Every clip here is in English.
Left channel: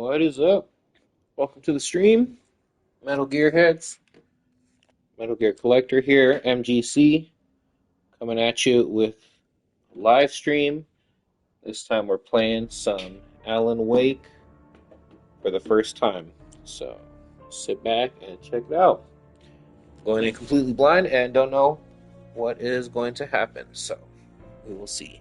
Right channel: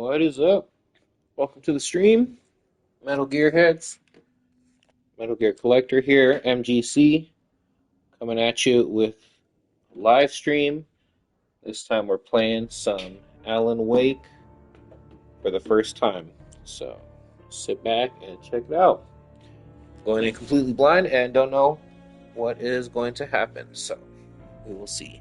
What is up? Welcome to the stream, Metal Gear heads. Metal Gear Collector here, MGC, coming at you with a live stream. This time we're playing some Alan Wake for the first time. So sit back and check it out. Going in completely blind and don't know what is going to happen. So we will see.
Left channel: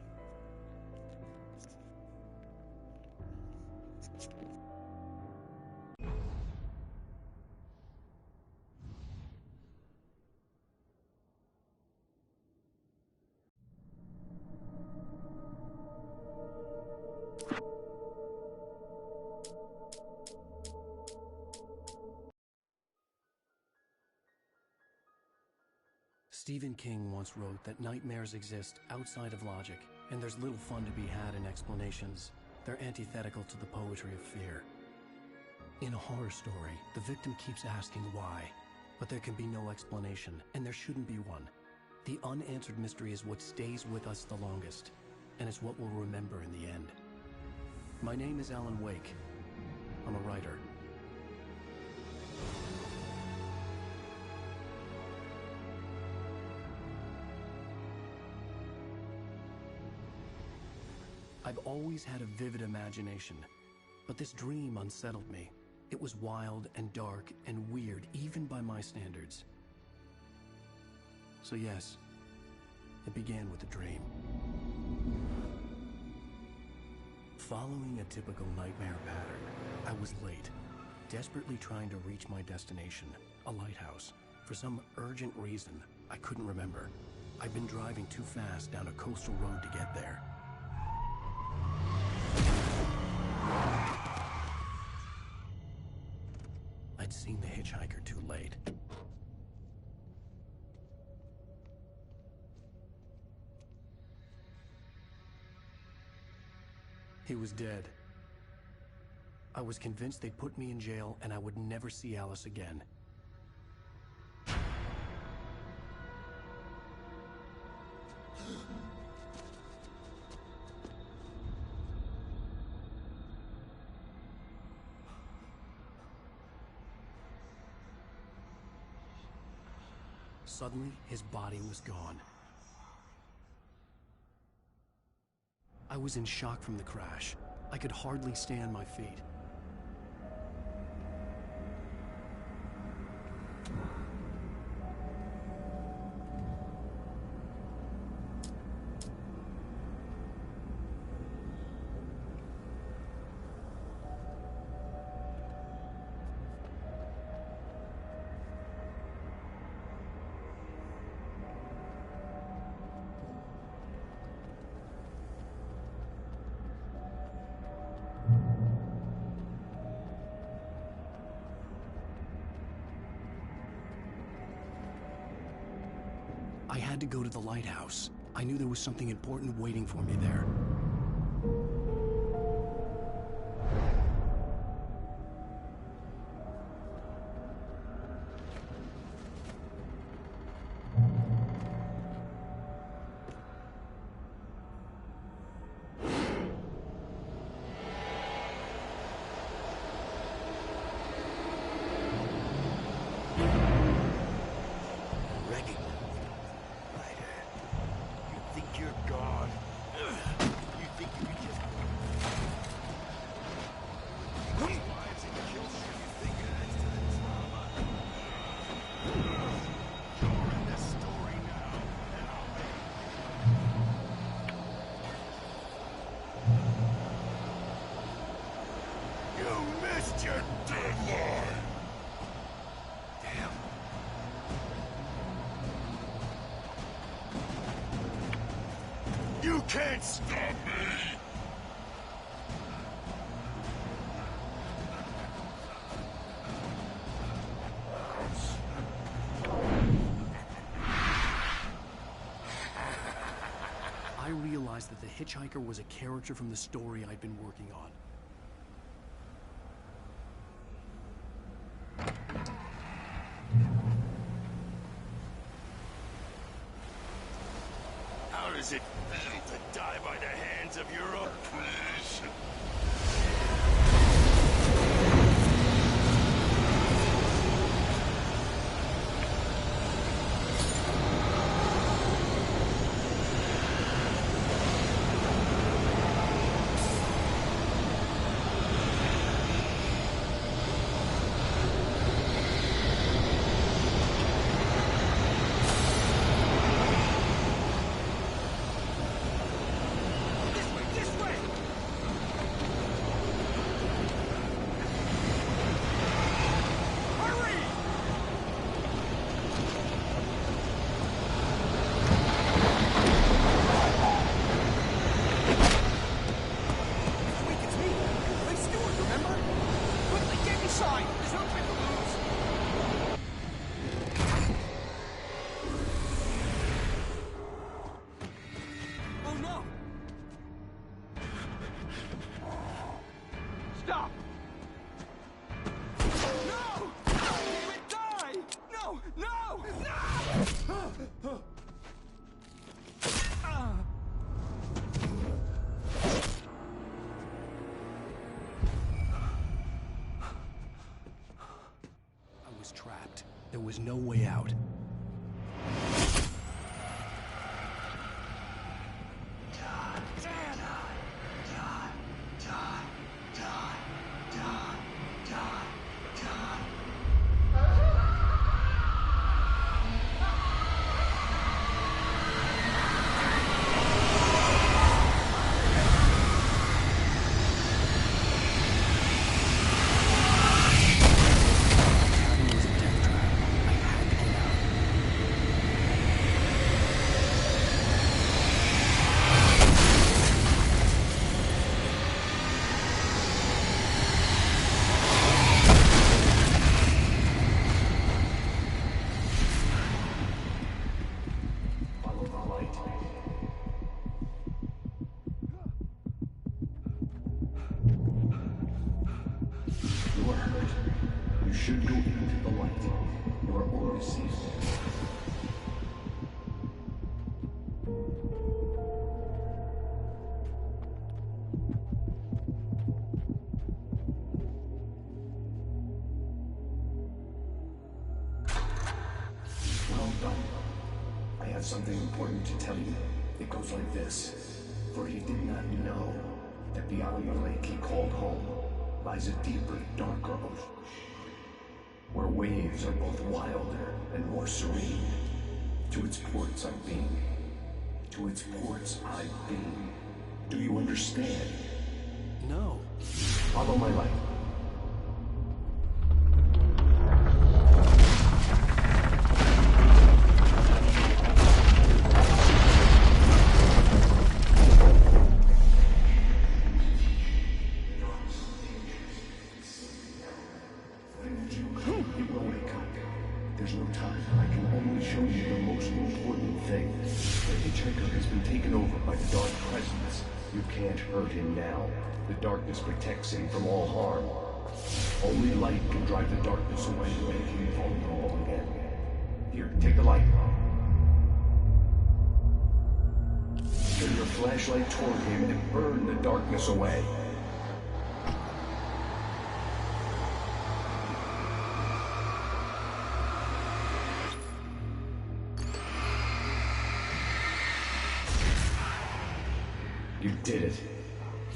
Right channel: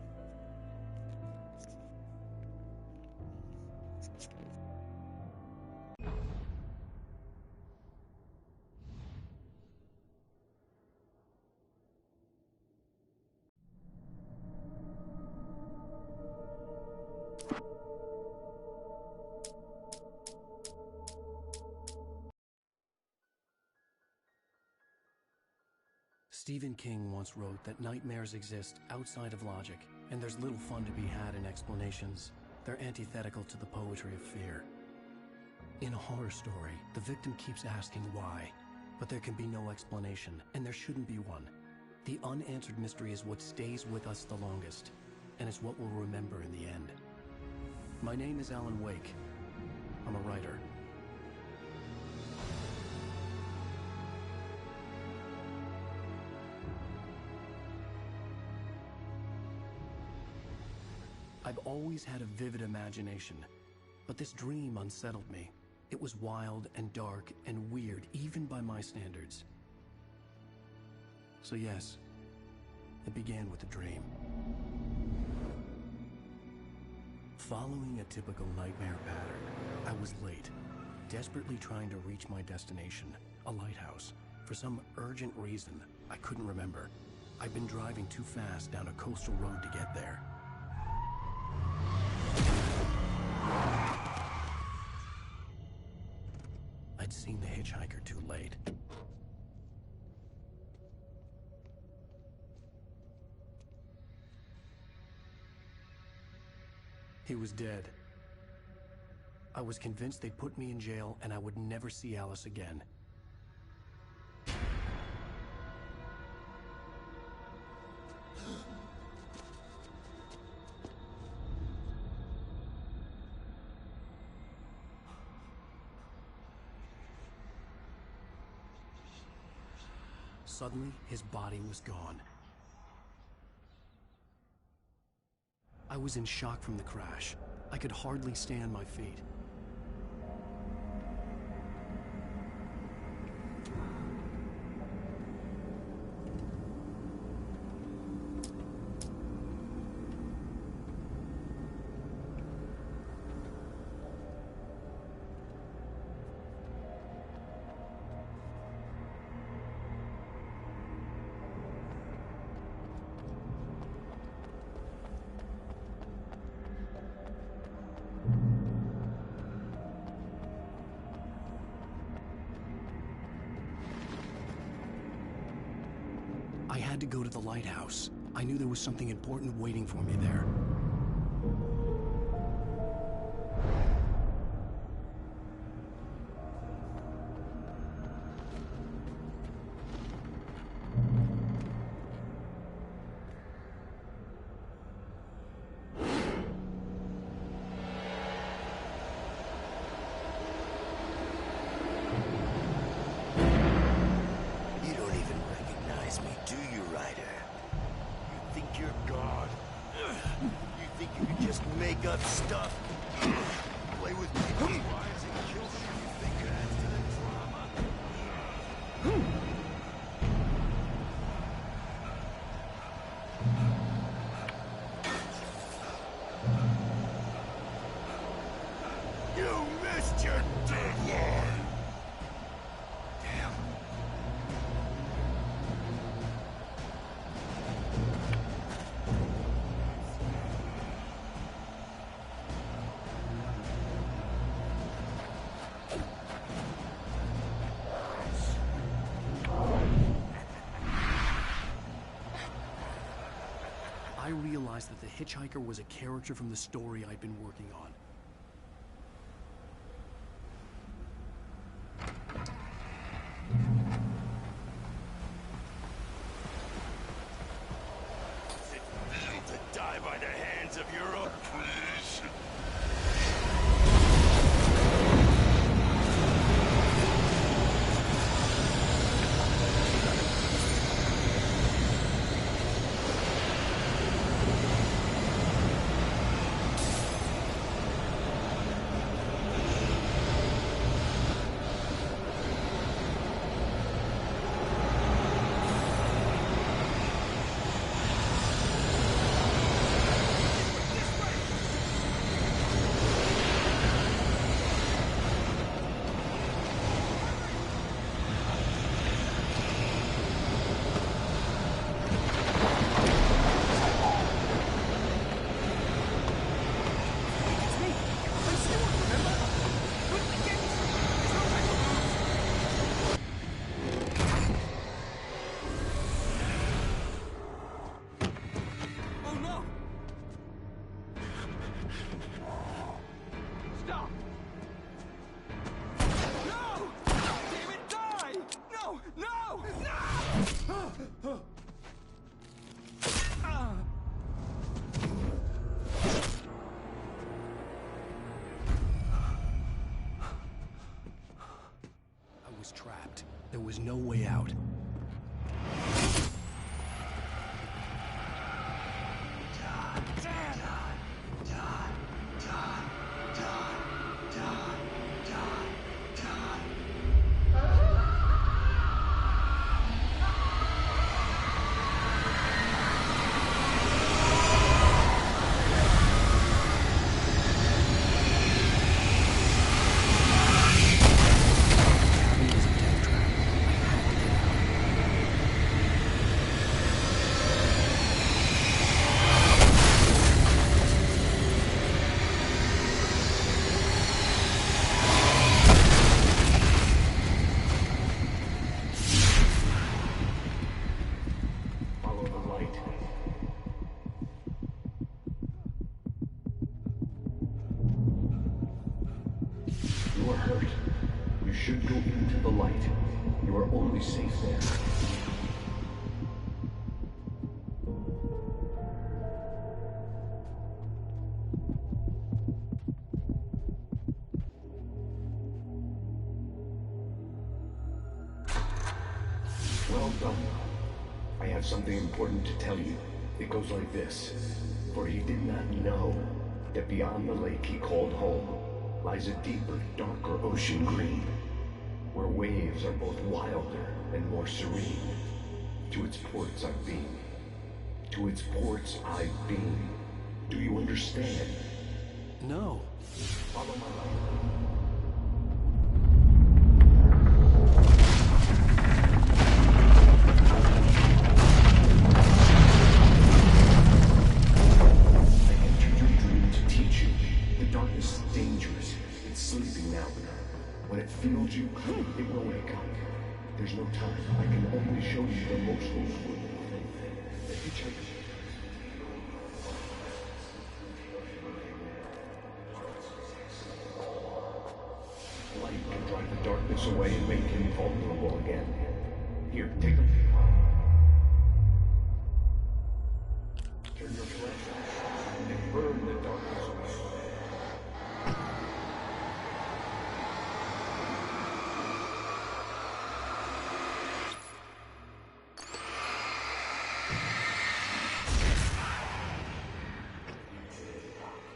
Stephen King once wrote that nightmares exist outside of logic, and there's little fun to be had in explanations. They're antithetical to the poetry of fear. In a horror story, the victim keeps asking why, but there can be no explanation, and there shouldn't be one. The unanswered mystery is what stays with us the longest, and it's what we'll remember in the end. My name is Alan Wake. I'm a writer. I've always had a vivid imagination, but this dream unsettled me. It was wild and dark and weird, even by my standards. So yes, it began with a dream. Following a typical nightmare pattern, I was late, desperately trying to reach my destination, a lighthouse. For some urgent reason, I couldn't remember. I'd been driving too fast down a coastal road to get there. I'd seen the hitchhiker too late. He was dead. I was convinced they'd put me in jail and I would never see Alice again. Suddenly, his body was gone. I was in shock from the crash. I could hardly stay on my feet. I had to go to the lighthouse. I knew there was something important waiting for me there. Your deadline! Damn. You can't stop me! I realized that the hitchhiker was a character from the story I'd been working on. Does it feel to die by the hands of your own creation? trapped. There was no way out. You are hurt. You should go into the light. You are only safe there. Well done. I have something important to tell you. It goes like this. For he did not know that beyond the lake he called home lies a deeper, darker ocean green, where waves are both wilder and more serene. To its ports I've been. To its ports I've been. Do you understand? No. Follow my light. It will wake up. There's no time. I can only show you the most important thing. The hitchhiker has been taken over by the dark presence. You can't hurt him now. The darkness protects him from all harm. Only light can drive the darkness away and make him vulnerable again. Here, take the light. Turn your flashlight toward him and burn the darkness away. You did it.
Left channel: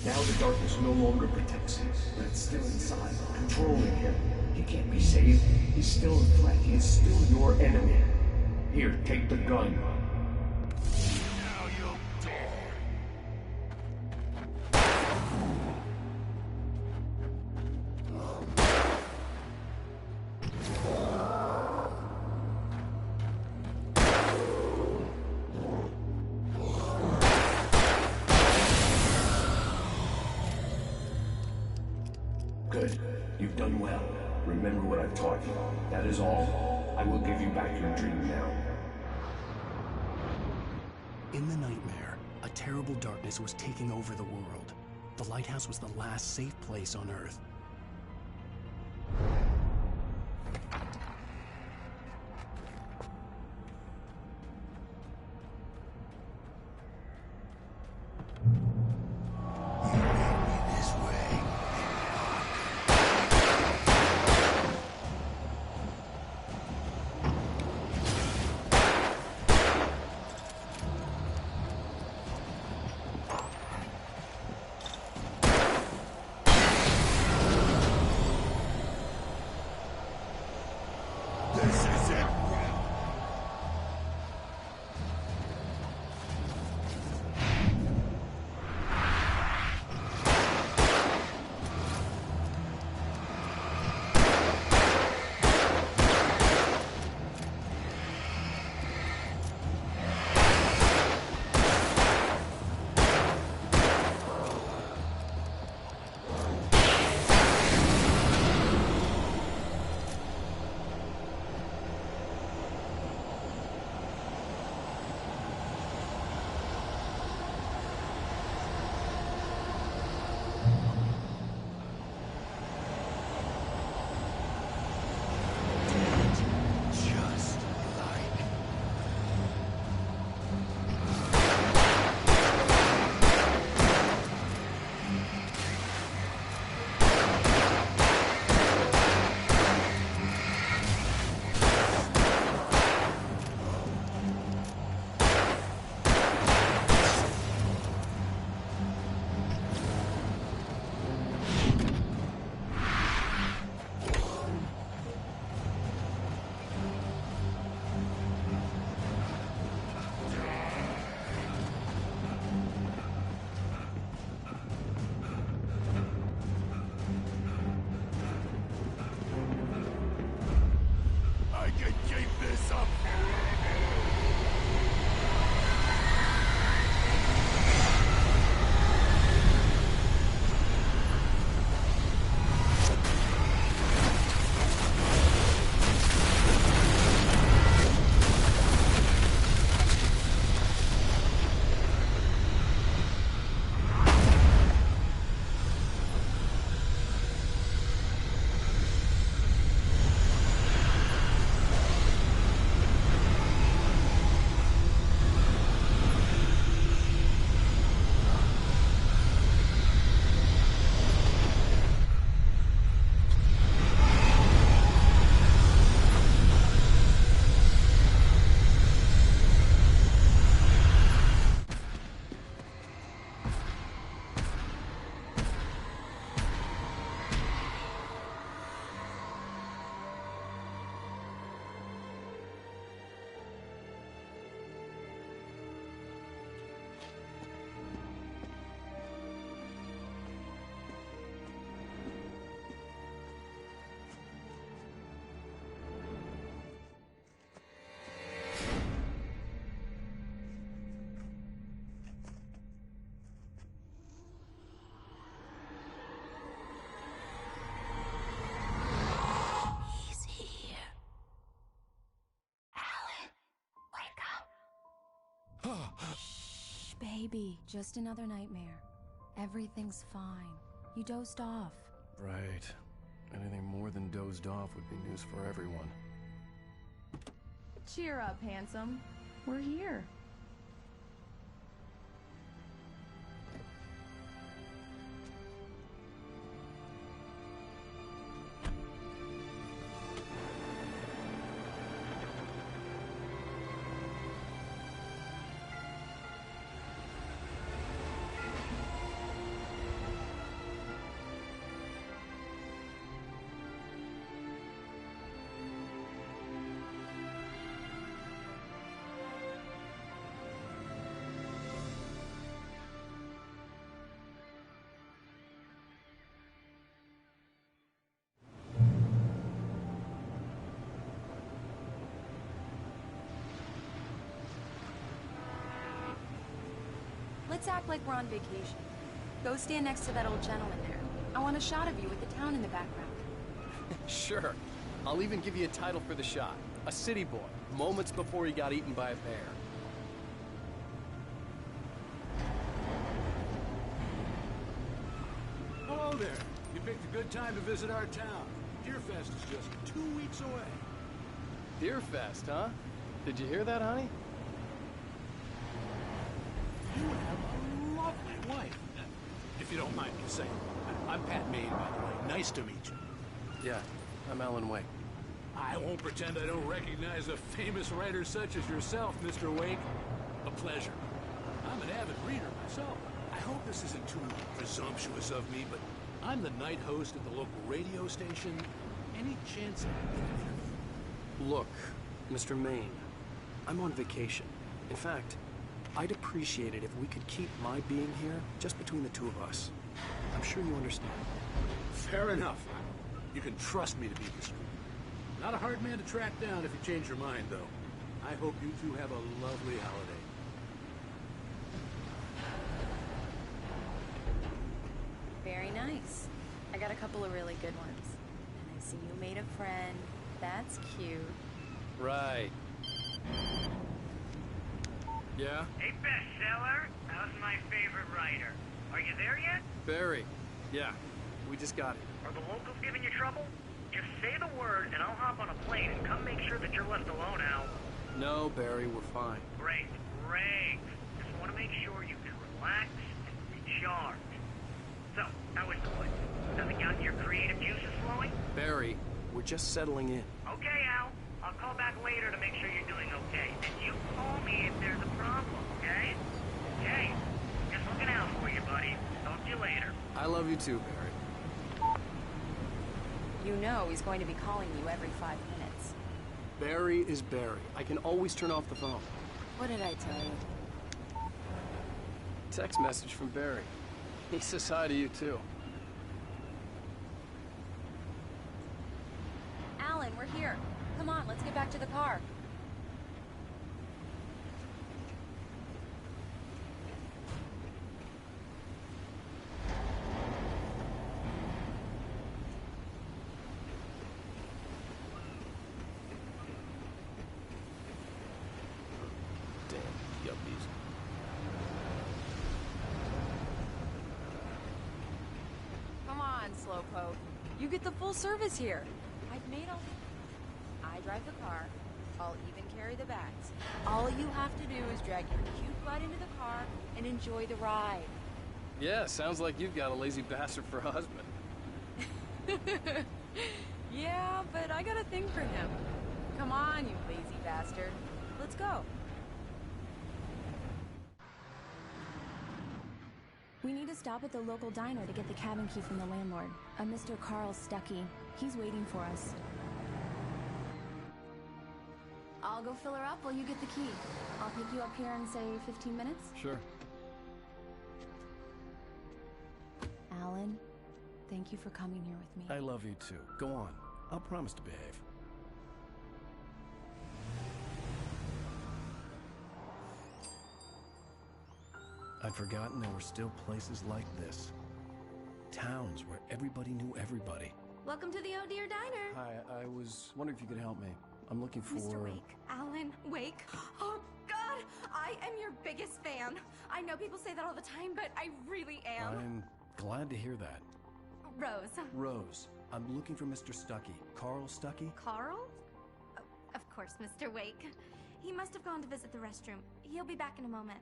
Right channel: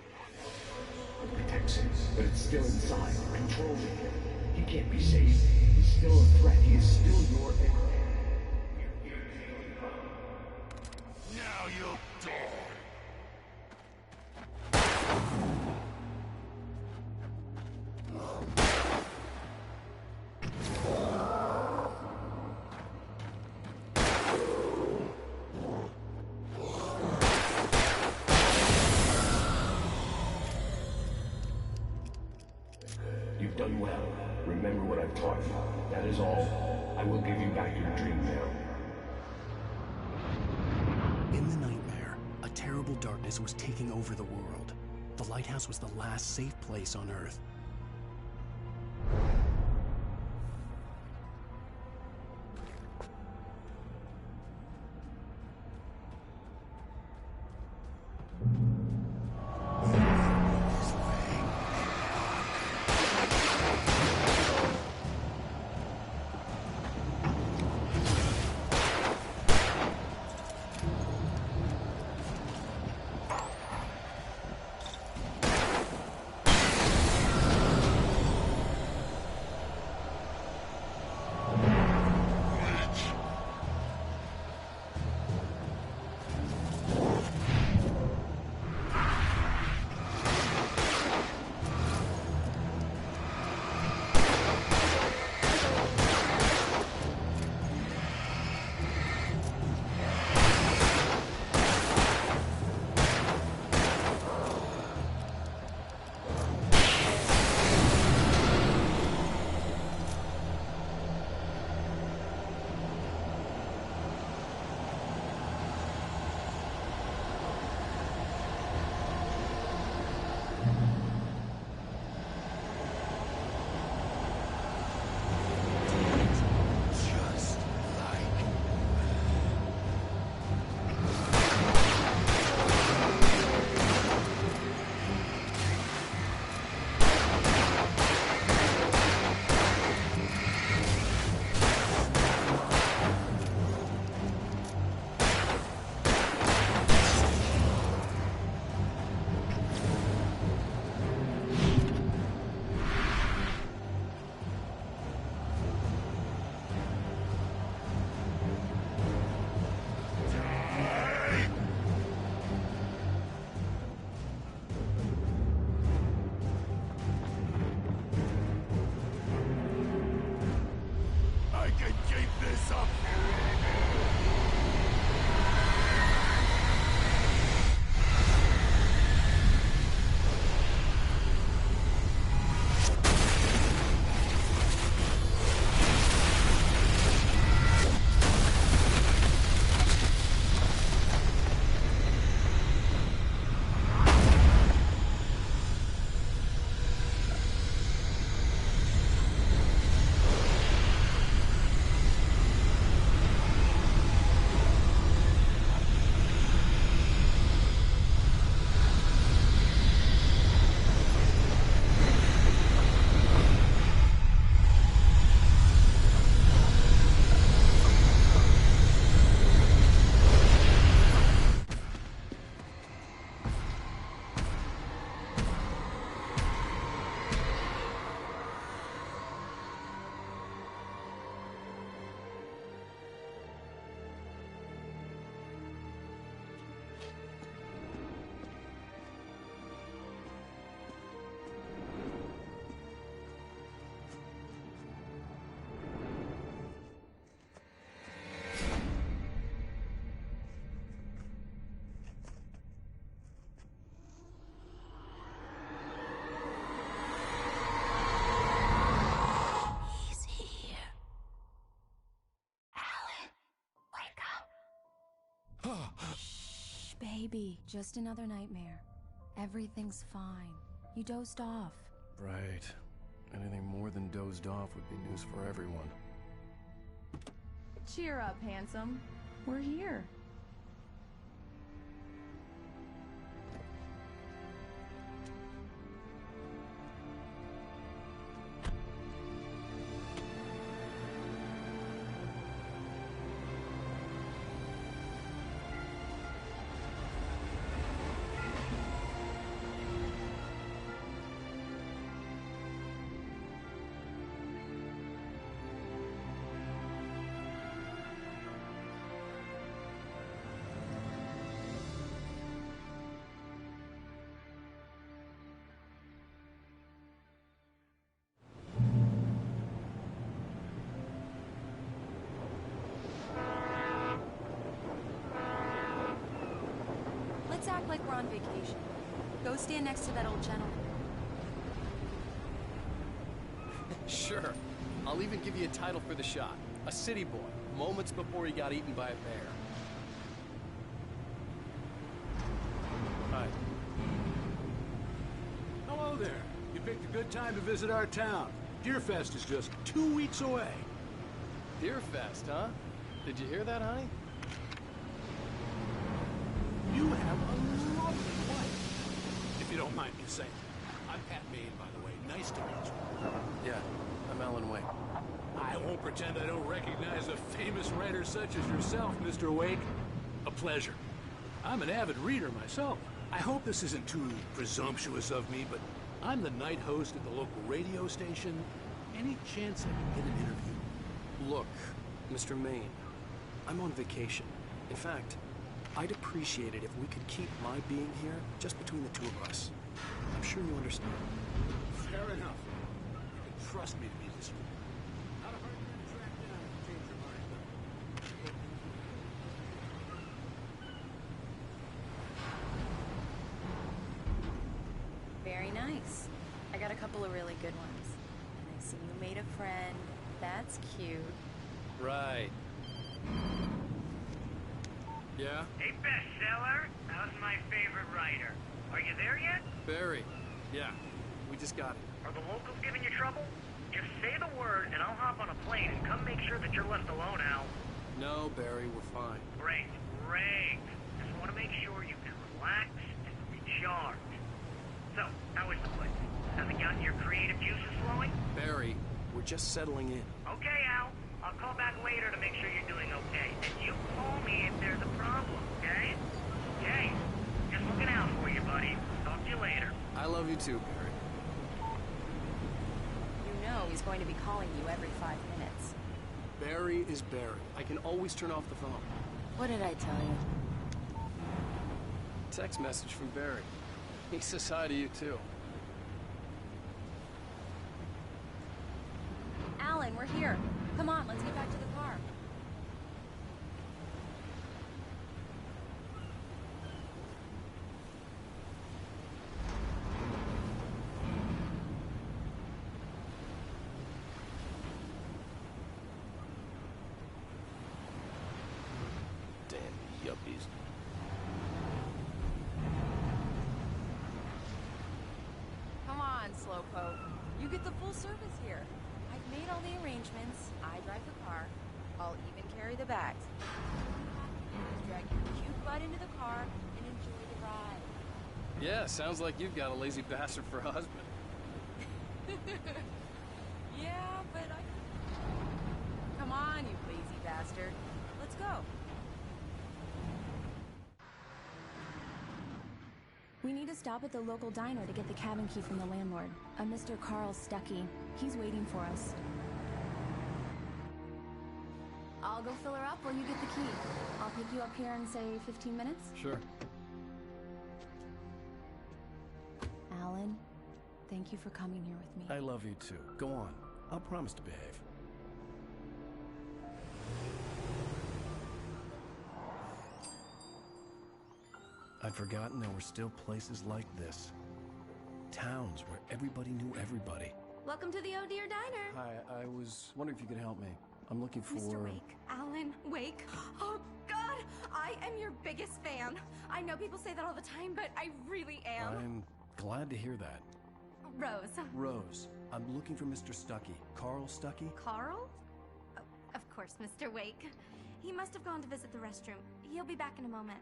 Now the darkness no longer protects him, but it's still inside, controlling him. He can't be saved. He's still a threat. He is still your enemy. Here, take the gun. Now you'll die. Good. You've done well. Remember what I've taught you. That is all. I will give you back your dream now. In the nightmare, a terrible darkness was taking over the world. The lighthouse was the last safe place on Earth. Shh, baby. Just another nightmare. Everything's fine. You dozed off. Right. Anything more than dozed off would be news for everyone. Cheer up, handsome. We're here. Let's act like we're on vacation. Go stand next to that old gentleman there. I want a shot of you with the town in the background. Sure. I'll even give you a title for the shot. A city boy, moments before he got eaten by a bear. Hi. Hello there. You picked a good time to visit our town. Deerfest is just 2 weeks away. Deerfest, huh? Did you hear that, honey? You have a lovely wife. If you don't mind me saying. I'm Pat Maine, by the way. Nice to meet you. Yeah, I'm Alan Wake. I won't pretend I don't recognize a famous writer such as yourself, Mr. Wake. A pleasure. I'm an avid reader myself. I hope this isn't too presumptuous of me, but I'm the night host at the local radio station. Any chance I can get an interview? Look, Mr. Maine, I'm on vacation. In fact, I'd appreciate it if we could keep my being here just between the two of us. I'm sure you understand. Fair enough. You can trust me to be discreet. Not a hard man to track down if you change your mind, though. I hope you two have a lovely holiday. Very nice. I got a couple of really good ones. And I see you made a friend. That's cute. Right. Yeah? Hey, bestseller. How's my favorite writer? Are you there yet? Barry. Yeah, we just got it. Are the locals giving you trouble? Just say the word, and I'll hop on a plane and come make sure that you're left alone, Al. No, Barry, we're fine. Great, great. Just want to make sure you can relax and recharge. So, how is the place? Has it gotten your creative juices flowing? Barry, we're just settling in. Okay, Al. I'll call back later to make sure you're doing okay. And you call me if there's a problem, okay? Okay. Just looking out for you, buddy. Talk to you later. I love you too, Barry. You know he's going to be calling you every 5 minutes. Barry is Barry. I can always turn off the phone. What did I tell you? Text message from Barry. He says hi to you too. Alan, we're here. Come on, let's get back to the car. Damn yuppies. Come on, Slowpoke. You get the full service here. I've made all the arrangements. I drive the car. I'll even carry the bags. All you have to do is drag your cute butt into the car and enjoy the ride. Yeah, sounds like you've got a lazy bastard for a husband. Yeah, but I got a thing for him. Come on, you lazy bastard. Let's go. We need to stop at the local diner to get the cabin key from the landlord, a Mr. Carl Stuckey. He's waiting for us. I'll go fill her up while you get the key. I'll pick you up here in, say, 15 minutes? Sure. Alan, thank you for coming here with me. I love you too. Go on. I'll promise to behave. I'd forgotten there were still places like this. Towns where everybody knew everybody. Welcome to the Oh Dear Diner. Hi, I was wondering if you could help me. I'm looking for... Mr. Wake. Alan Wake. Oh, God! I am your biggest fan. I know people say that all the time, but I really am. I'm glad to hear that. Rose. Rose, I'm looking for Mr. Stuckey. Carl Stuckey? Carl? Oh, of course, Mr. Wake. He must have gone to visit the restroom. He'll be back in a moment.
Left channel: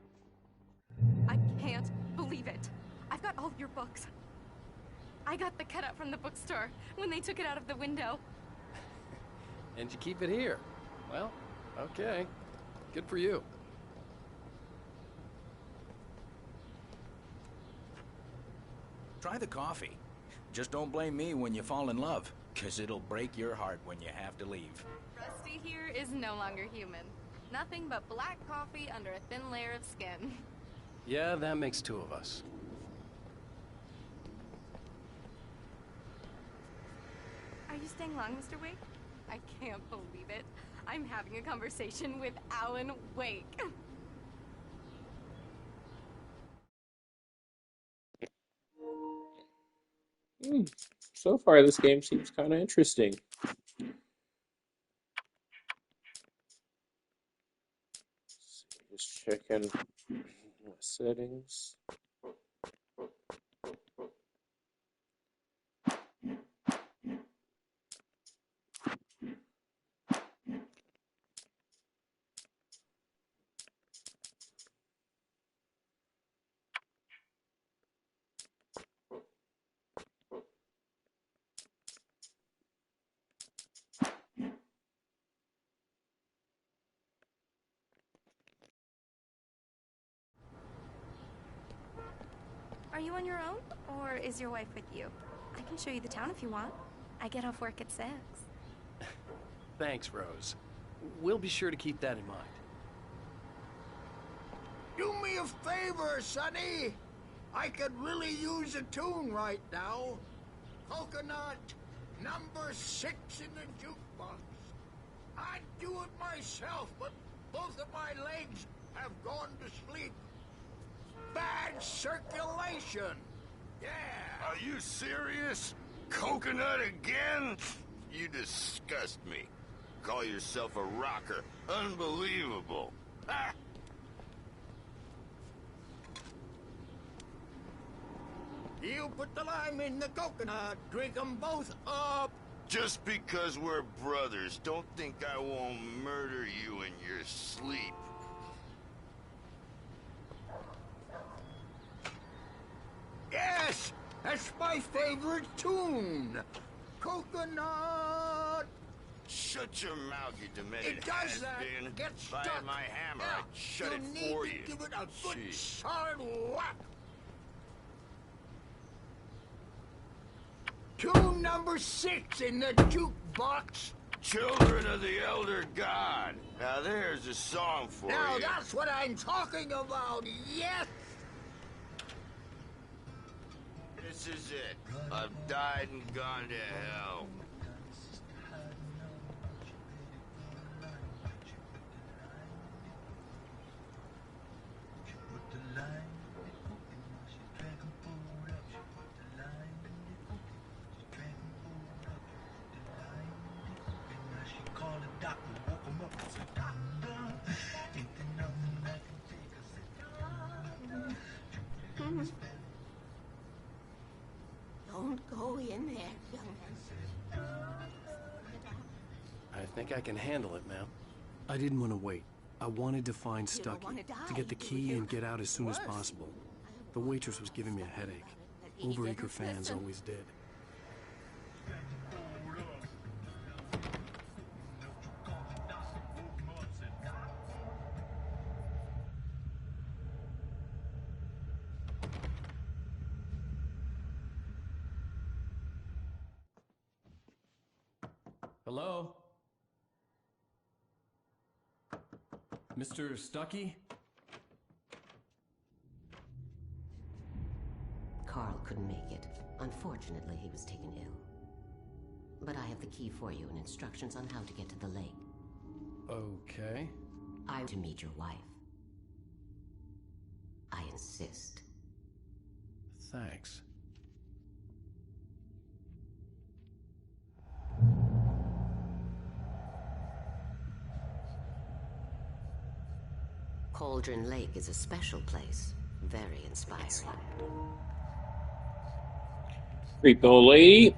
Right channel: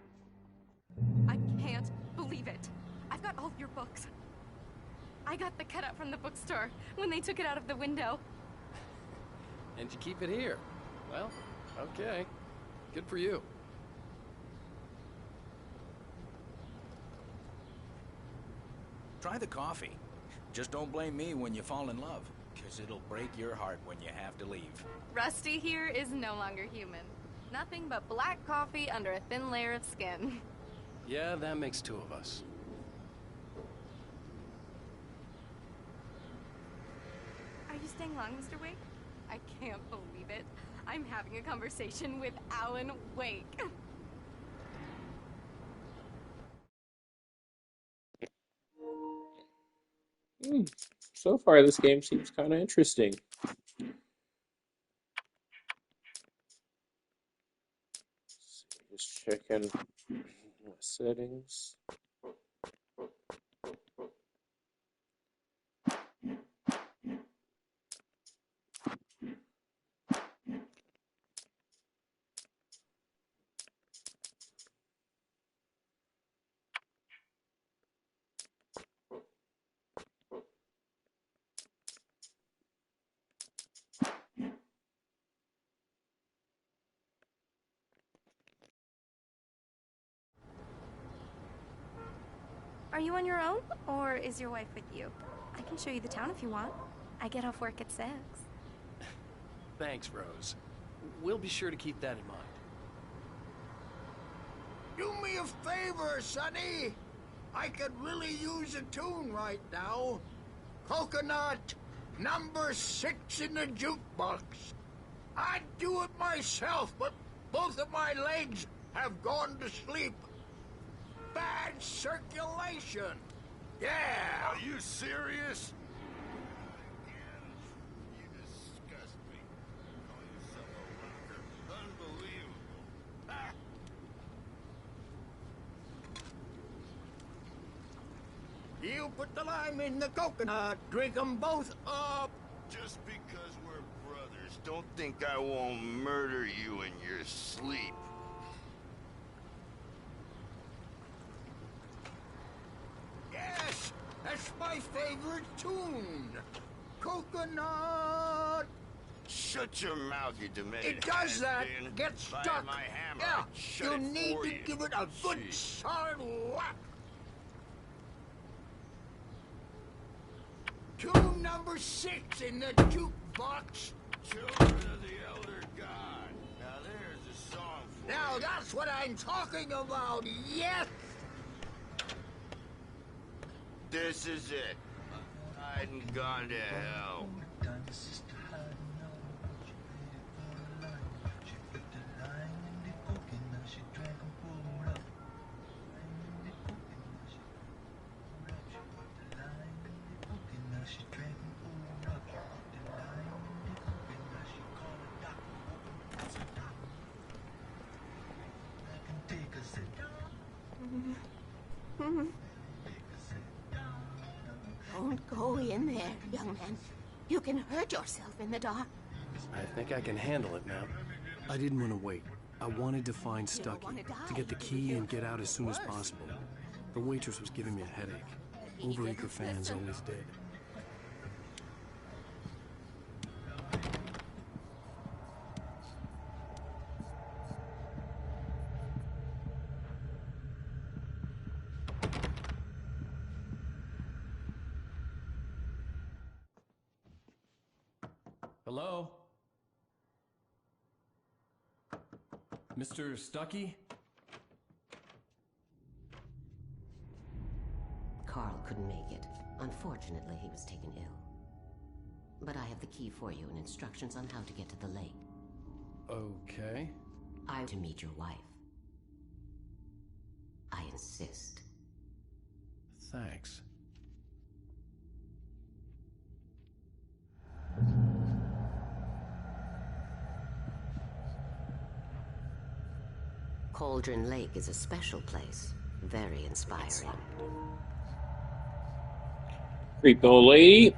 I can't believe it. I've got all of your books. I got the cutout from the bookstore when they took it out of the window. And you keep it here. Well, okay. Good for you. Try the coffee. Just don't blame me when you fall in love, 'cause it'll break your heart when you have to leave. Rusty here is no longer human. Nothing but black coffee under a thin layer of skin. Yeah, that makes two of us. Are you staying long, Mr. Wake? I can't believe it. I'm having a conversation with Alan Wake. So far, this game seems kind of interesting. Just checking my settings. Are you on your own, or is your wife with you? I can show you the town if you want. I get off work at 6. Thanks, Rose. We'll be sure to keep that in mind. Do me a favor, Sonny. I could really use a tune right now. Coconut, number 6 in the jukebox. I'd do it myself, but both of my legs have gone to sleep. Bad circulation. Yeah. Are you serious? Coconut again? You disgust me. Call yourself a rocker. Unbelievable. Ha! You put the lime in the coconut. Drink 'em both up. Just because we're brothers, don't think I won't murder you in your sleep. Yes, that's my favorite tune. Coconut. Shut your mouth, you demented It does that. has-been. Get If I stuck. had my hammer, Yeah, I'd shut you it need for to you. give it a good Jeez. solid whack. Tune number 6 in the jukebox. Children of the Elder God. Now there's a song for Now you. that's what I'm talking about. Yes. This is it. I've died and gone to hell. Don't go in there, young man. You can hurt yourself in the dark. I think I can handle it now. I didn't want to wait. I wanted to find You don't Stuckey, wanna die, to get the do key you? and get out as soon as Worse. possible. The waitress was giving me a headache. He Overeager didn't fans listen. always did. Hello? Mr. Stuckey? Carl couldn't make it. Unfortunately, he was taken ill. But I have the key for you and instructions on how to get to the lake. Okay. I to meet your wife. I insist. Thanks. Cauldron Lake is a special place. Very inspiring. Creepy old lady.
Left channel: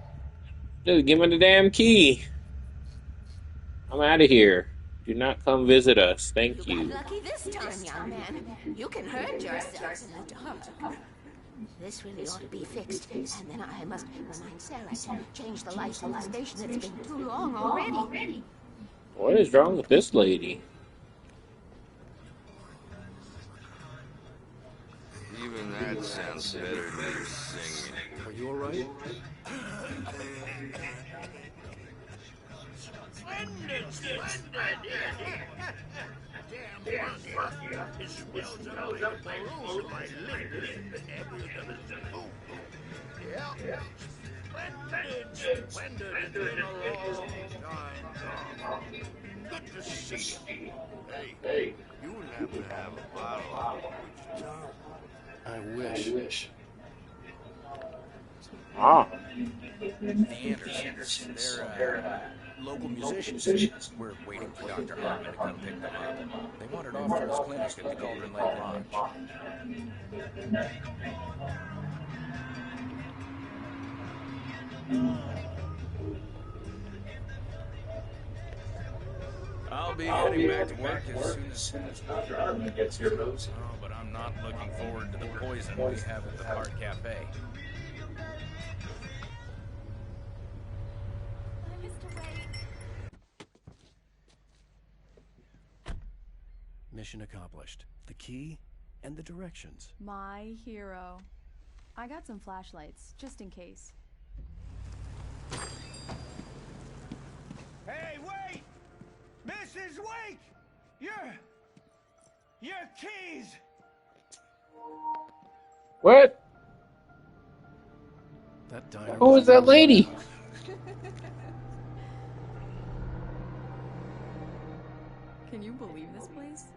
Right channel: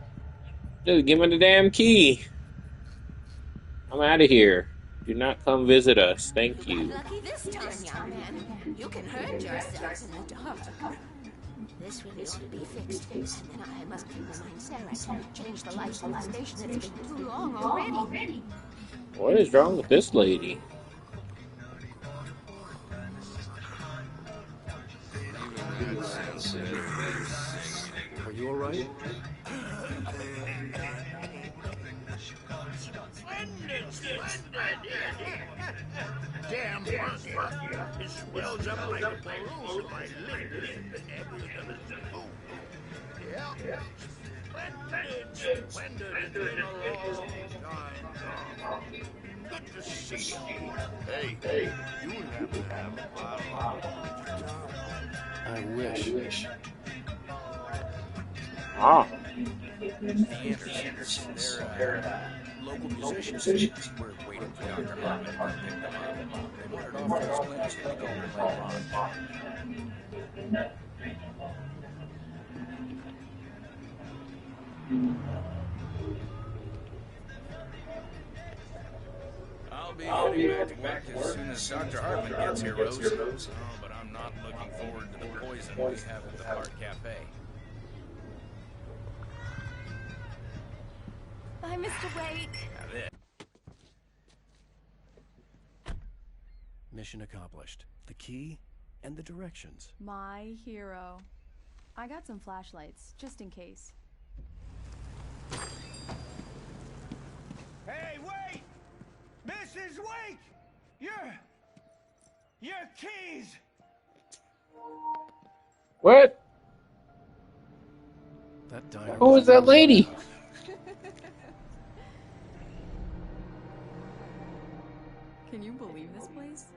Just give me the damn key. I'm out of here. Do not come visit us. Thank You you. got lucky this time, young man. You can hurt yourself in the dark. This really ought to be fixed, and then I must remind Sarah to change the lights on the station. It's been too long already. What is wrong with this lady? Even that sounds better than your singing. Are you all right? Splendid! Damn monkey. It swells up like a balloon if I lift it heavier than a spoon. Yeah. Splendid. It's been a long time. Good to see you. Hey, you happen to have a bottle. I wish. Ah. The Andersons, they're local musicians. We're waiting for Dr. Hartman to come pick them up. They wandered off to his clinic at the Cauldron Lake Lodge. I'll be heading back to work as soon as Dr. Hartman gets here, Rose. Oh, but I'm not looking forward to the poison we have at the Park Cafe. Bye, Mr. Wake. Mission accomplished. The key and the directions. My hero. I got some flashlights, just in case. Hey, wait! Mrs. Wake! Your keys! What? That diner. Who is that lady? Can you believe this place?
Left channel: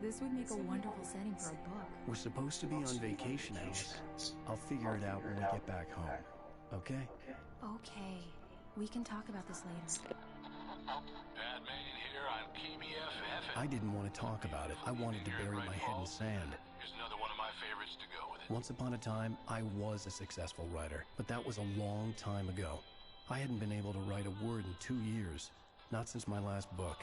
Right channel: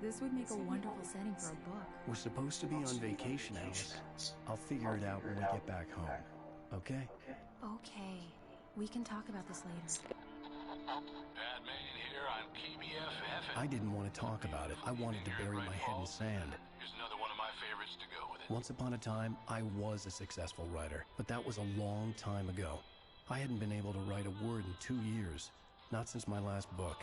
This would make a wonderful setting for a book. We're supposed to be on vacation, Alice. I'll figure it out when we get back home. Okay? Okay. We can talk about this later. Batman here on KBFF. I didn't want to talk about it. I wanted to bury my head in sand. Here's another one of my favorites to go with it. Once upon a time, I was a successful writer, but that was a long time ago. I hadn't been able to write a word in 2 years, not since my last book.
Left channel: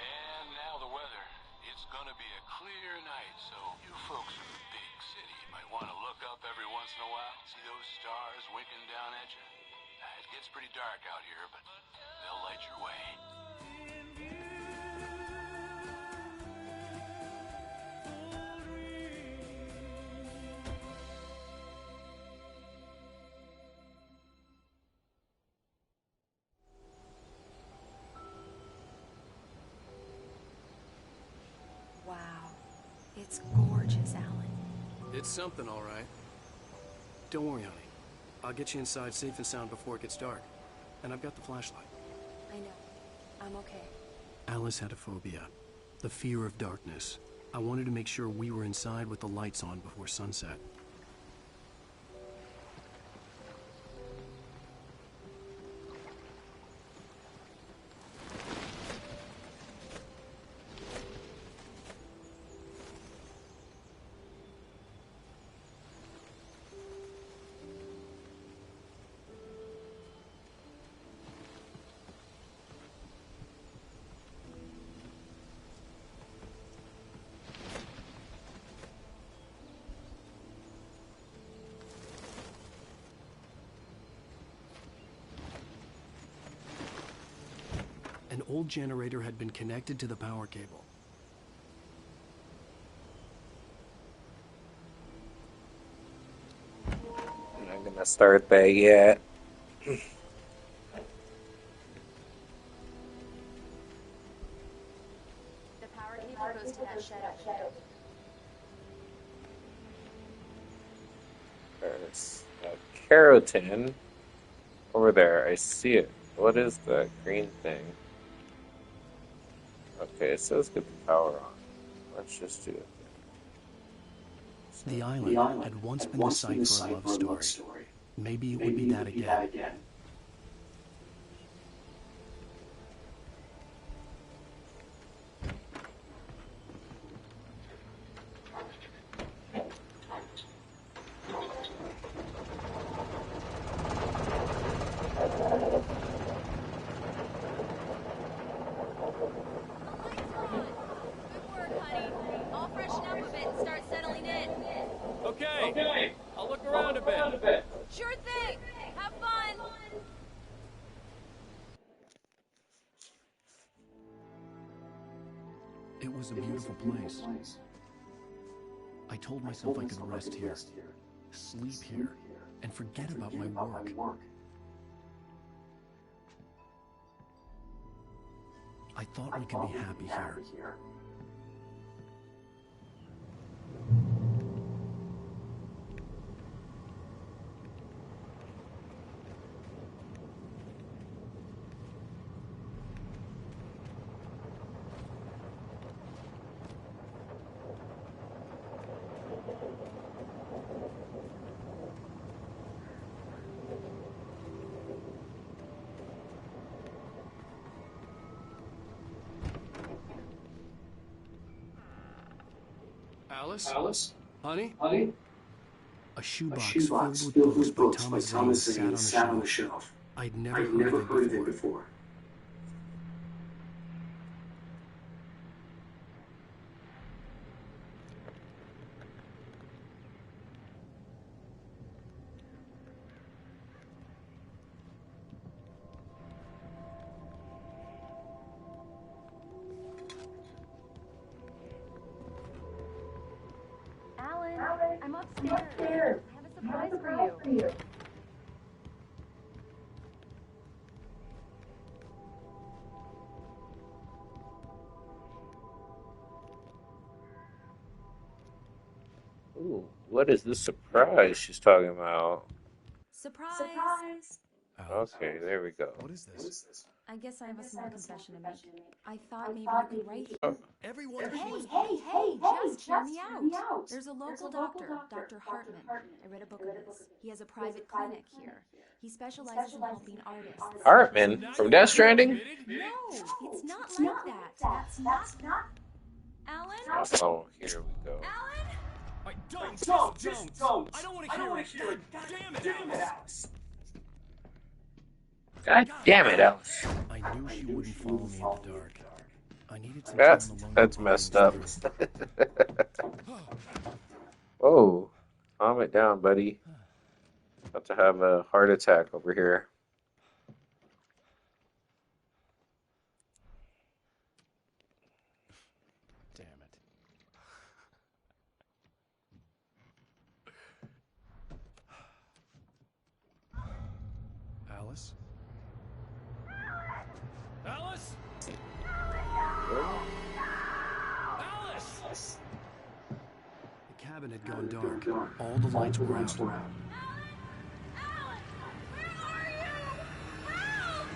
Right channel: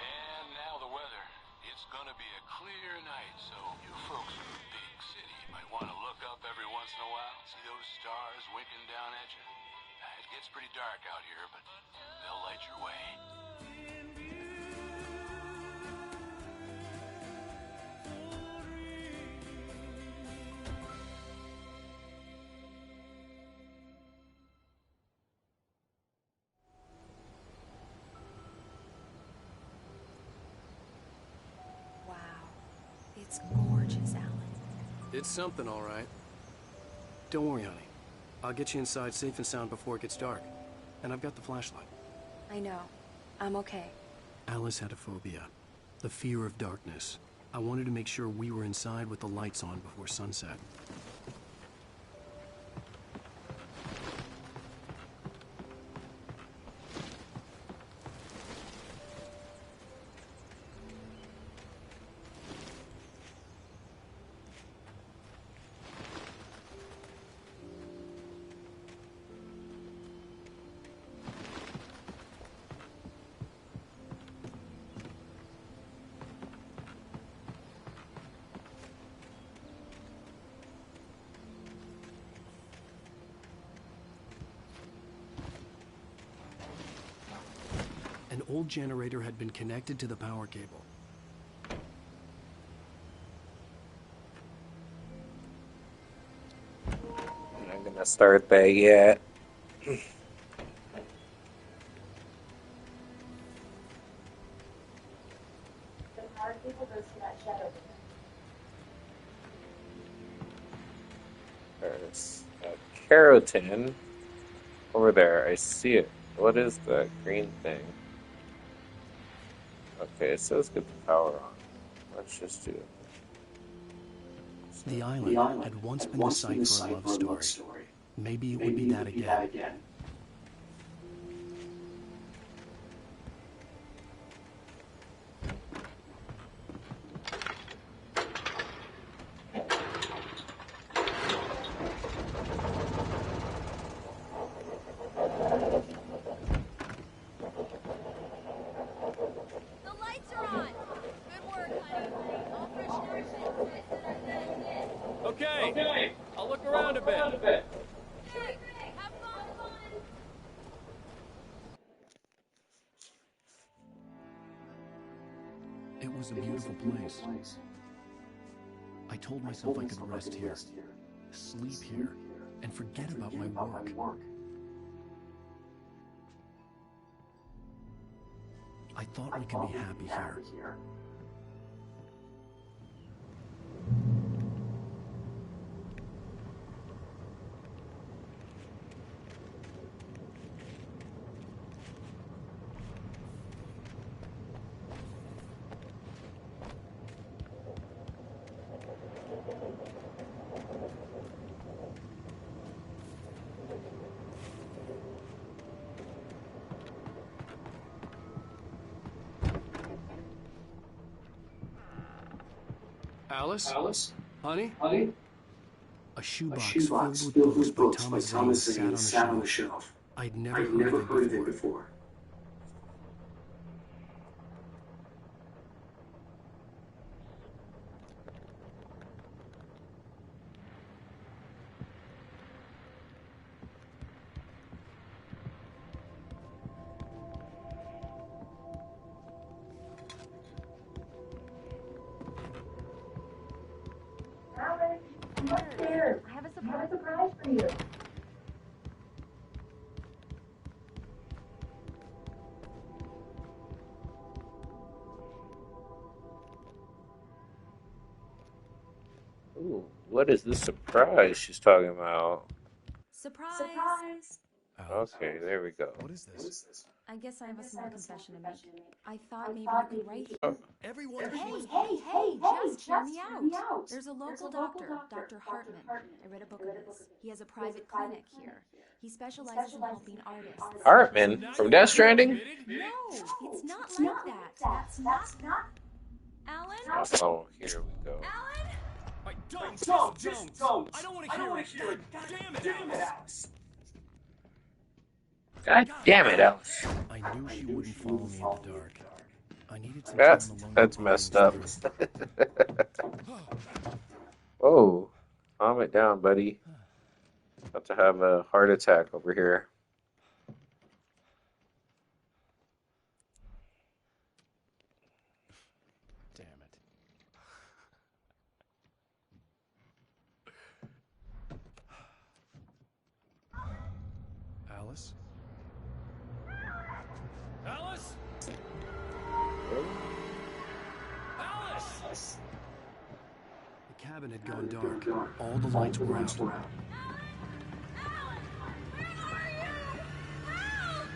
And now the weather. It's gonna be a clear night, so you folks in the big city might want to look up every once in a while, see those stars winking down at you. It gets pretty dark out here, but they'll light your way. Wow. It's gorgeous, Alan. It's something, all right. Don't worry, honey. I'll get you inside safe and sound before it gets dark. And I've got the flashlight. I know. I'm okay. Alice had a phobia. The fear of darkness. I wanted to make sure we were inside with the lights on before sunset. An old generator had been connected to the power cable. I'm not gonna start that yet. There's a keratin over there. I see it. What is the green thing? Okay, it says get the power on. Let's just do it. The island had once been the site for a love story. Maybe it would be that again. It was a beautiful place. I told myself I could rest here, sleep here, and forget about my work. I thought we could be happy here. Alice? Honey? A shoebox filled with books by Thomas Zane sat on the shelf. I'd never heard of it before. Alan, I'm upstairs. I have a surprise for you. Ooh, what is this surprise she's talking about? Surprise! Okay, there we go. What is this? I guess I have a small confession to make. I thought maybe you could write here. Oh, Everyone, Hey, just hear me out. There's a local doctor, Dr. Hartman. I read a book of his. He has a private clinic here. He specializes in helping artists. Hartman from Death Stranding? No, it's not like that. That's not... Alan? Oh, here we go. Alan? Don't! I don't want to hear it! God damn it, Alice! God damn it, Alice. I knew she wouldn't follow me in the dark. I needed some That's time alone. that's messed up. Whoa, calm it down, buddy. About to have a heart attack over here. Damn it. Alice? Alice? Alice! The cabin had gone dark. All the lights were out. Alan, where are you? Help!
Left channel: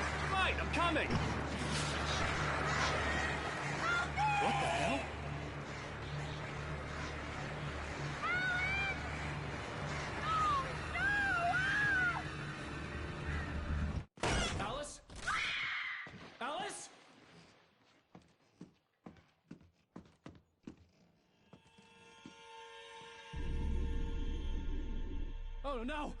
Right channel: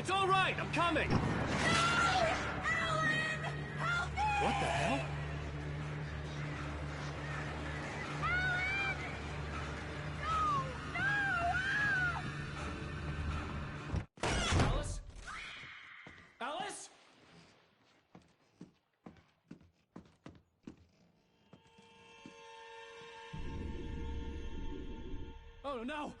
It's all right, I'm coming! What the hell? Alice? Alice? Oh no!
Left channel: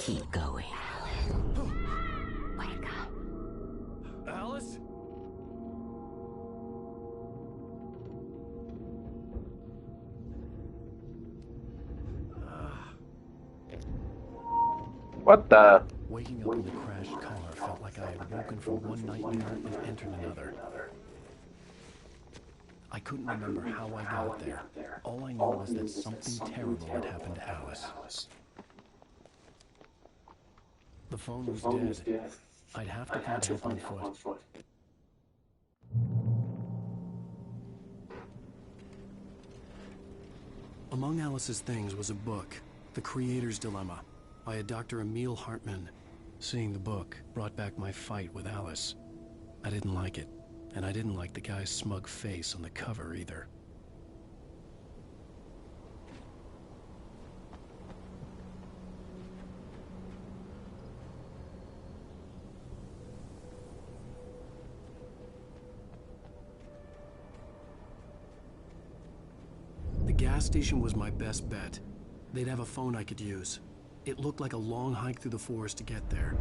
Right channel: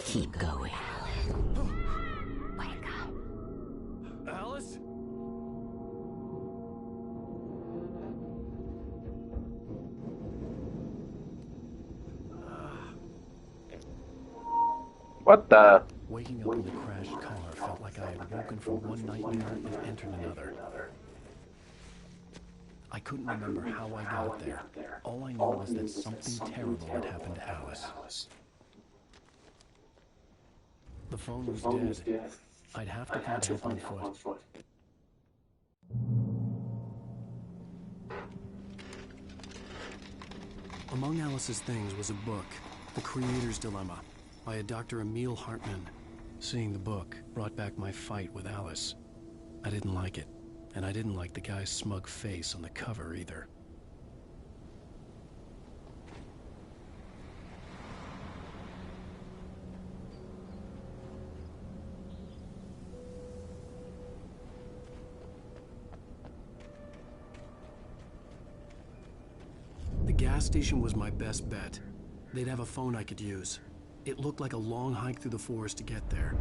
Keep going, Alan. Wake up. Alice? What the? Waking up in the crashed car felt like I had woken from one nightmare and entered another. I couldn't remember how I got there. All I knew was that something terrible had happened to Alice. The phone was dead. I'd have to find help on foot. Among Alice's things was a book, The Creator's Dilemma, by a Dr. Emil Hartman. Seeing the book brought back my fight with Alice. I didn't like it, and I didn't like the guy's smug face on the cover either. The gas station was my best bet. They'd have a phone I could use. It looked like a long hike through the forest to get there.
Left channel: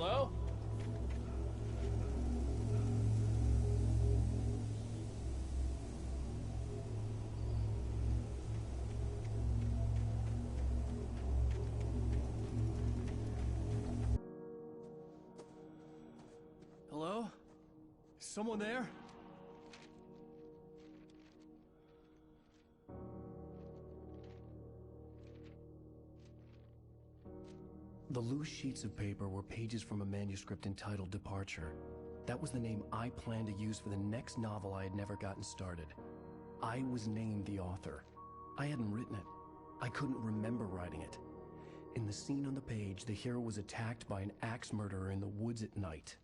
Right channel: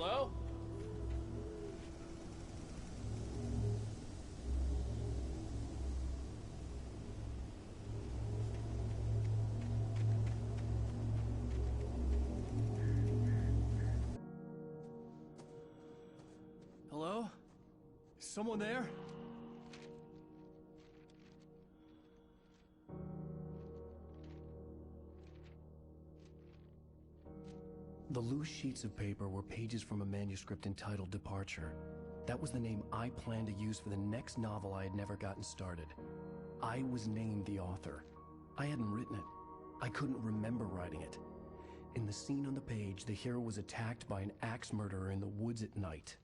Hello? Hello? Someone there? The loose sheets of paper were pages from a manuscript entitled Departure. That was the name I planned to use for the next novel I had never gotten started. I was named the author. I hadn't written it. I couldn't remember writing it. In the scene on the page, the hero was attacked by an axe murderer in the woods at night.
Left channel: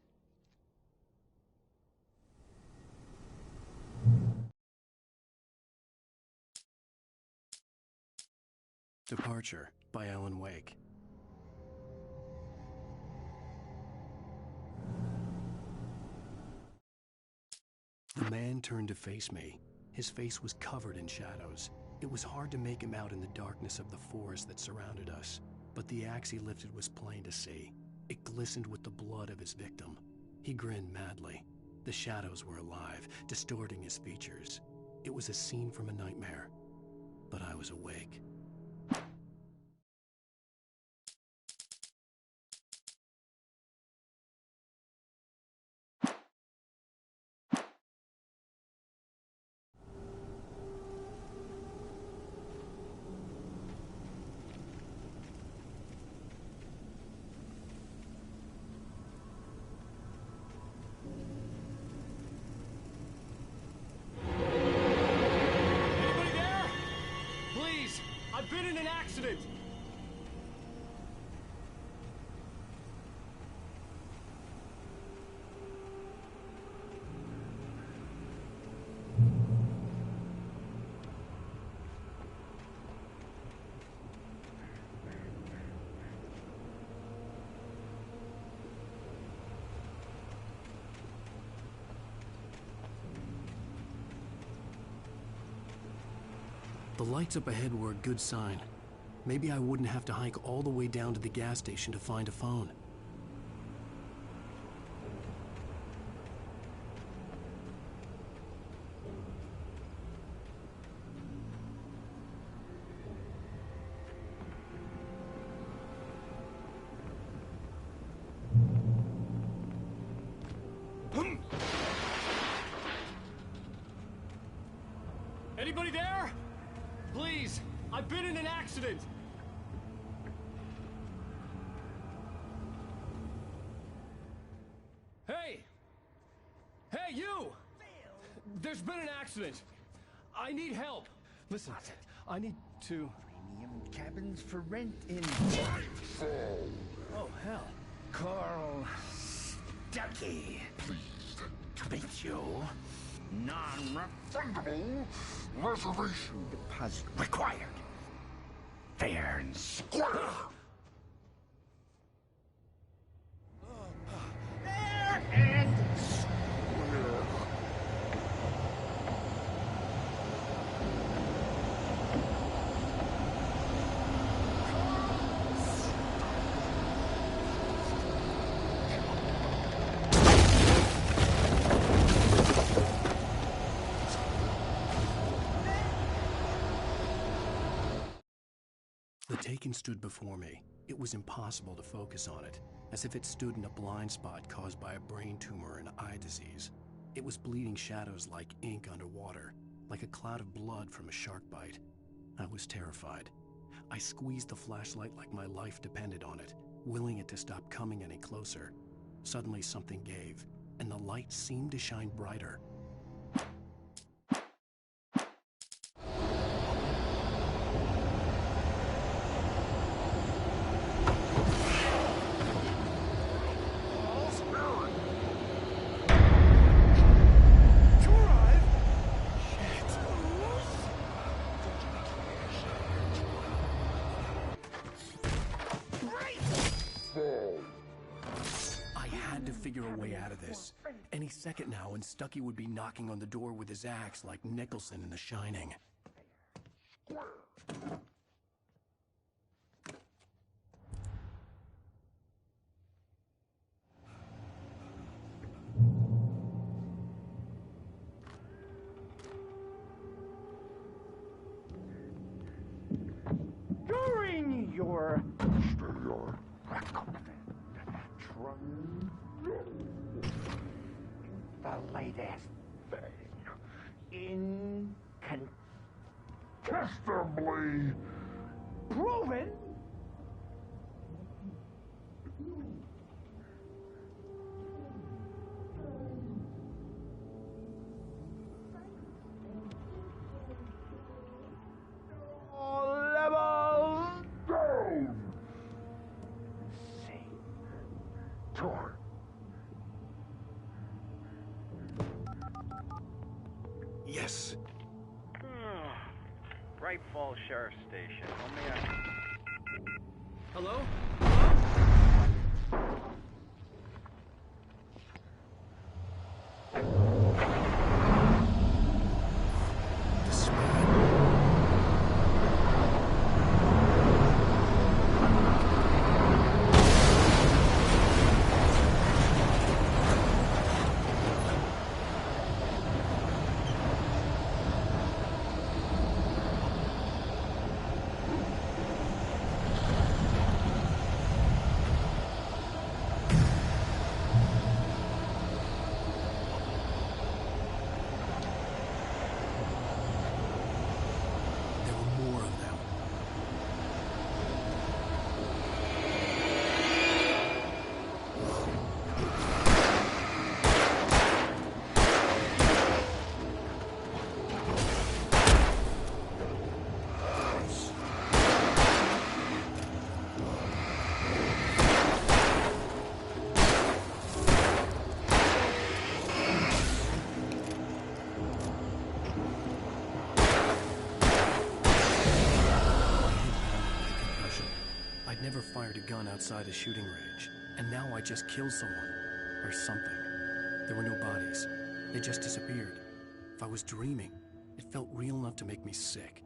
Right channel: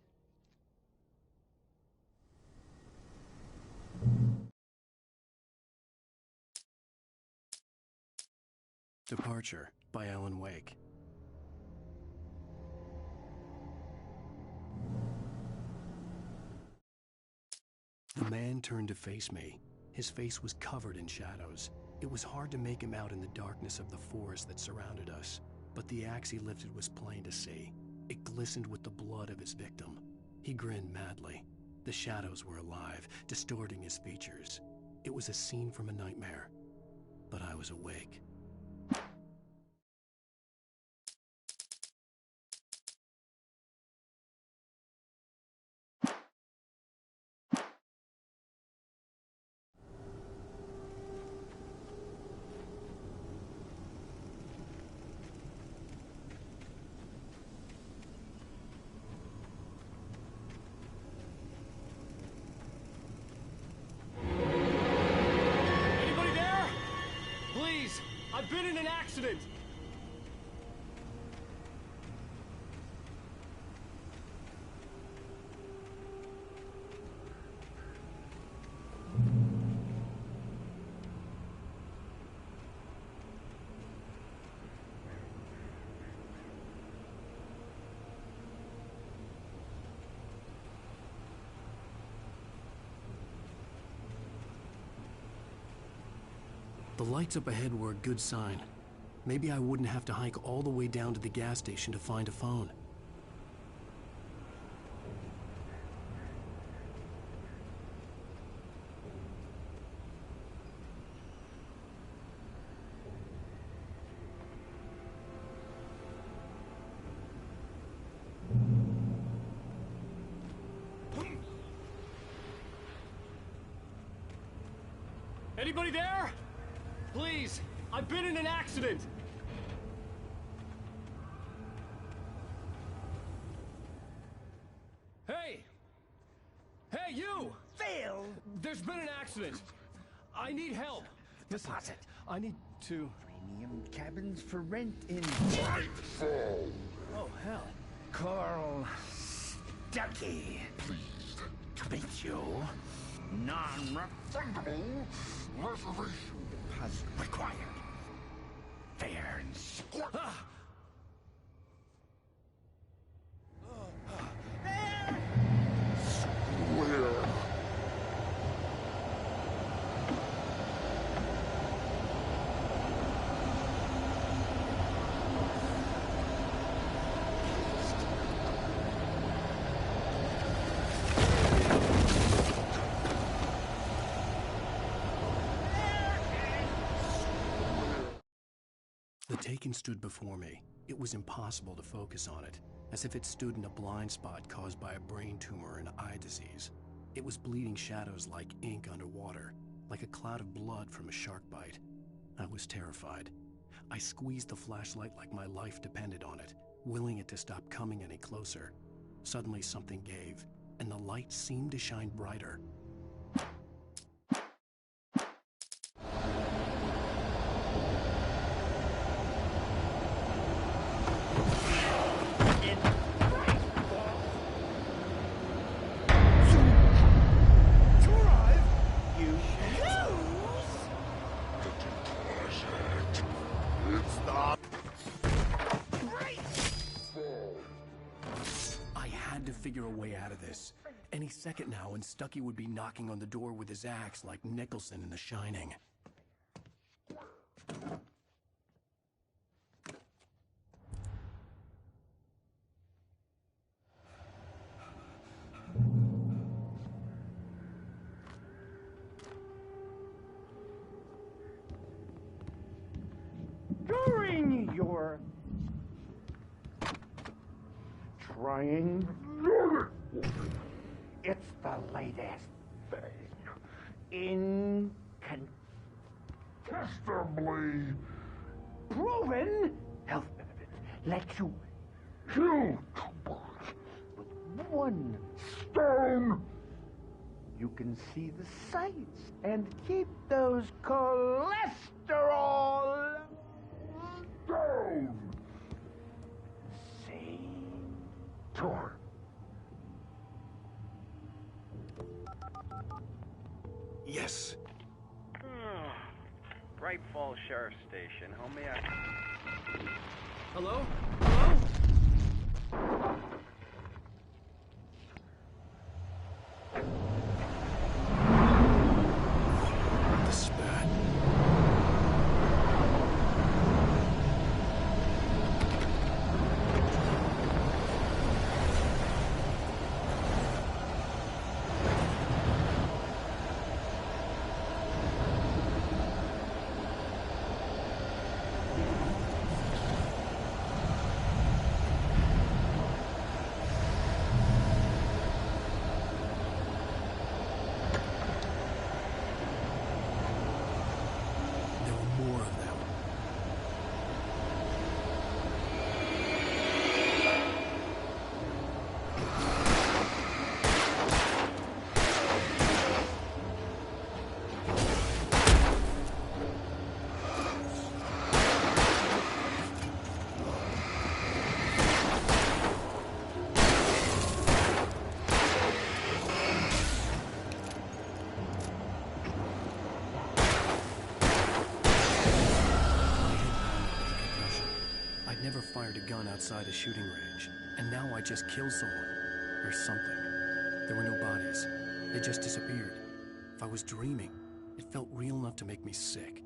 Departure by Alan Wake. The man turned to face me. His face was covered in shadows. It was hard to make him out in the darkness of the forest that surrounded us, but the axe he lifted was plain to see. It glistened with the blood of his victim. He grinned madly. The shadows were alive, distorting his features. It was a scene from a nightmare, but I was awake. Anybody there? Please, I've been in an accident. The lights up ahead were a good sign. Maybe I wouldn't have to hike all the way down to the gas station to find a phone. Anybody there? Please, I've been in an accident. Hey! Hey, you! Phil! There's been an accident. I need help. Listen, Deposit. I need to... Premium cabins for rent in Oh, hell. Carl Stuckey. Pleased to meet you. Non-refundable reservation deposit required. Fair and square. Fair and square. The Taken stood before me. It was impossible to focus on it, as if it stood in a blind spot caused by a brain tumor and eye disease. It was bleeding shadows like ink underwater, like a cloud of blood from a shark bite. I was terrified. I squeezed the flashlight like my life depended on it, willing it to stop coming any closer. Suddenly something gave, and the light seemed to shine brighter. Figure a way out of this. Any second now, and Stuckey would be knocking on the door with his axe like Nicholson in The Shining. You're trying. It's the latest thing. Incontestably proven health benefits let you kill with one stone. You can see the sights and keep those cholesterol levels down. See? Tor. Yes. Bright Falls Sheriff's Station. How may I... Hello? Hello? The spat. There were more of them. My head pounded with a concussion. I'd never fired a gun outside a shooting range, and now I just killed someone. Or something. There were no bodies. They just disappeared. If I was dreaming, it felt real enough to make me sick.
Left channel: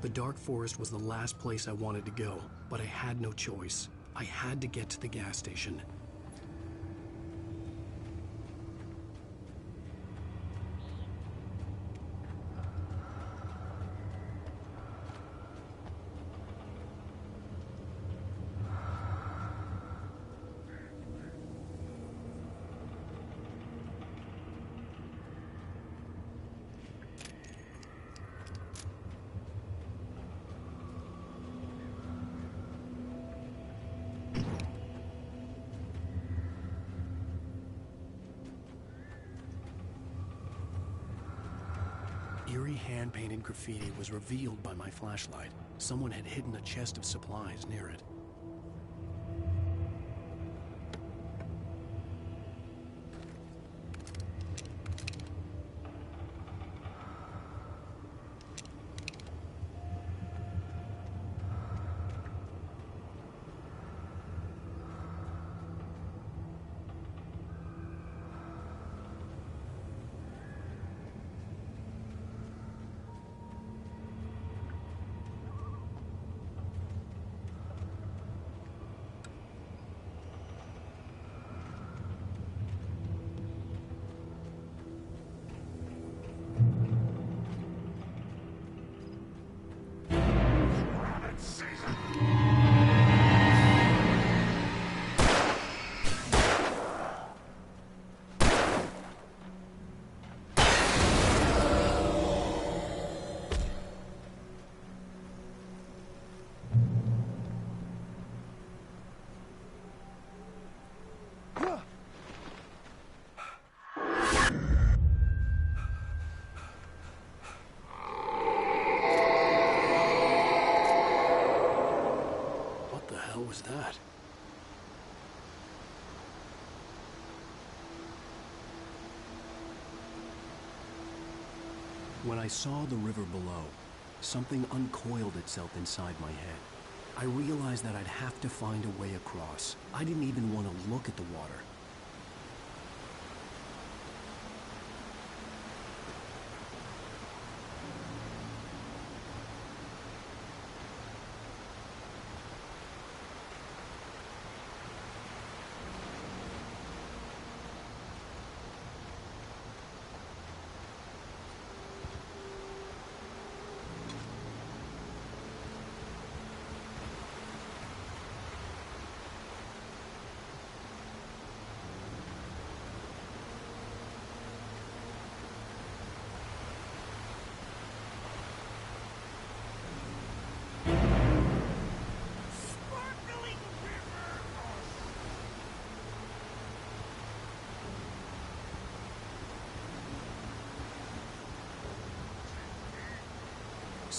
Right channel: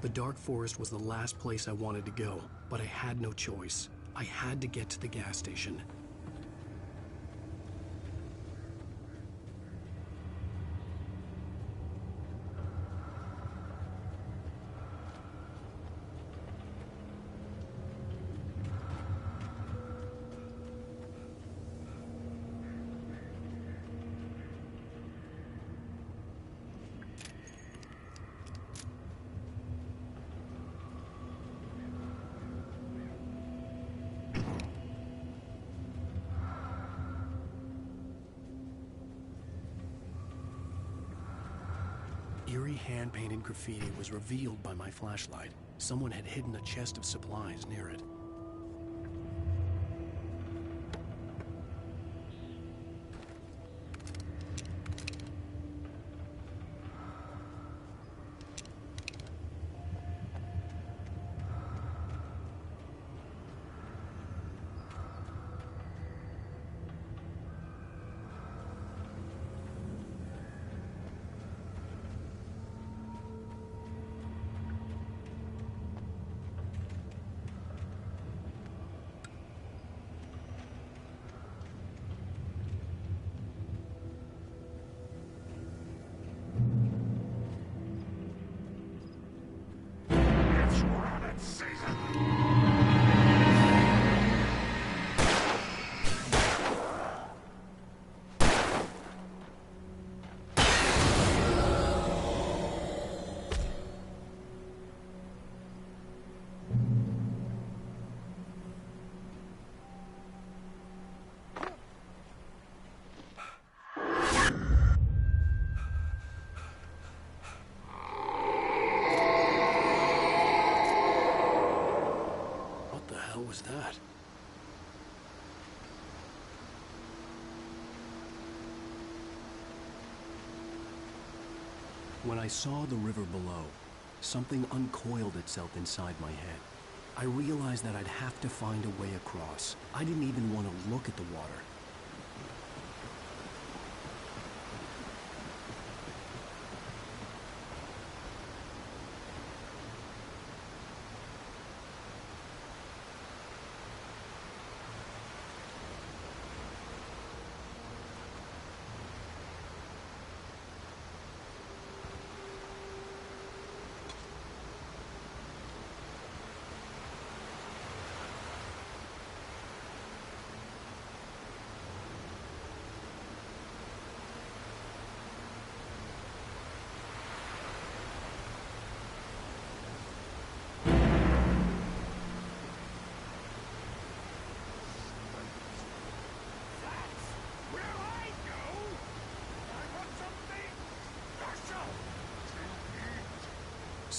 The dark forest was the last place I wanted to go, but I had no choice. I had to get to the gas station. Eerie hand-painted graffiti was revealed by my flashlight. Someone had hidden a chest of supplies near it. Was that? When I saw the river below, something uncoiled itself inside my head. I realized that I'd have to find a way across. I didn't even want to look at the water.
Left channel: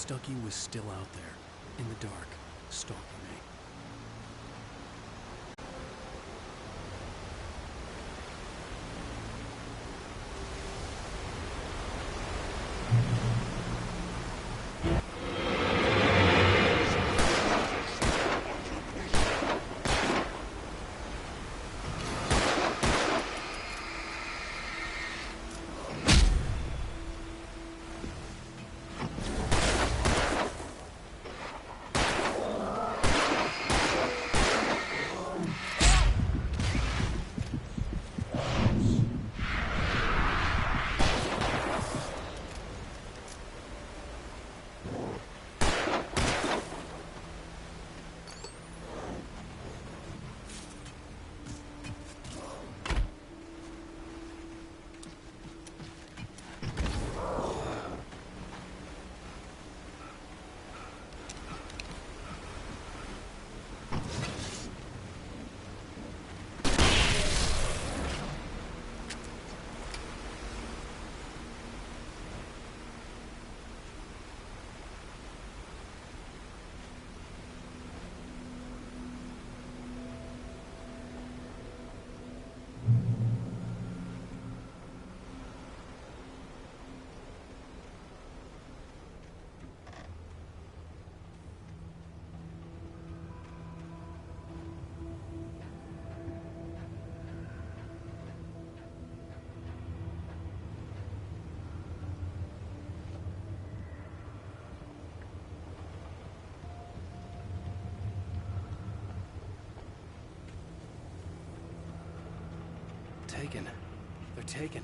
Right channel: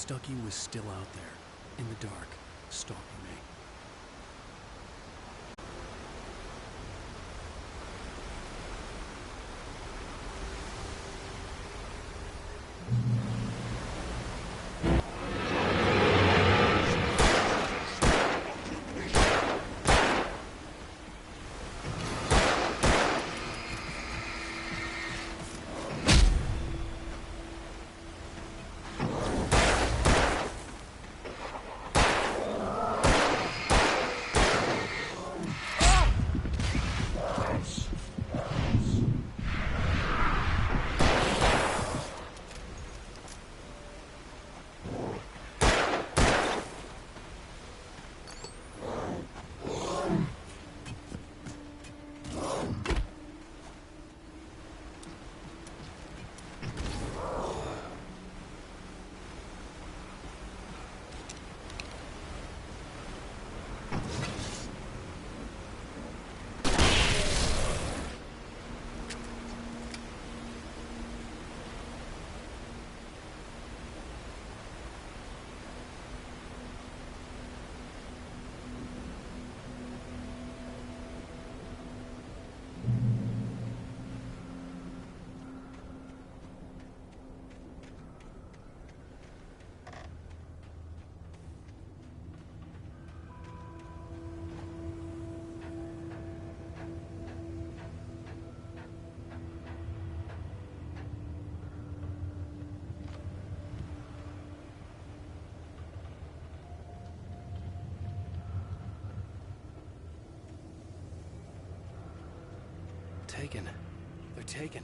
Stucky was still out there, in the dark, stalking me. Taken. They're taken.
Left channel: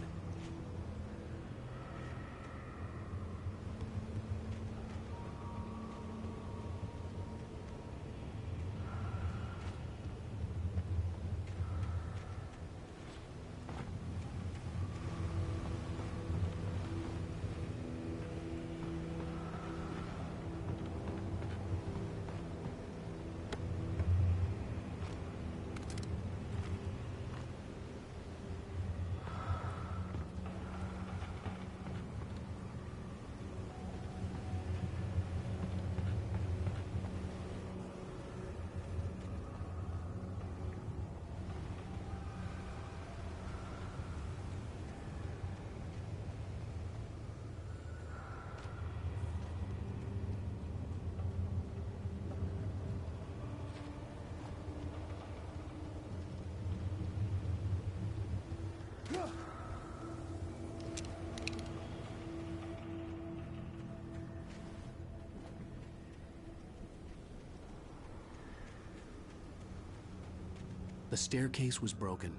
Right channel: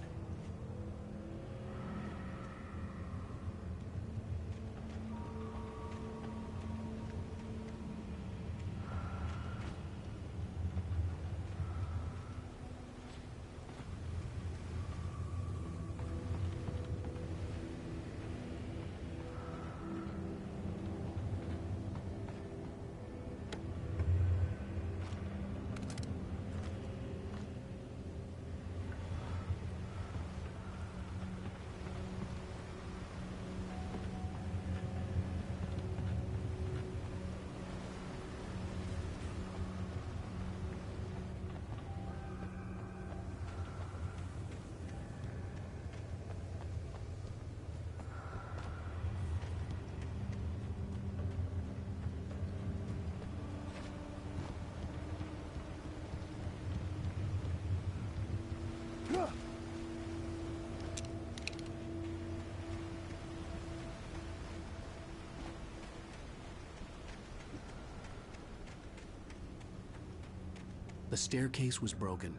The staircase was broken.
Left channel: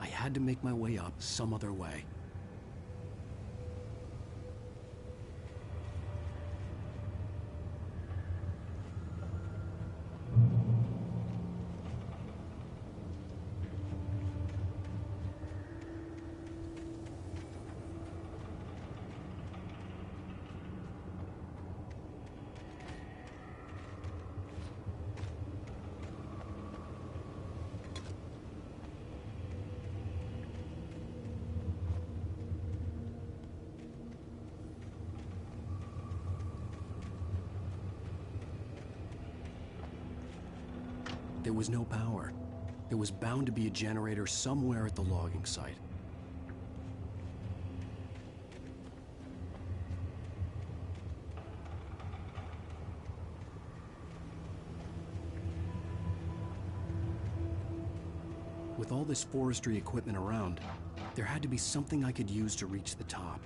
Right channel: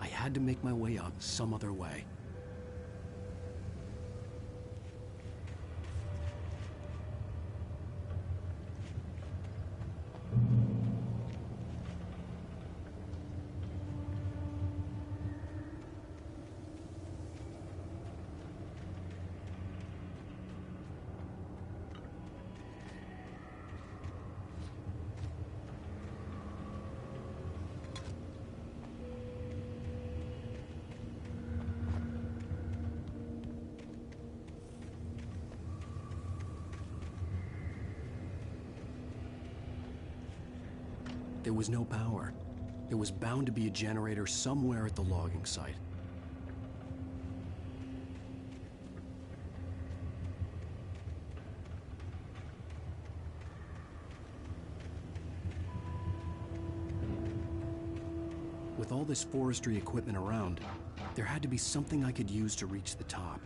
I had to make my way up some other way. There was no power. There was bound to be a generator somewhere at the logging site. With all this forestry equipment around, there had to be something I could use to reach the top.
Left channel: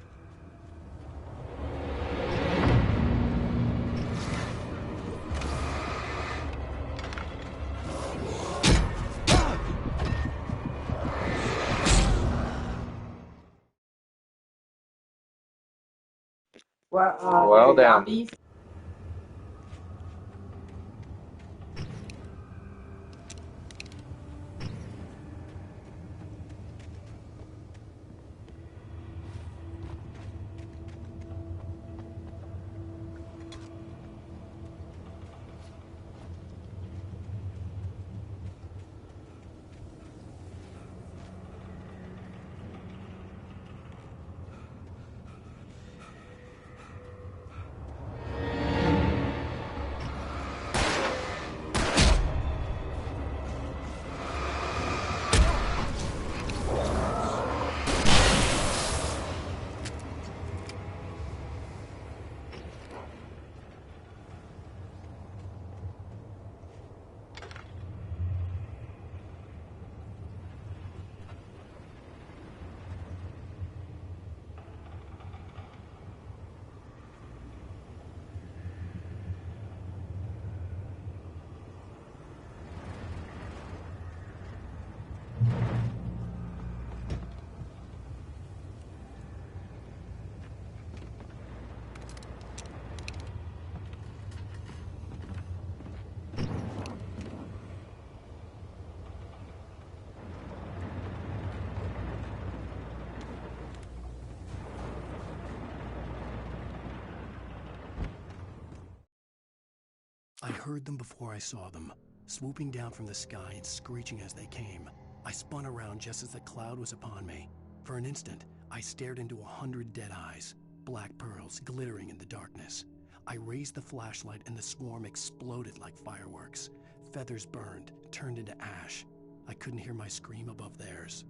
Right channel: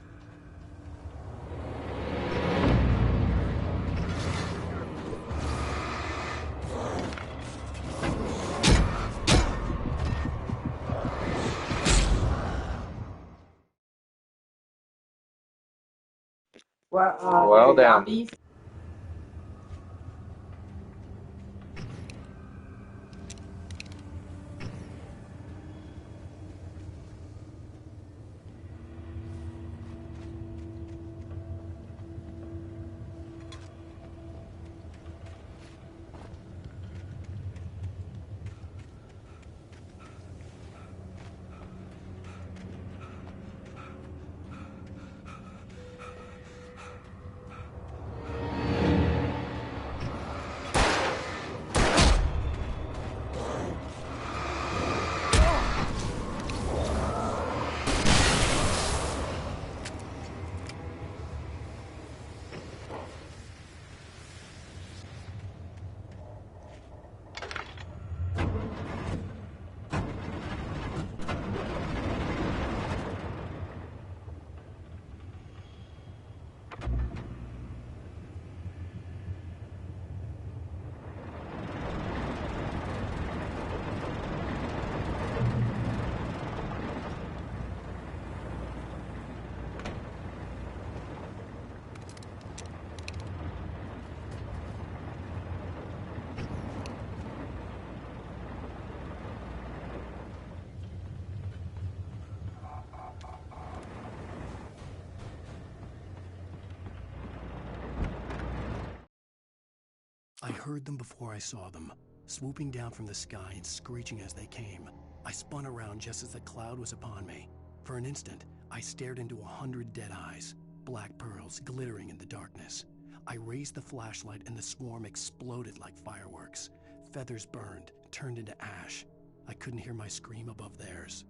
Well down. I heard them before I saw them, swooping down from the sky and screeching as they came. I spun around just as the cloud was upon me. For an instant, I stared into 100 dead eyes, black pearls glittering in the darkness. I raised the flashlight and the swarm exploded like fireworks. Feathers burned, turned into ash. I couldn't hear my scream above theirs.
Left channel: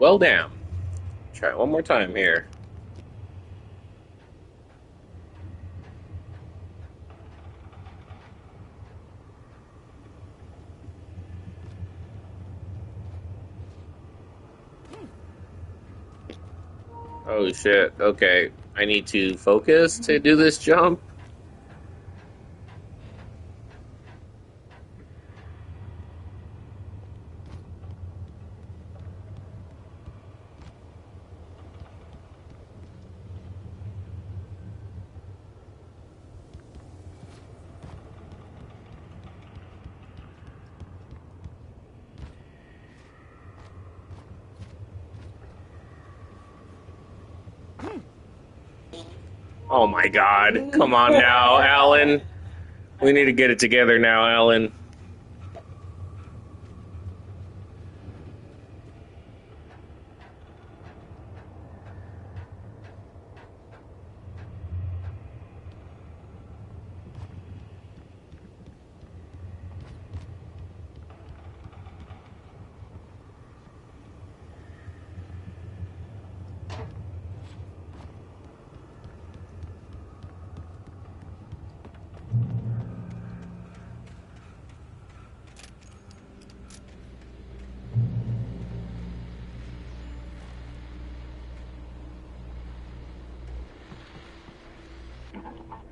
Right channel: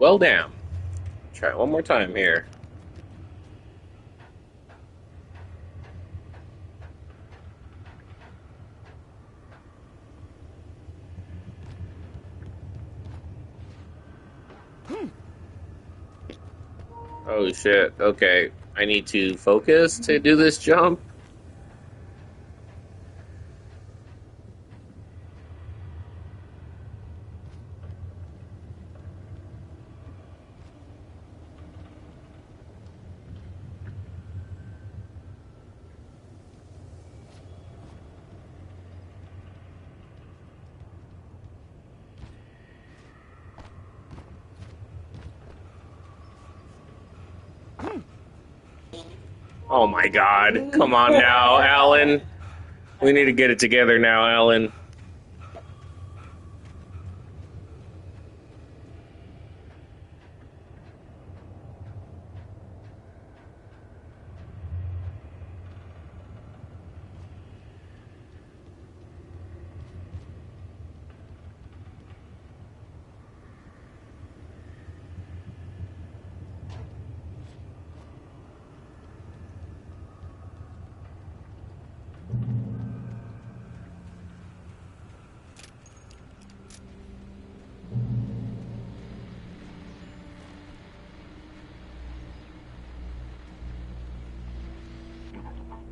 Well, damn. Try it one more time here. Oh shit, okay. I need to focus to do this jump. Oh my god. Come on now, Alan. We need to get it together now, Alan.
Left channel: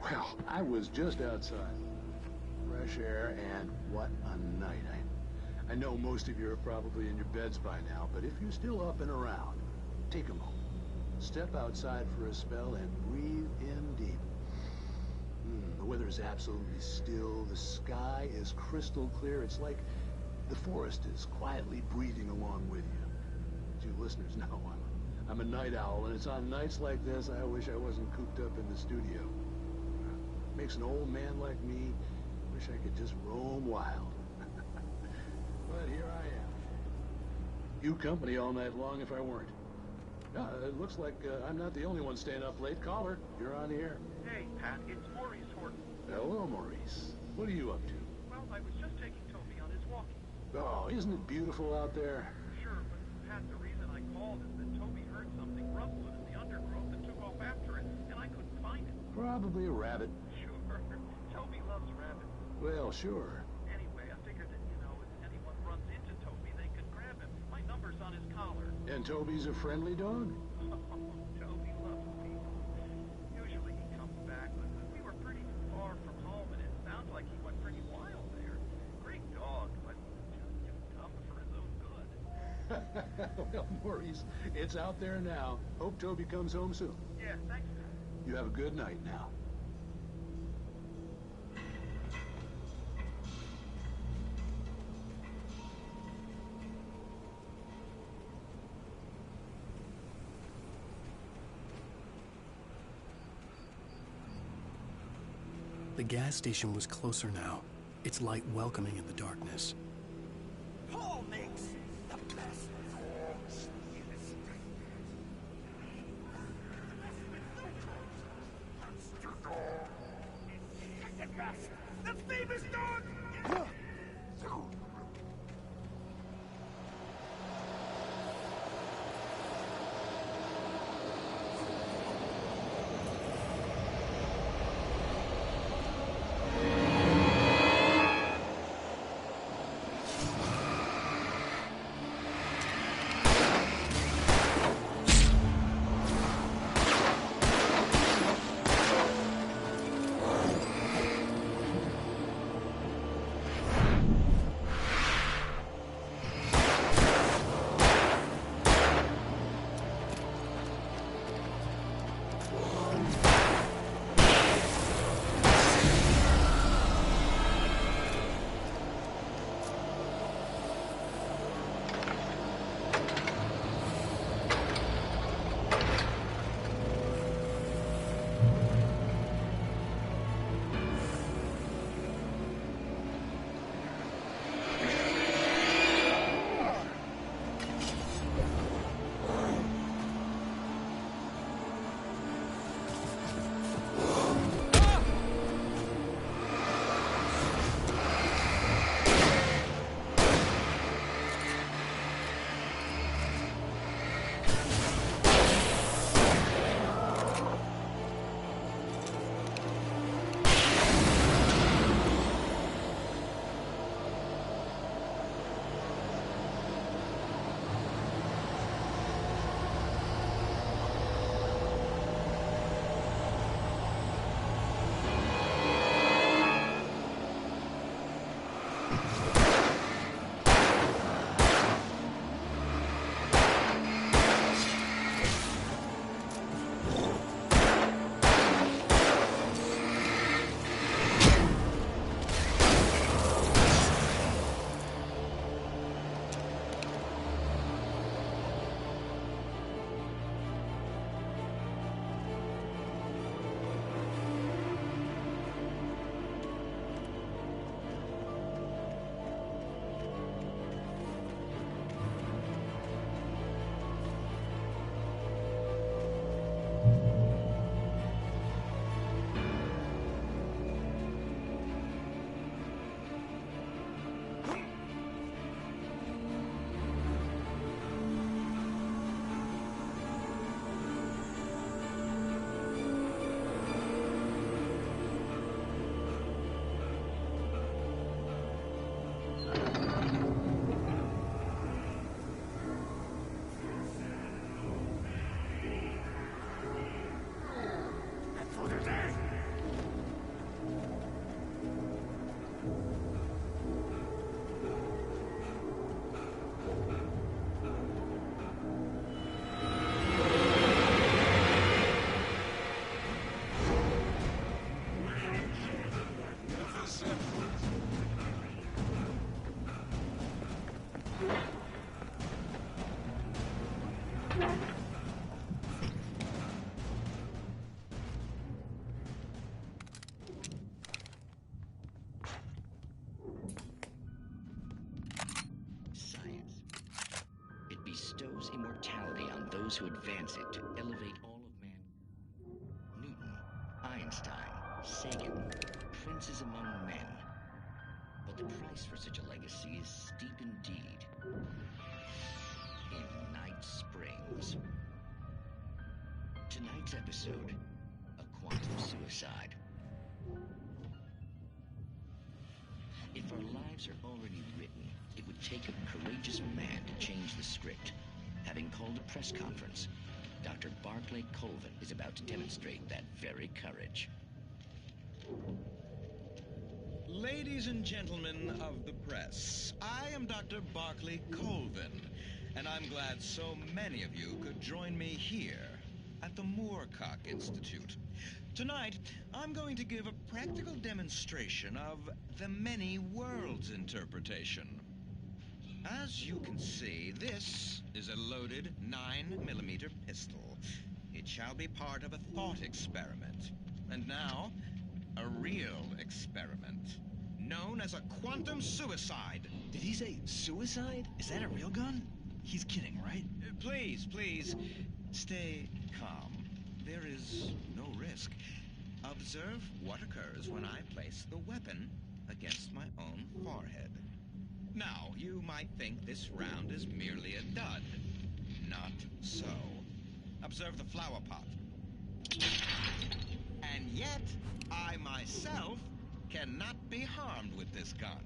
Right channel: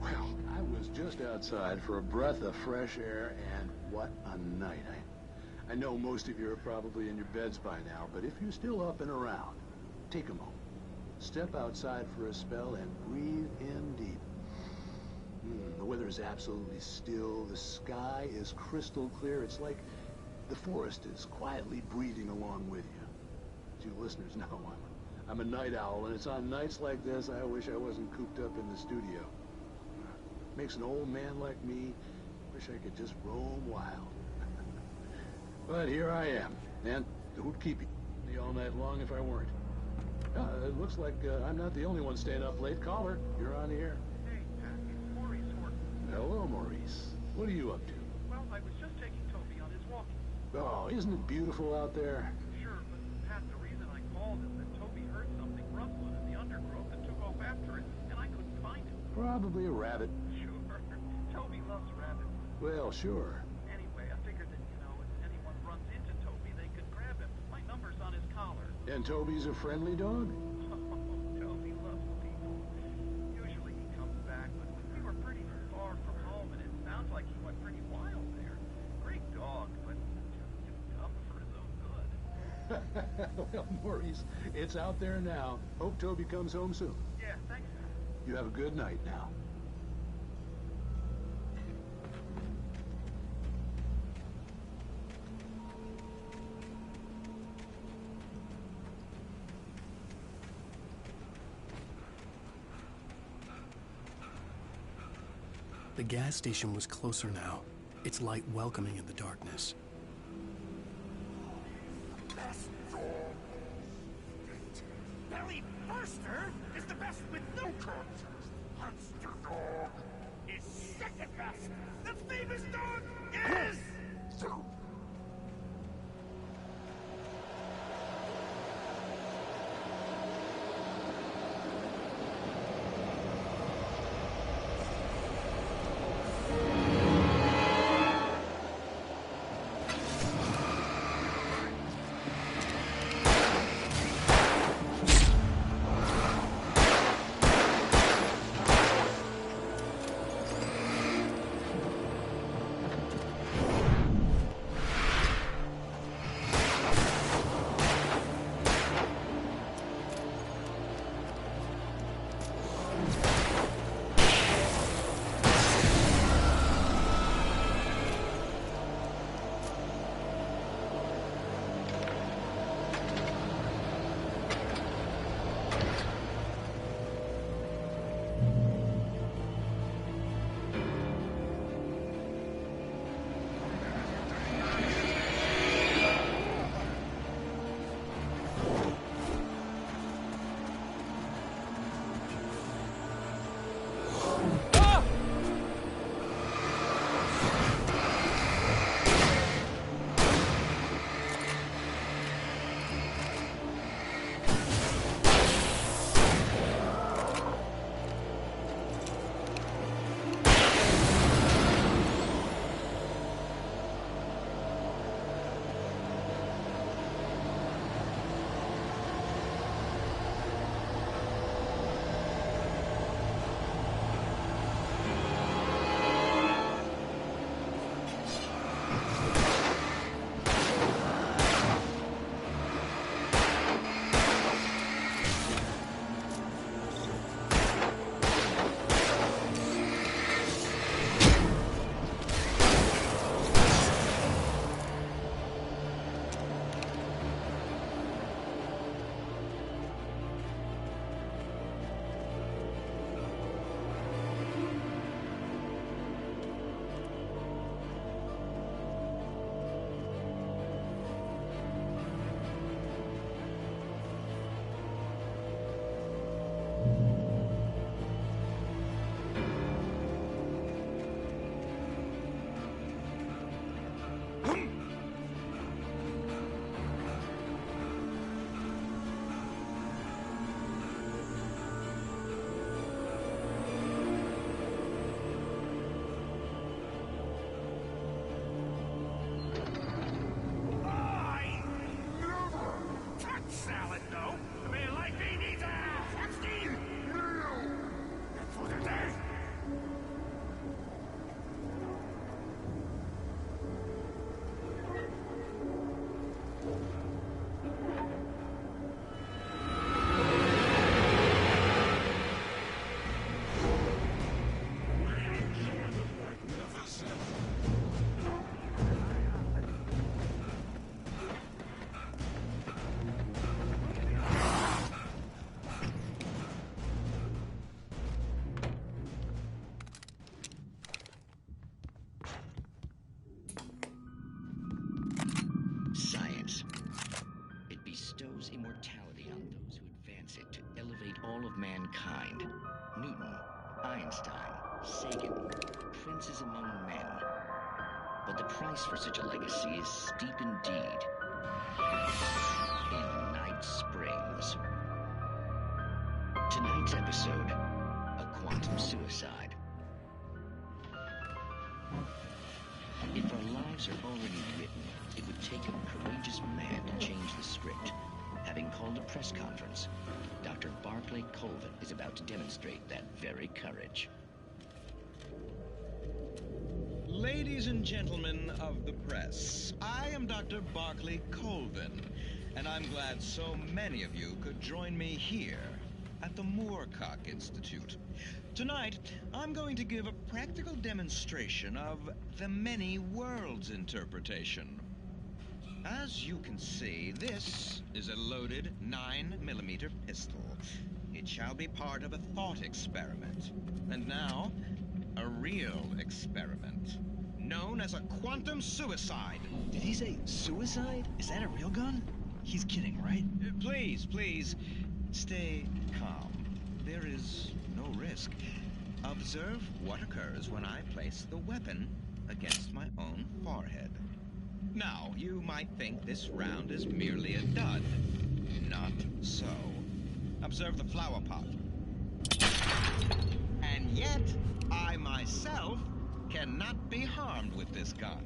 Well, I was just outside for a breath of fresh air, and what a night. I know most of you are probably in your beds by now, but if you're still up and around, take a moment. Step outside for a spell and breathe in deep. The weather is absolutely still. The sky is crystal clear. It's like the forest is quietly breathing along with you. As you listeners know, I'm a night owl, and it's on nights like this I wish I wasn't cooped up in the studio. Makes an old man like me wish I could just roam wild. But here I am, and who'd keep you company all night long if I weren't? It looks like I'm not the only one staying up late. Caller, you're on the air. Hey, Pat, it's Maurice Horton. Hello, Maurice. What are you up to? Well, I was just taking Toby on his walkie. Oh, isn't it beautiful out there? Sure, but Pat, the reason I called is that Toby heard something rustling in the undergrowth and took off after it, and I couldn't find it. Probably a rabbit. Sure. Toby loves rabbits. Well, sure. Anyway, I figured that, if anyone runs into Toby, they could grab him. My number's on his collar. And Toby's a friendly dog? Oh, Toby loves people. Usually he comes back, but we were pretty far from home, and it sounds like he went pretty wild there. Great dog, but just too dumb for his own good. Well, Maurice, it's out there now. Hope Toby comes home soon. Yeah, thanks, Pat. You have a good night now. The gas station was closer now, its light welcoming in the darkness. Paul makes the best dogs in the state. Barry Foster is the best with no coat. Monster Dog is second best. The famous dog is... those who advance it to elevate all of mankind. Newton, Einstein, Sagan, princes among men. But the price for such a legacy is steep indeed. In Night Springs. Tonight's episode, a quantum suicide. If our lives are already written, it would take a courageous man to change the script. Having called a press conference, Dr. Barclay Colvin is about to demonstrate that very courage. Ladies and gentlemen of the press, I am Dr. Barclay Colvin, and I'm glad so many of you could join me here at the Moorcock Institute. Tonight, I'm going to give a practical demonstration of the many worlds interpretation. As you can see, this is a loaded 9mm pistol. It shall be part of a thought experiment. And now, a real experiment, known as a quantum suicide. Did he say suicide? Is that a real gun? He's kidding, right? Please, stay calm. There is no risk. Observe what occurs when I place the weapon against my own forehead. Now, you might think this round is merely a dud. Not so. Observe the flower pot. And yet, I myself cannot be harmed with this gun.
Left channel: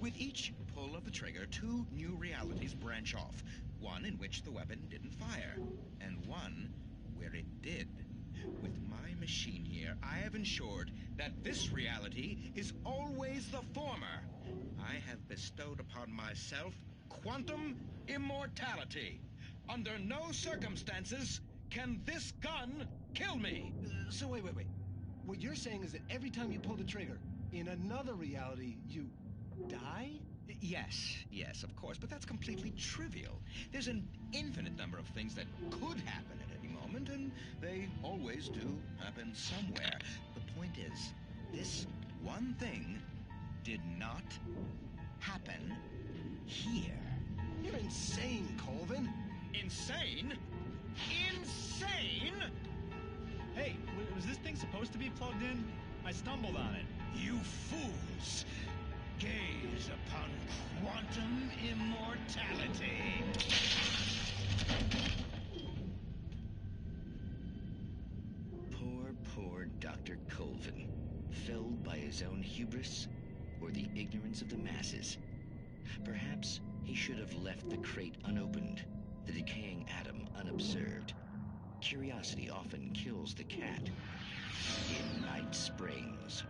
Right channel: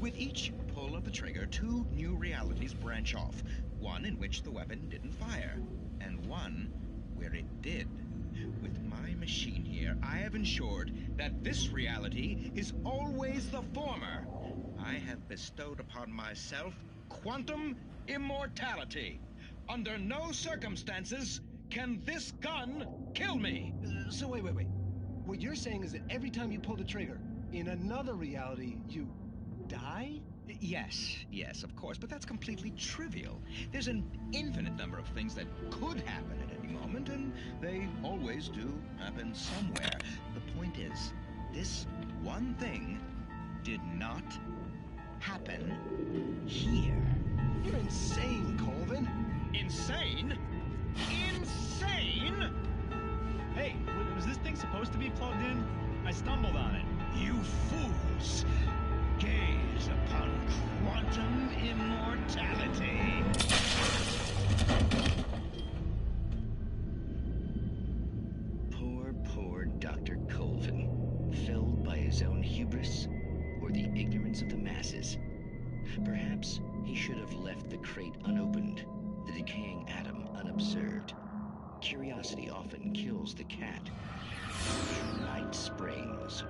With each pull of the trigger, two new realities branch off. One in which the weapon didn't fire, and one where it did. With my machine here, I have ensured that this reality is always the former. I have bestowed upon myself quantum immortality. Under no circumstances can this gun kill me. So wait. What you're saying is that every time you pull the trigger, in another reality, you die? Yes, of course, but that's completely trivial. There's an infinite number of things that could happen at any moment, and they always do happen somewhere. The point is, this one thing did not happen here. You're insane, Colvin. Insane? Insane? Hey, was this thing supposed to be plugged in? I stumbled on it. You fools! Gaze upon quantum immortality. Poor Dr. Colvin, felled by his own hubris or the ignorance of the masses. Perhaps he should have left the crate unopened, the decaying atom unobserved. Curiosity often kills the cat. In Night Springs.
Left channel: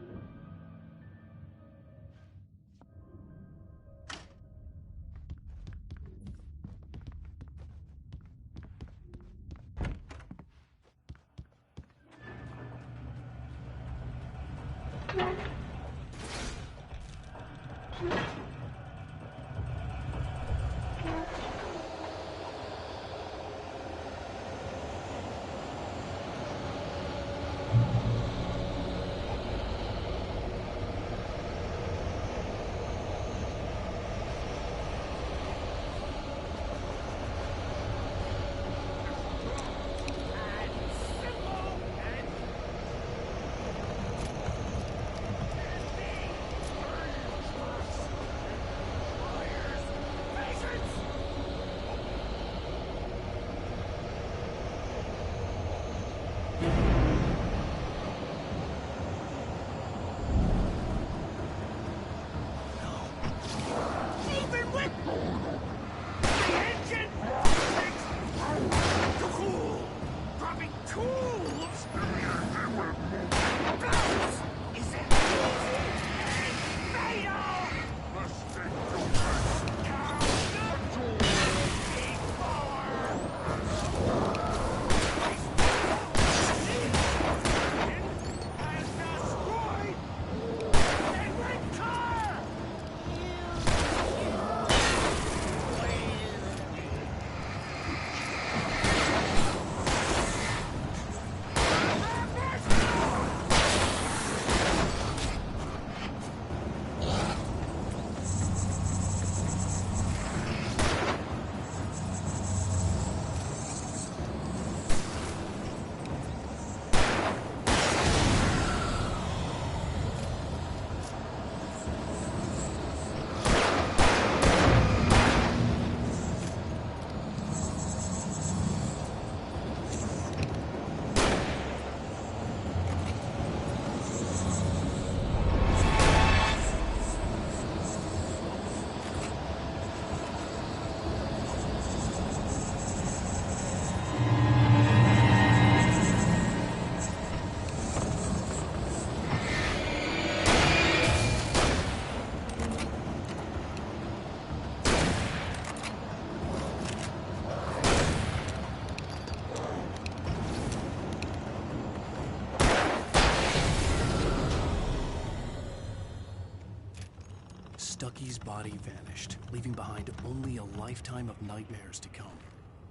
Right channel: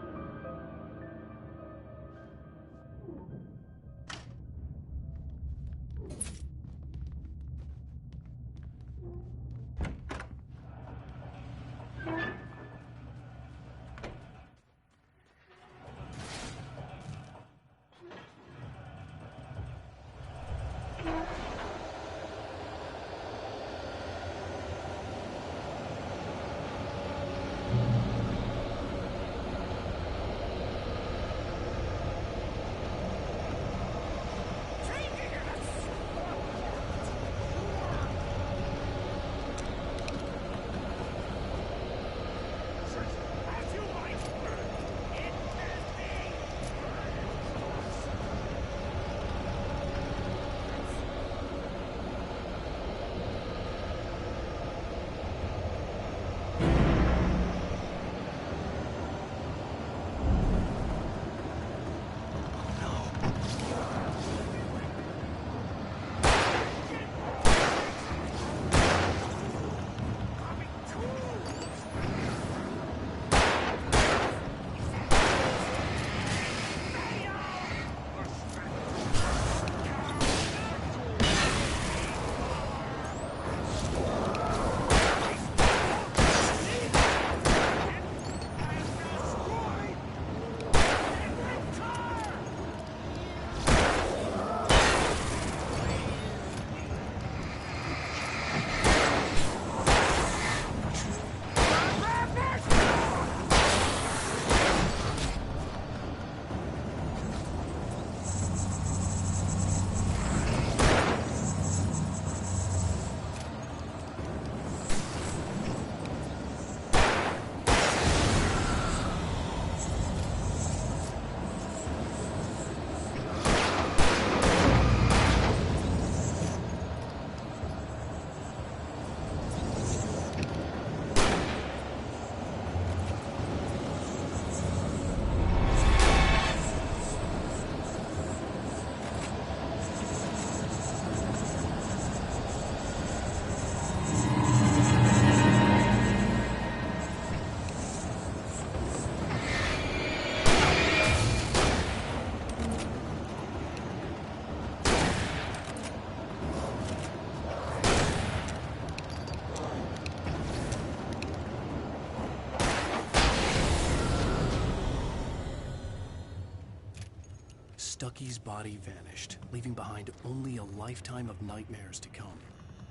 Stucky's body vanished, leaving behind only a lifetime of nightmares to come,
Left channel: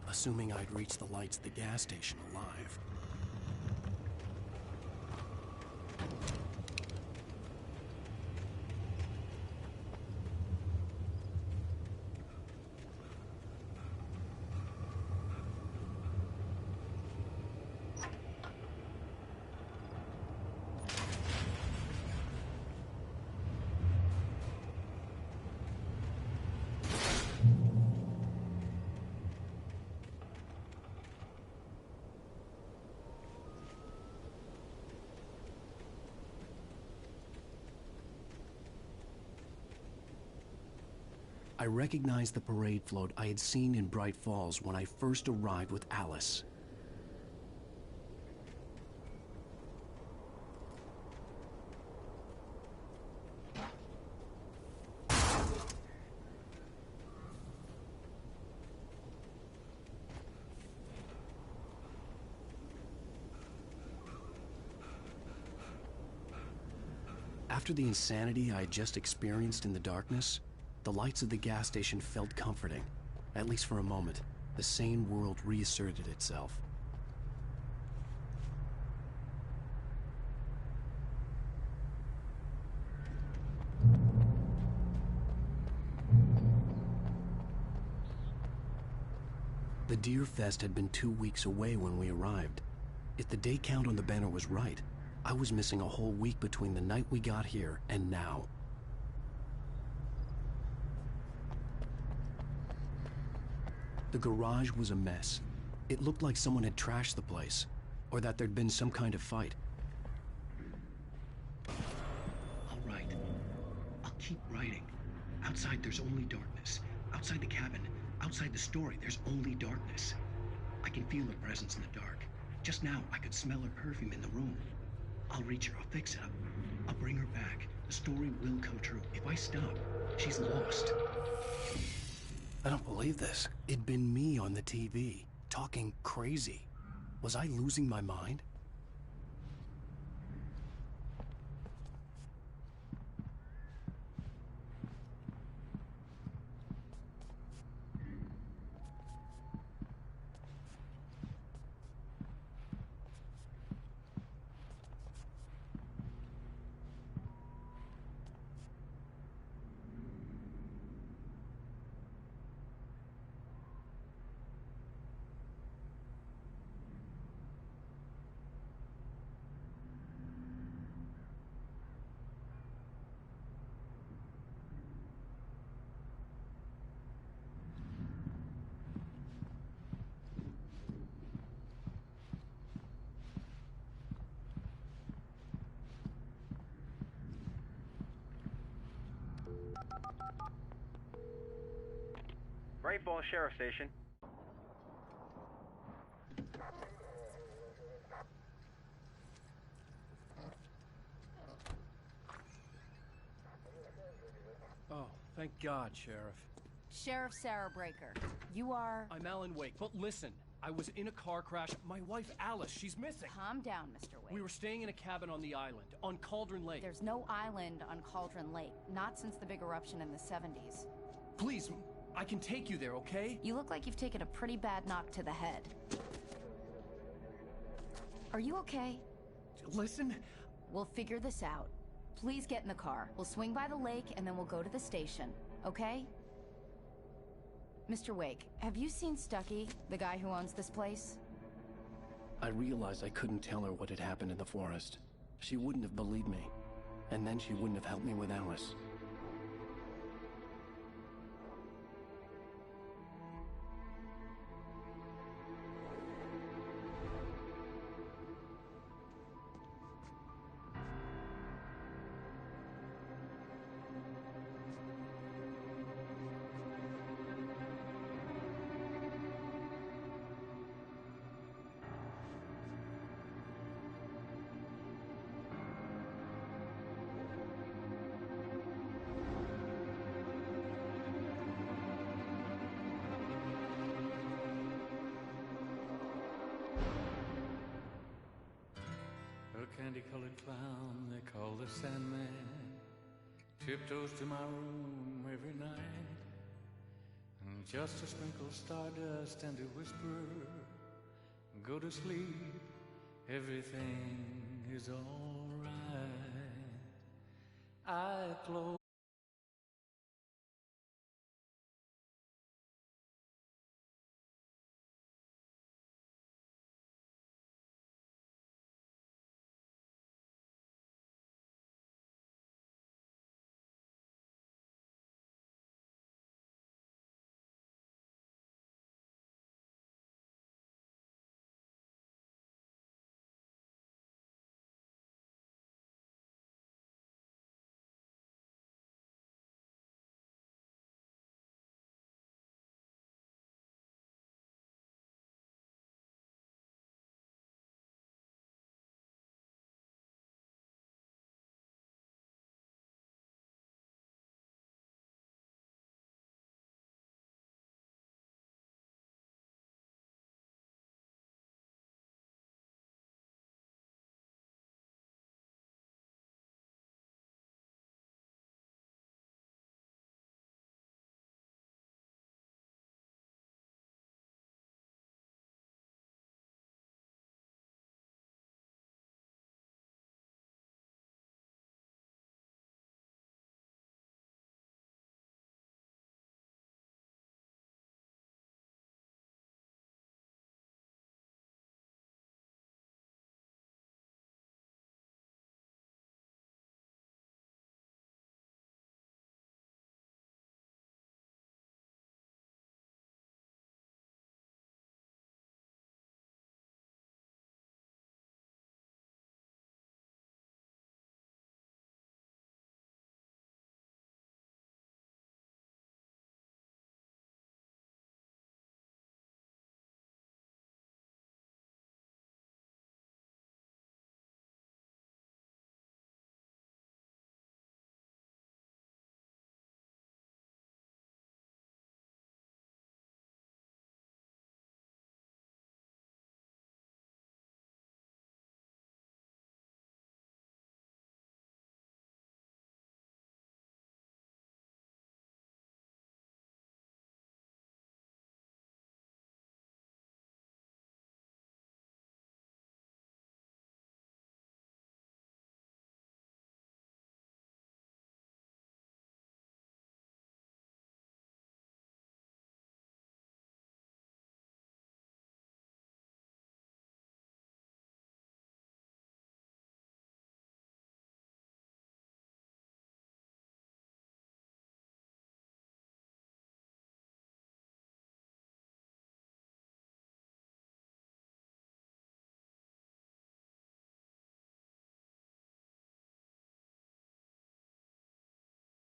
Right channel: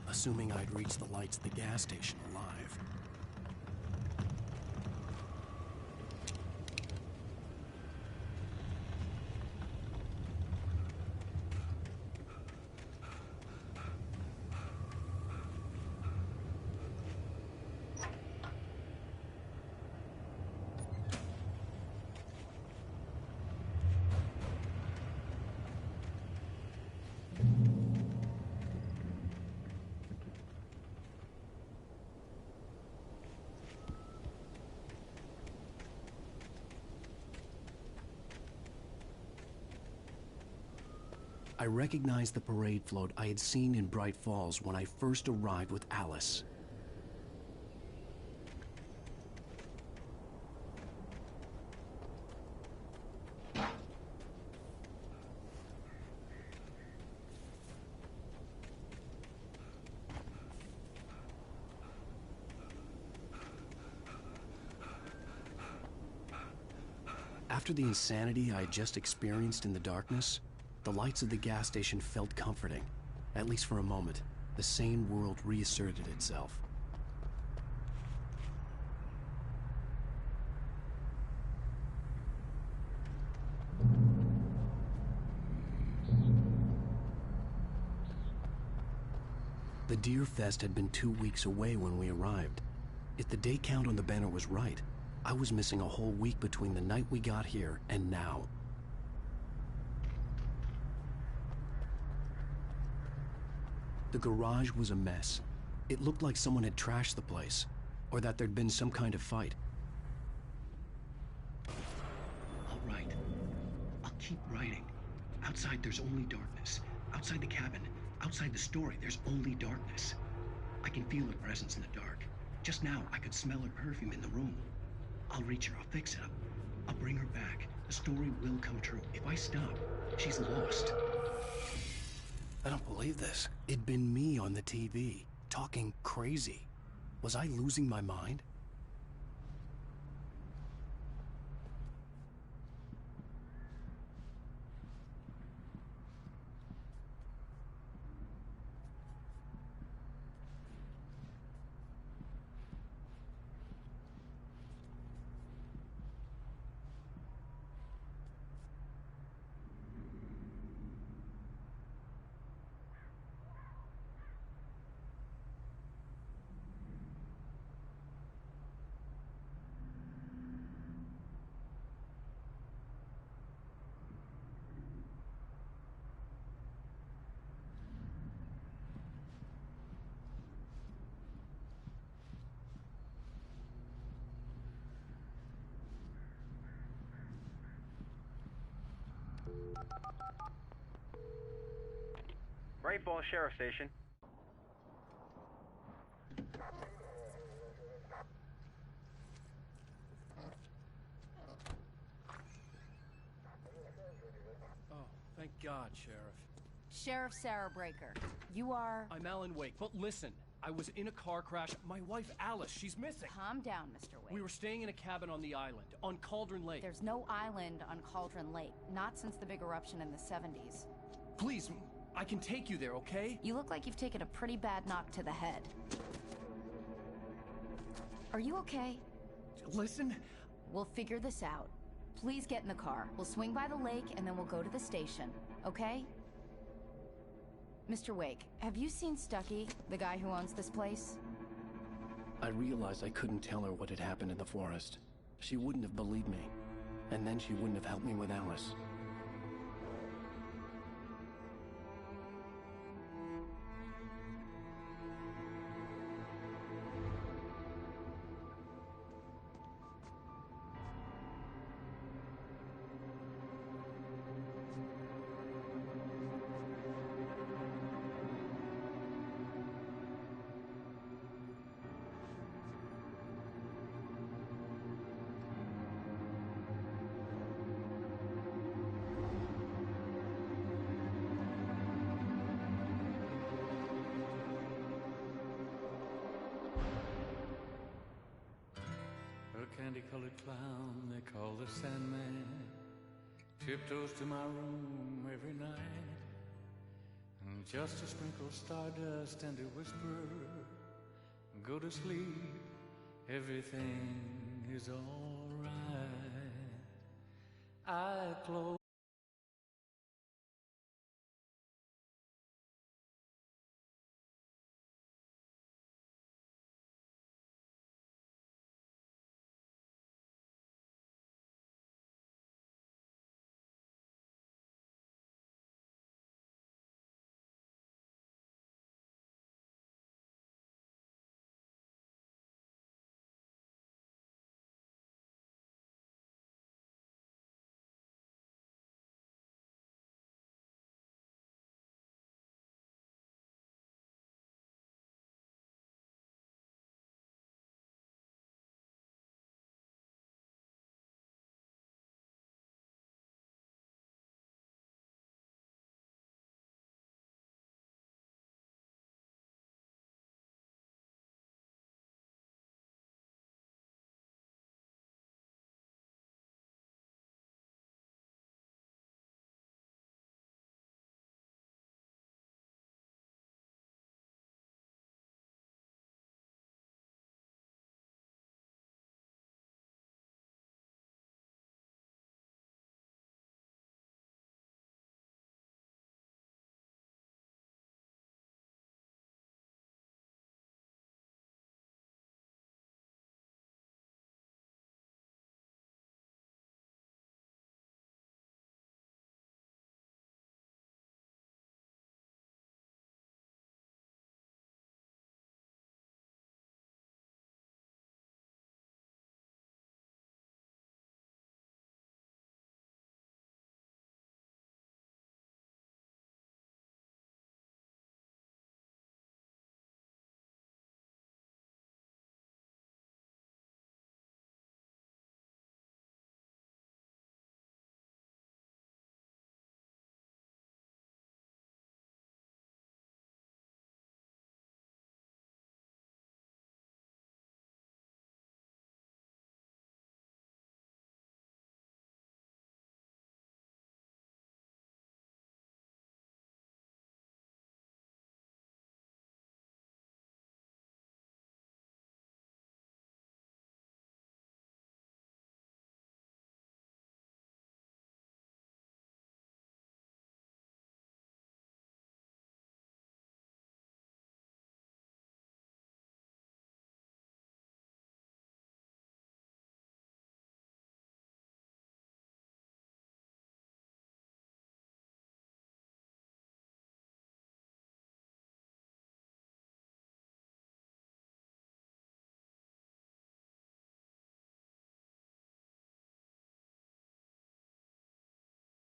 assuming I'd reached the lights at the gas station alive. I recognized the parade float I had seen in Bright Falls when I first arrived with Alice. After the insanity I had just experienced in the darkness, the lights of the gas station felt comforting. At least for a moment, the sane world reasserted itself. The Deer Fest had been 2 weeks away when we arrived. If the day count on the banner was right, I was missing a whole week between the night we got here and now. The garage was a mess. It looked like someone had trashed the place, or that there'd been some kind of fight. All right. I'll keep writing. Outside, there's only darkness. Outside the cabin, outside the story, there's only darkness. I can feel her presence in the dark. Just now, I could smell her perfume in the room. I'll reach her. I'll fix it up. I'll bring her back. The story will come true. If I stop, she's lost. I don't believe this. It'd been me on the TV, talking crazy. Was I losing my mind? Great Falls Sheriff Station. Oh, thank God, Sheriff. Sheriff Sarah Breaker, you are... I'm Alan Wake, but listen, I was in a car crash. My wife, Alice, she's missing. Calm down, Mr. Wake. We were staying in a cabin on the island, on Cauldron Lake. There's no island on Cauldron Lake, not since the big eruption in the 70s. Please, I can take you there, okay? You look like you've taken a pretty bad knock to the head. Are you okay? Listen. We'll figure this out. Please get in the car. We'll swing by the lake and then we'll go to the station, okay? Mr. Wake, have you seen Stucky, the guy who owns this place? I realized I couldn't tell her what had happened in the forest. She wouldn't have believed me. And then she wouldn't have helped me with Alice. A candy-colored clown they call the Sandman. Tiptoes to my room every night, and just to sprinkle stardust and to whisper, go to sleep, everything is alright. I close.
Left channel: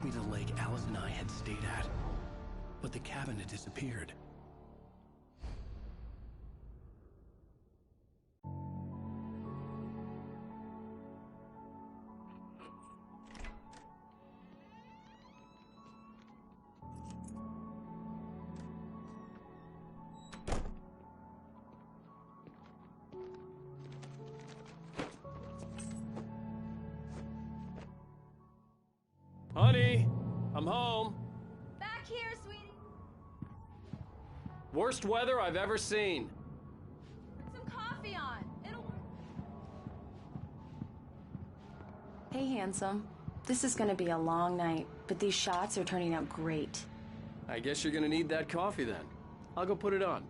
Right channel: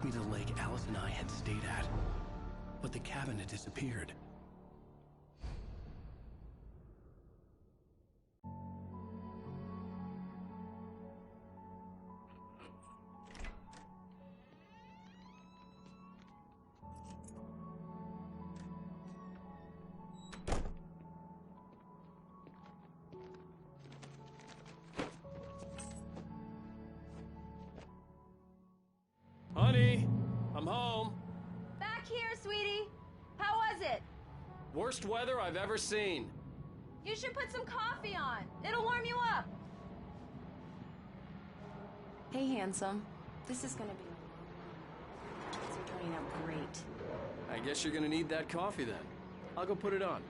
Me to the lake Alice and I had stayed at, but the cabin had disappeared. Honey, I'm home. Back here, sweetie. How was it? Worst weather I've ever seen. You should put some coffee on. It'll warm you up. Hey, handsome. This is gonna be a long night, but these shots are turning out great. I guess you're gonna need that coffee then. I'll go put it on.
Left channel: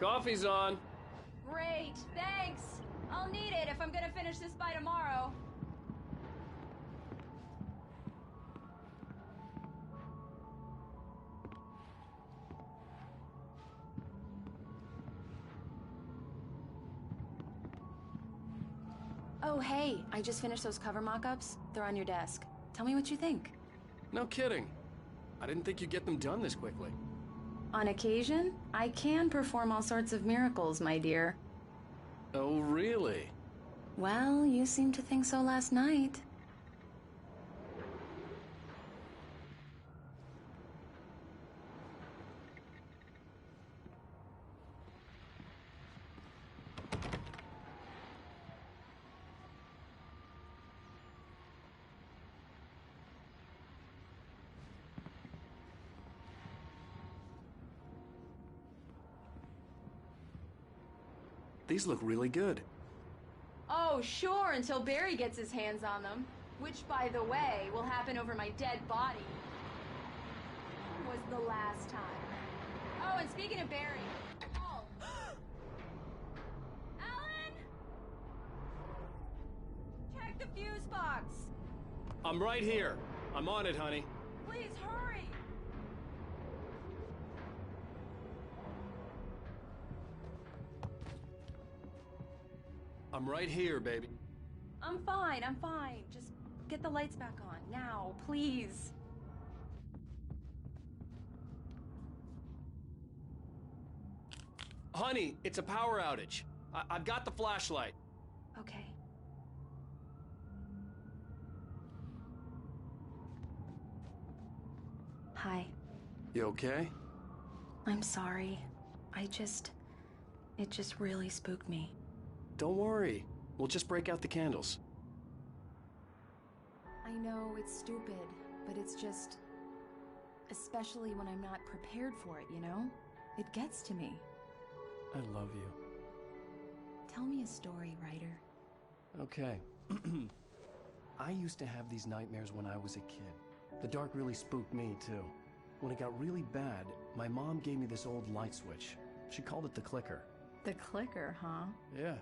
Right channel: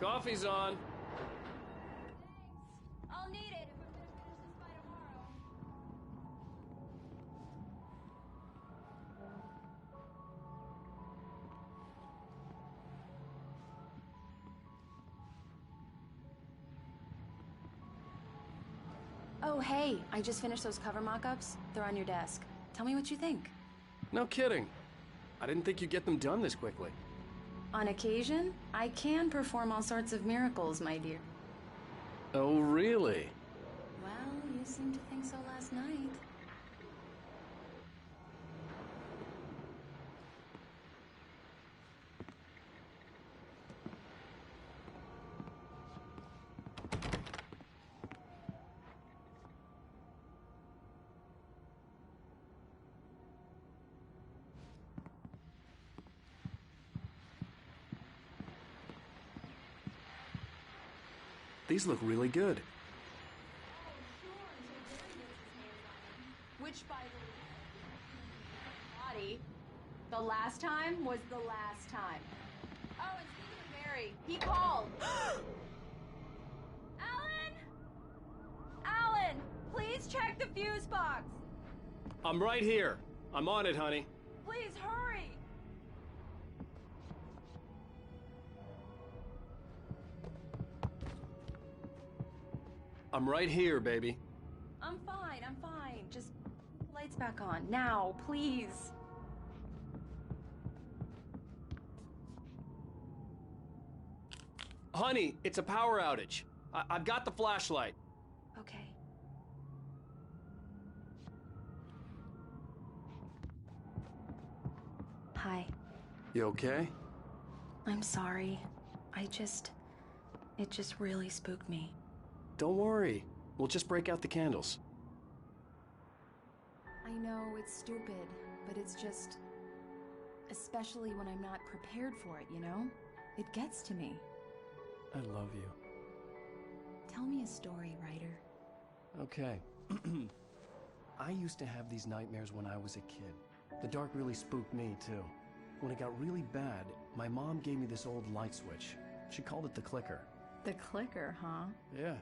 Coffee's on. Great, thanks. I'll need it if I'm gonna finish this by tomorrow. Oh, hey, I just finished those cover mock-ups. They're on your desk. Tell me what you think. No kidding. I didn't think you'd get them done this quickly. On occasion, I can perform all sorts of miracles, my dear. Oh, really? Well, you seemed to think so last night. These look really good. Oh, sure, until Barry gets his hands on them. Which, by the way, will happen over my dead body. The last time was the last time. Oh, and speaking of Barry, he called. Alan! Alan, please check the fuse box. I'm right here. I'm on it, honey. Please hurry. I'm right here, baby. I'm fine, I'm fine. Just get the lights back on. Now, please. Honey, it's a power outage. I've got the flashlight. Okay. Hi. You okay? I'm sorry. It just really spooked me. Don't worry. We'll just break out the candles. I know it's stupid, but it's just... Especially when I'm not prepared for it, you know? It gets to me. I love you. Tell me a story, writer. Okay. I used to have these nightmares when I was a kid. The dark really spooked me, too. When it got really bad, my mom gave me this old light switch. She called it the clicker. The clicker, huh? Yeah.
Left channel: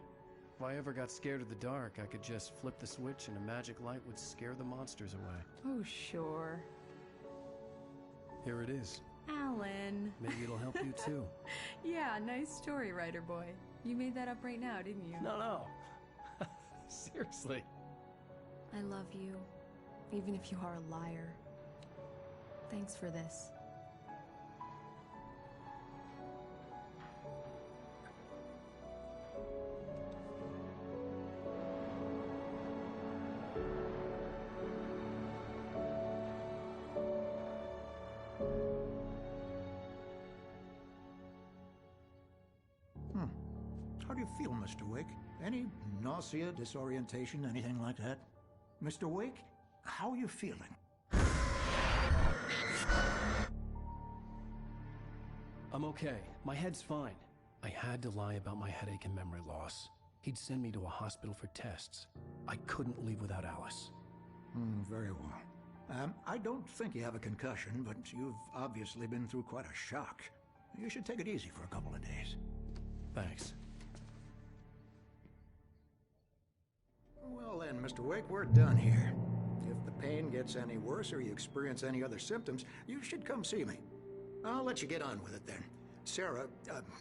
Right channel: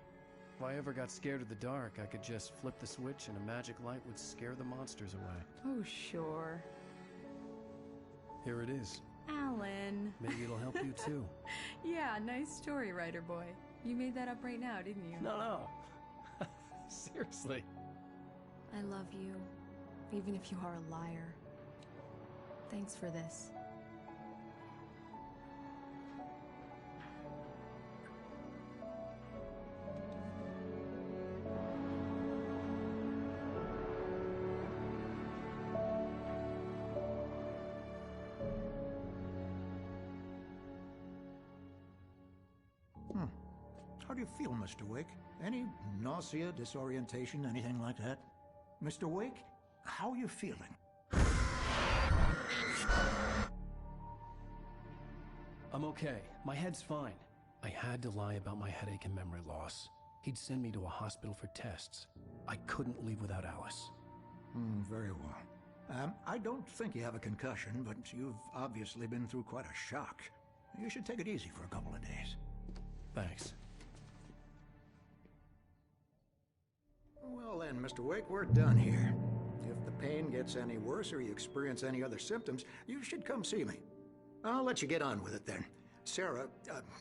If I ever got scared of the dark, I could just flip the switch and a magic light would scare the monsters away. Oh, sure. Here it is. Alan. Maybe it'll help you, too. Yeah, nice story, writer boy. You made that up right now, didn't you? No. Seriously. I love you, even if you are a liar. Thanks for this. How do you feel, Mr. Wake? Any nausea, disorientation, anything like that? Mr. Wake, how are you feeling? I'm okay. My head's fine. I had to lie about my headache and memory loss. He'd send me to a hospital for tests. I couldn't leave without Alice. Very well. I don't think you have a concussion, but you've obviously been through quite a shock. You should take it easy for a couple of days. Thanks. Well then, Mr. Wake, we're done here. If the pain gets any worse or you experience any other symptoms, you should come see me. I'll let you get on with it then. Sarah,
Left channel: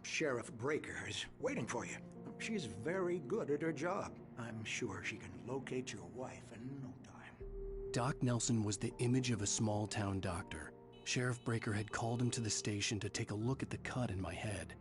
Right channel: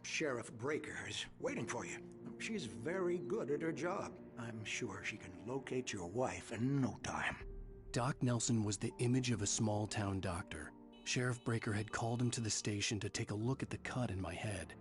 Sheriff Breaker, is waiting for you. She's very good at her job. I'm sure she can locate your wife in no time. Doc Nelson was the image of a small-town doctor. Sheriff Breaker had called him to the station to take a look at the cut in my head.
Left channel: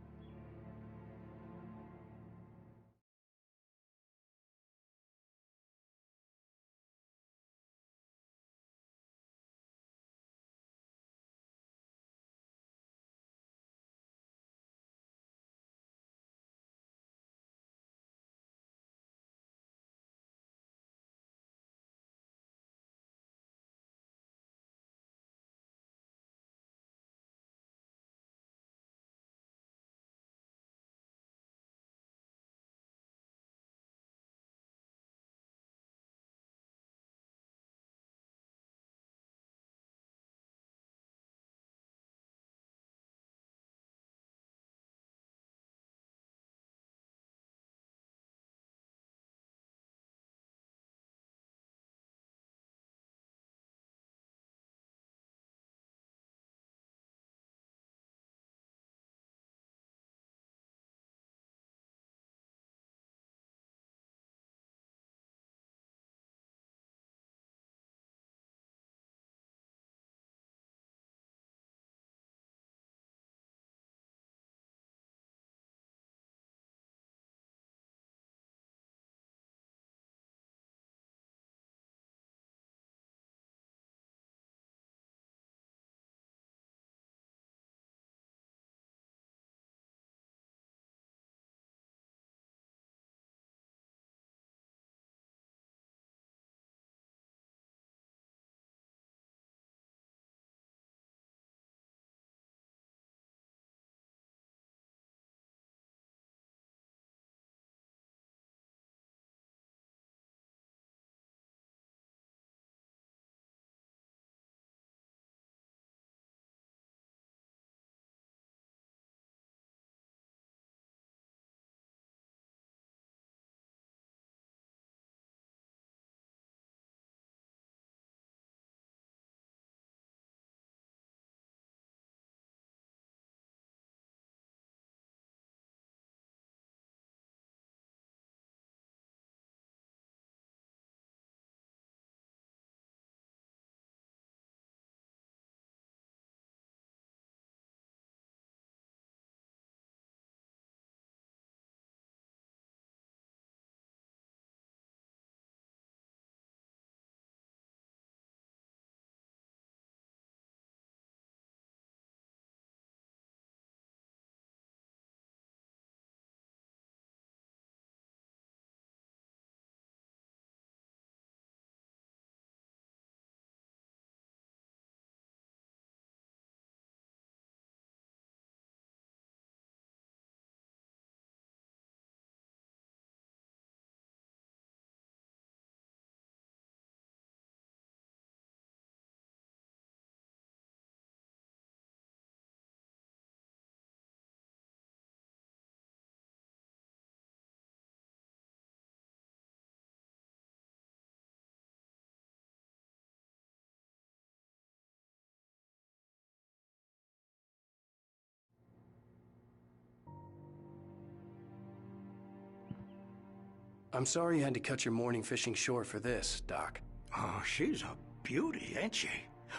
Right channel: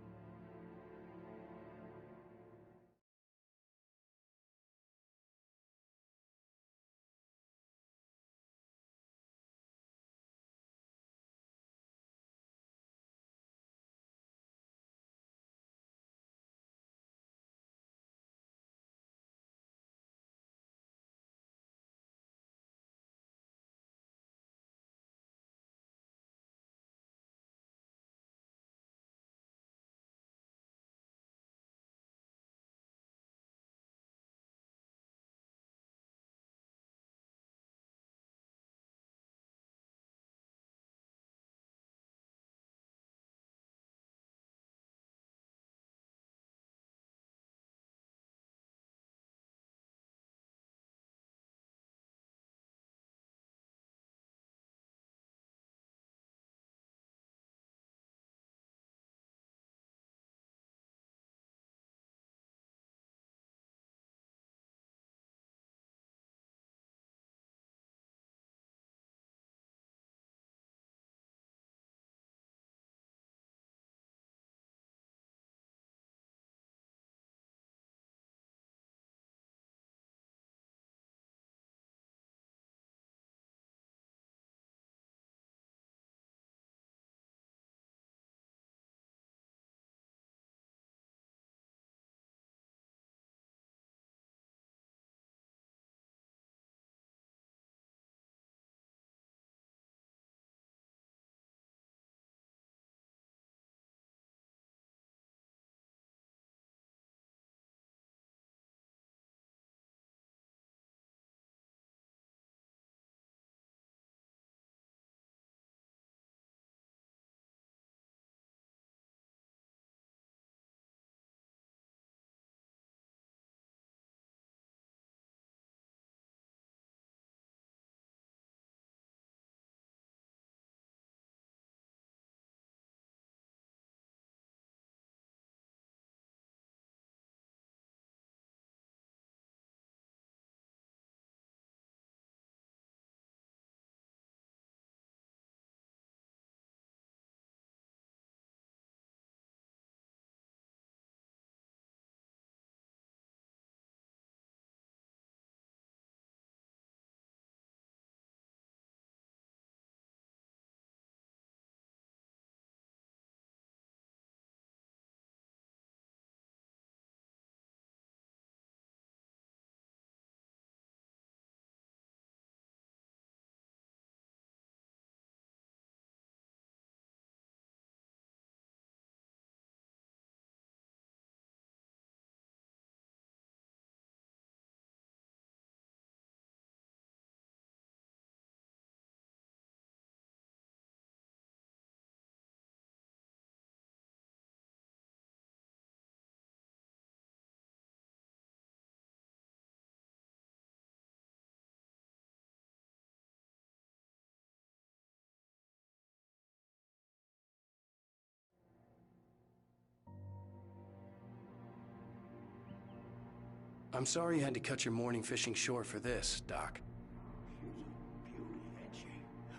I'm sorry you had to cut your morning fishing short for this, Doc. Oh, she's a beauty, ain't she?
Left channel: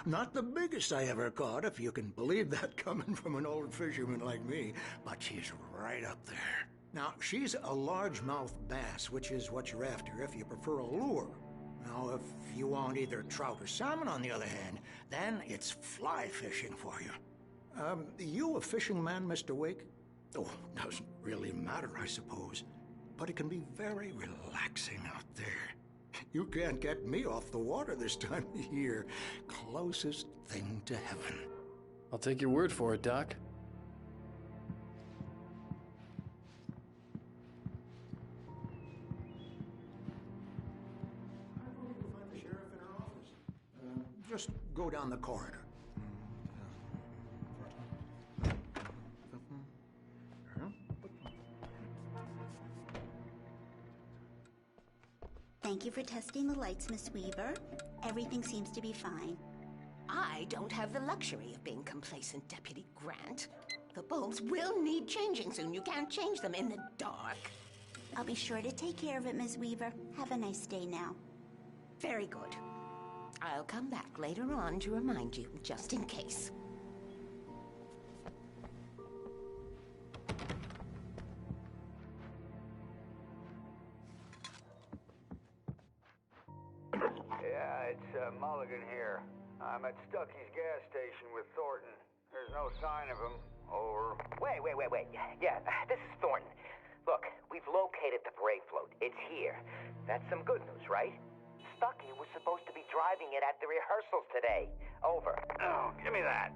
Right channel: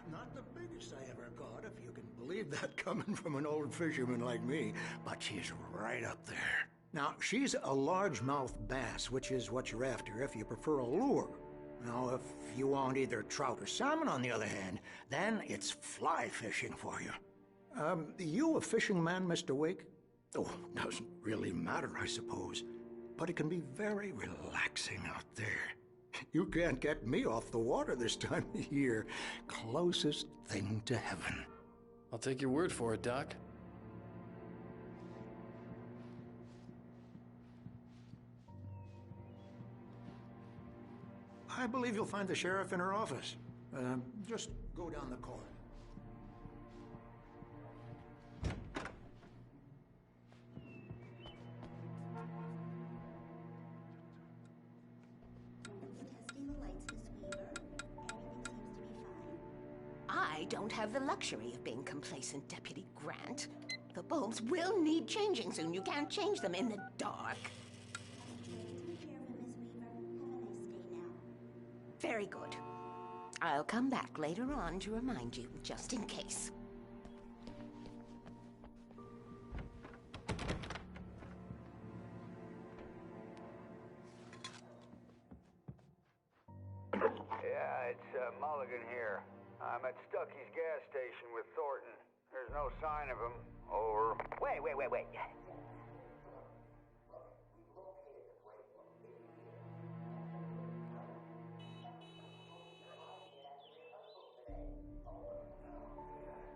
Not the biggest I ever caught, if you can believe that coming from an old fisherman like me, but she's right up there. Now, she's a largemouth bass, which is what you're after if you prefer a lure. Now, if you want either trout or salmon, on the other hand, then it's fly fishing for you. You a fishing man, Mr. Wake? Oh, doesn't really matter, I suppose. But it can be very relaxing out there. You can't get me off the water this time of year. Closest thing to heaven. I'll take your word for it, Doc. I believe you'll find the sheriff in her office. Just go down the corridor. Thank you for testing the lights, Miss Weaver. Everything seems to be fine. I don't have the luxury of being complacent, Deputy Grant. The bulbs will need changing soon. You can't change them in the dark. I'll be sure to take care of it, Miss Weaver. Have a nice day now. Very good. I'll come back later on to remind you, just in case. Yeah, it's Mulligan here. I'm at Stucky's gas station with Thornton. There's no sign of him. Over. Wait. Yeah, this is Thornton. Look, we've located the brake float. It's here. That's some good news, right? Stucky was supposed to be driving it at the rehearsals today. Over. Oh, give me that.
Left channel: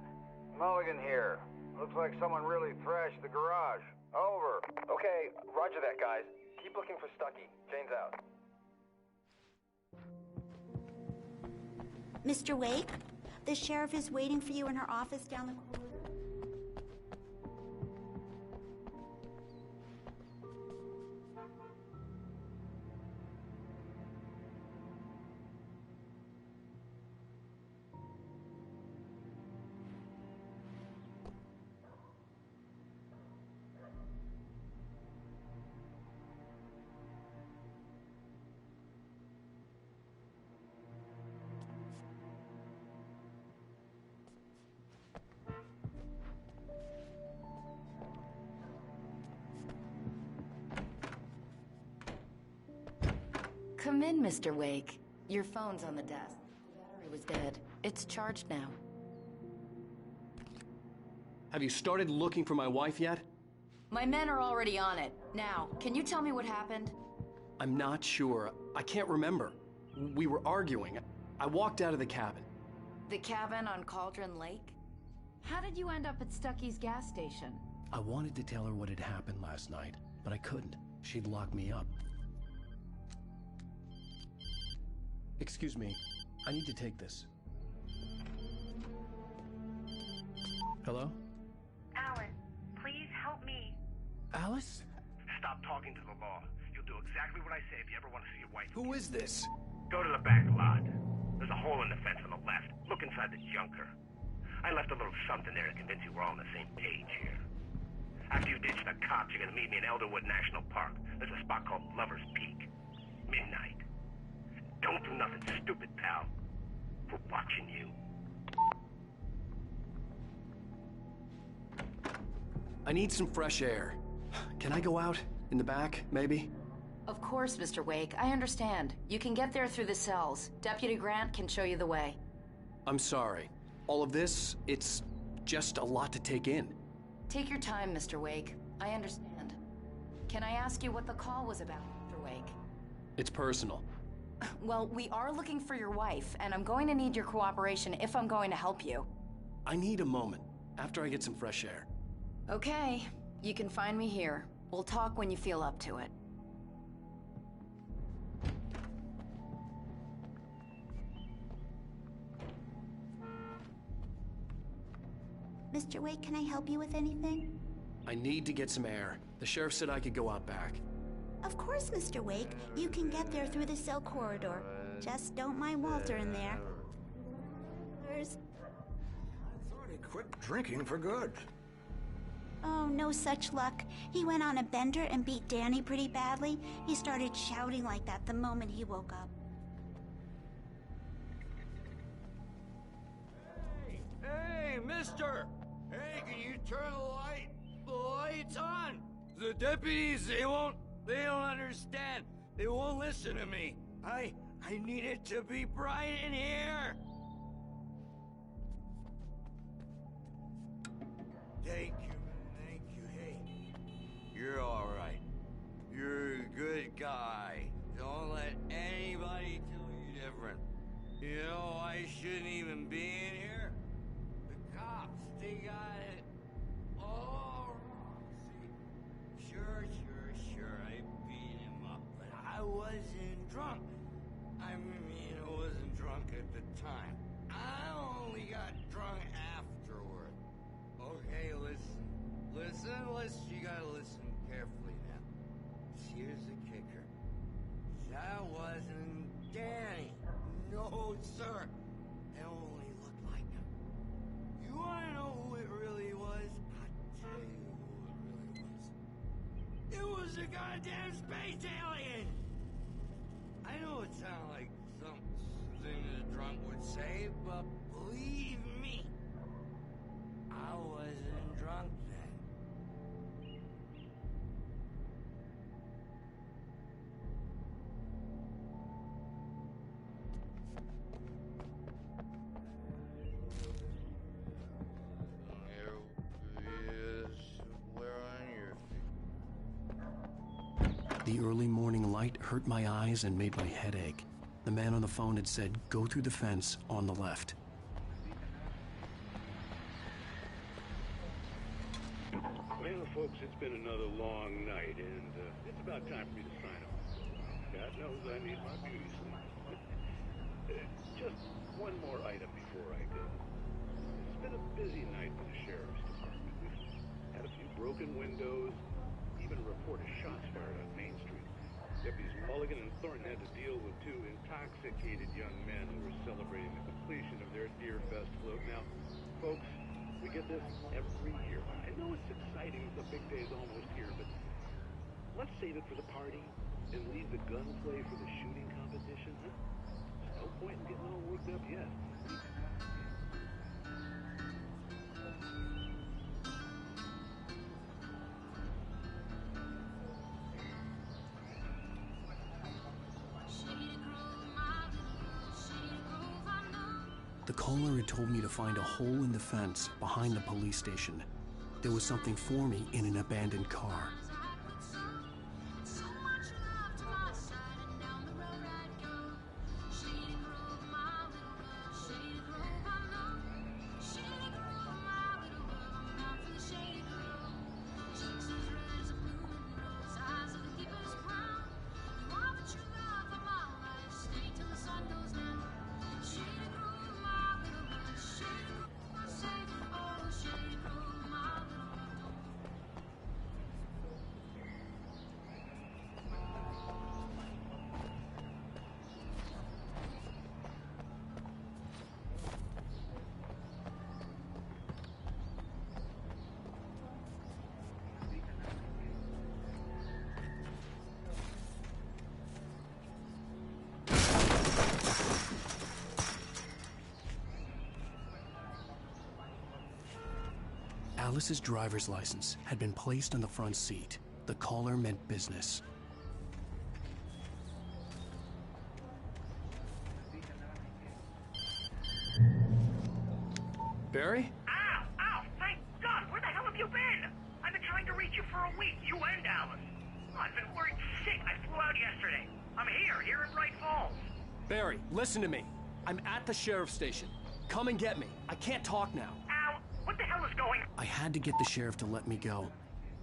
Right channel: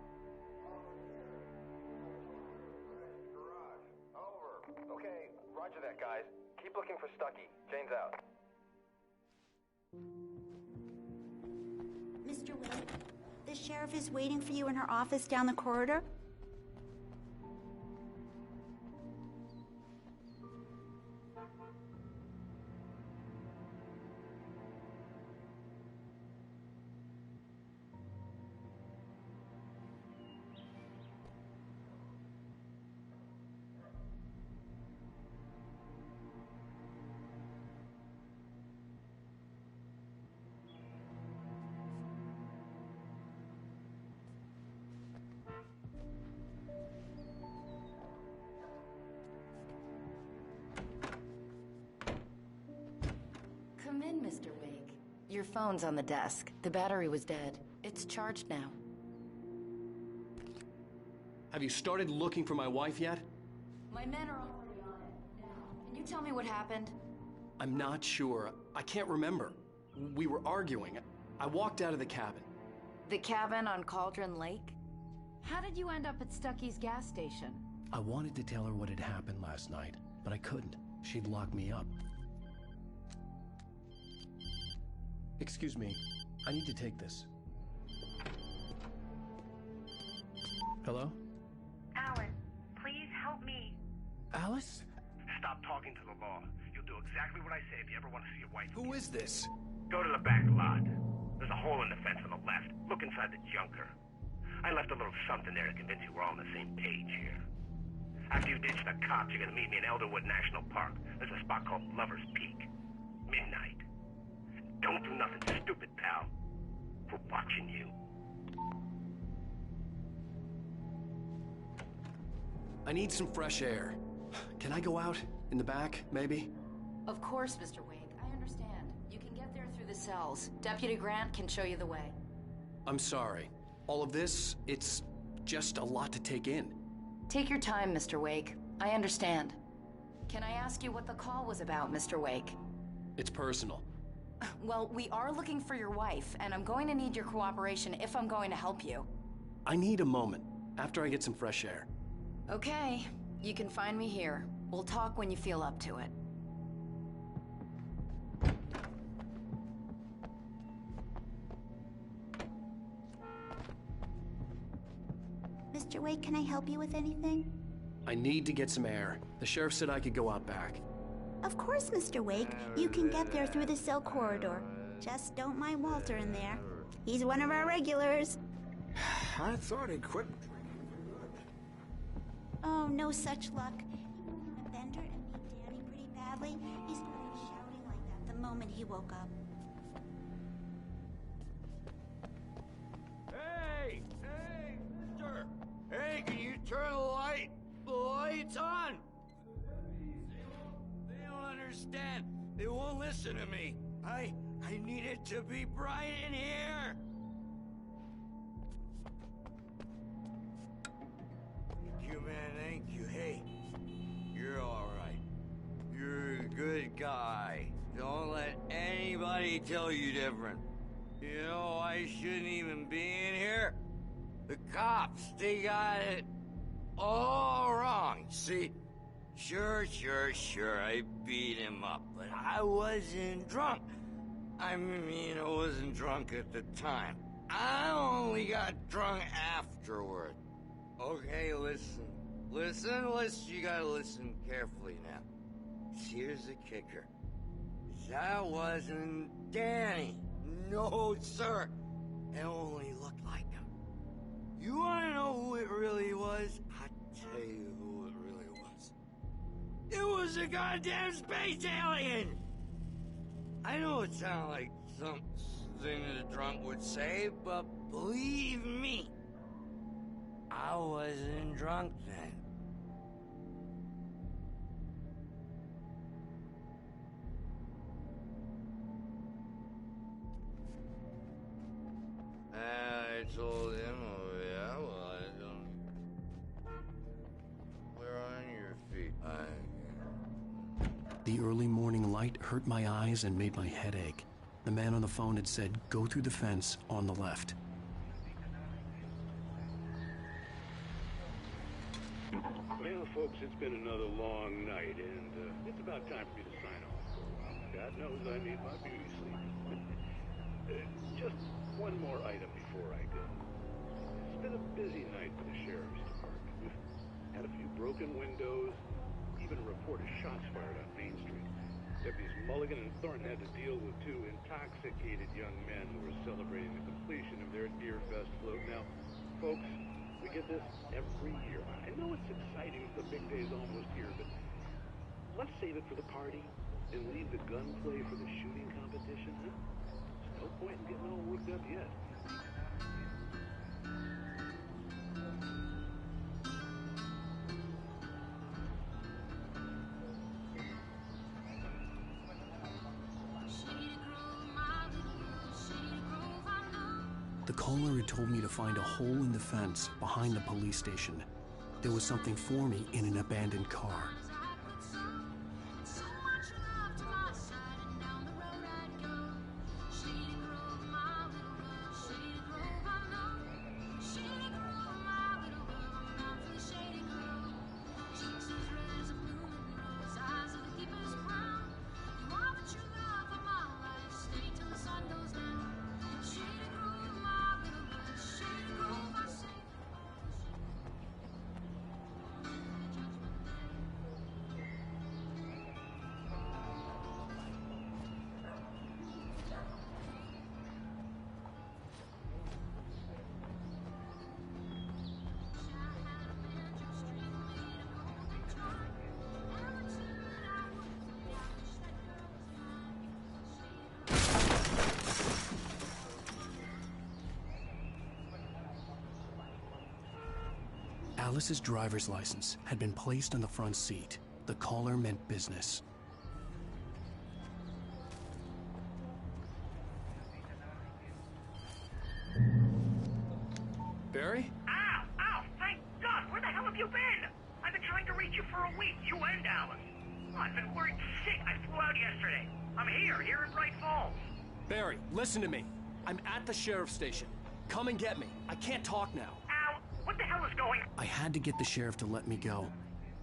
Mulligan here. Looks like someone really thrashed the garage. Over. Okay, roger that, guys. Keep looking for Stucky. Jane's out. Mr. Wake, the sheriff is waiting for you in her office down the corridor. Come in, Mr. Wake. Your phone's on the desk. The battery was dead. It's charged now. Have you started looking for my wife yet? My men are already on it. Now, can you tell me what happened? I'm not sure. I can't remember. We were arguing. I walked out of the cabin. The cabin on Cauldron Lake? How did you end up at Stucky's gas station? I wanted to tell her what had happened last night, but I couldn't. She'd lock me up. Excuse me. I need to take this. Hello? Alan, please help me. Alice? Stop talking to the law. You'll do exactly what I say if you ever want to see your wife. Who is this? Go to the back lot. There's a hole in the fence on the left. Look inside the junker. I left a little something there to convince you we're all on the same page here. After you ditch the cops, you're gonna meet me in Elderwood National Park. There's a spot called Lover's Peak. Midnight. Don't do nothing stupid, pal. We're watching you. I need some fresh air. Can I go out? In the back, maybe? Of course, Mr. Wake. I understand. You can get there through the cells. Deputy Grant can show you the way. I'm sorry. All of this, it's just a lot to take in. Take your time, Mr. Wake. I understand. Can I ask you what the call was about, Mr. Wake? It's personal. Well, we are looking for your wife, and I'm going to need your cooperation if I'm going to help you. I need a moment, after I get some fresh air. Okay, you can find me here. We'll talk when you feel up to it. Mr. Wake, can I help you with anything? I need to get some air. The sheriff said I could go out back. Of course, Mr. Wake. You can get there through the cell corridor. Just don't mind Walter in there. He's one of our regulars. I thought he quit drinking for good. Oh, no such luck. He went on a bender and beat Danny pretty badly. He started shouting like that the moment he woke up. Hey, mister! Hey, can you turn the lights on? The deputies, they don't understand. They won't listen to me. I need it to be bright in here. Thank you, man, thank you. Hey, you're all right. You're a good guy. Don't let anybody tell you different. You know, I shouldn't even be in here. The cops, they got it all wrong. See, sure, I beat him up, but I wasn't drunk. I mean, I wasn't drunk at the time. I only got drunk afterward. Okay, listen. You gotta listen carefully now. Here's the kicker. That wasn't Danny. No, sir. It only looked like him. You wanna know who it really was? I'll tell you who it really was. It was a goddamn space alien! I know it sounded like something a drunk would say, but believe me, I wasn't drunk then. I told him, oh yeah, well, I don't hear you. Where on your feet? The early morning light hurt my eyes and made my head ache. The man on the phone had said, go through the fence on the left. Well, folks, it's been another long night, and it's about time for me to sign off for a while. God knows I need my beauty sleep. Just one more item before I go. It's been a busy night for the Sheriff's Department. We've had a few broken windows, even a report of shots fired on Main Street. Deputies Mulligan and Thornton had to deal with two intoxicated young men who were celebrating the completion of their Deerfest float. Now, folks, we get this every year. I know it's exciting, the big day's almost here, but let's save it for the party and leave the gunplay for the shooting competition, huh? There's no point in getting all worked up yet. The caller had told me to find a hole in the fence behind the police station. There was something for me in an abandoned car. Alice's driver's license had been placed on the front seat. The caller meant business. Barry? Ow! Thank God! Where the hell have you been? I've been trying to reach you for a week, you and Alice. Oh, I've been worried sick. I flew out yesterday. I'm here in Bright Falls. Barry, listen to me. I'm at the sheriff's station. Come and get me. I can't talk now. Ow! What the hell is going on? I had to get the sheriff to let me go.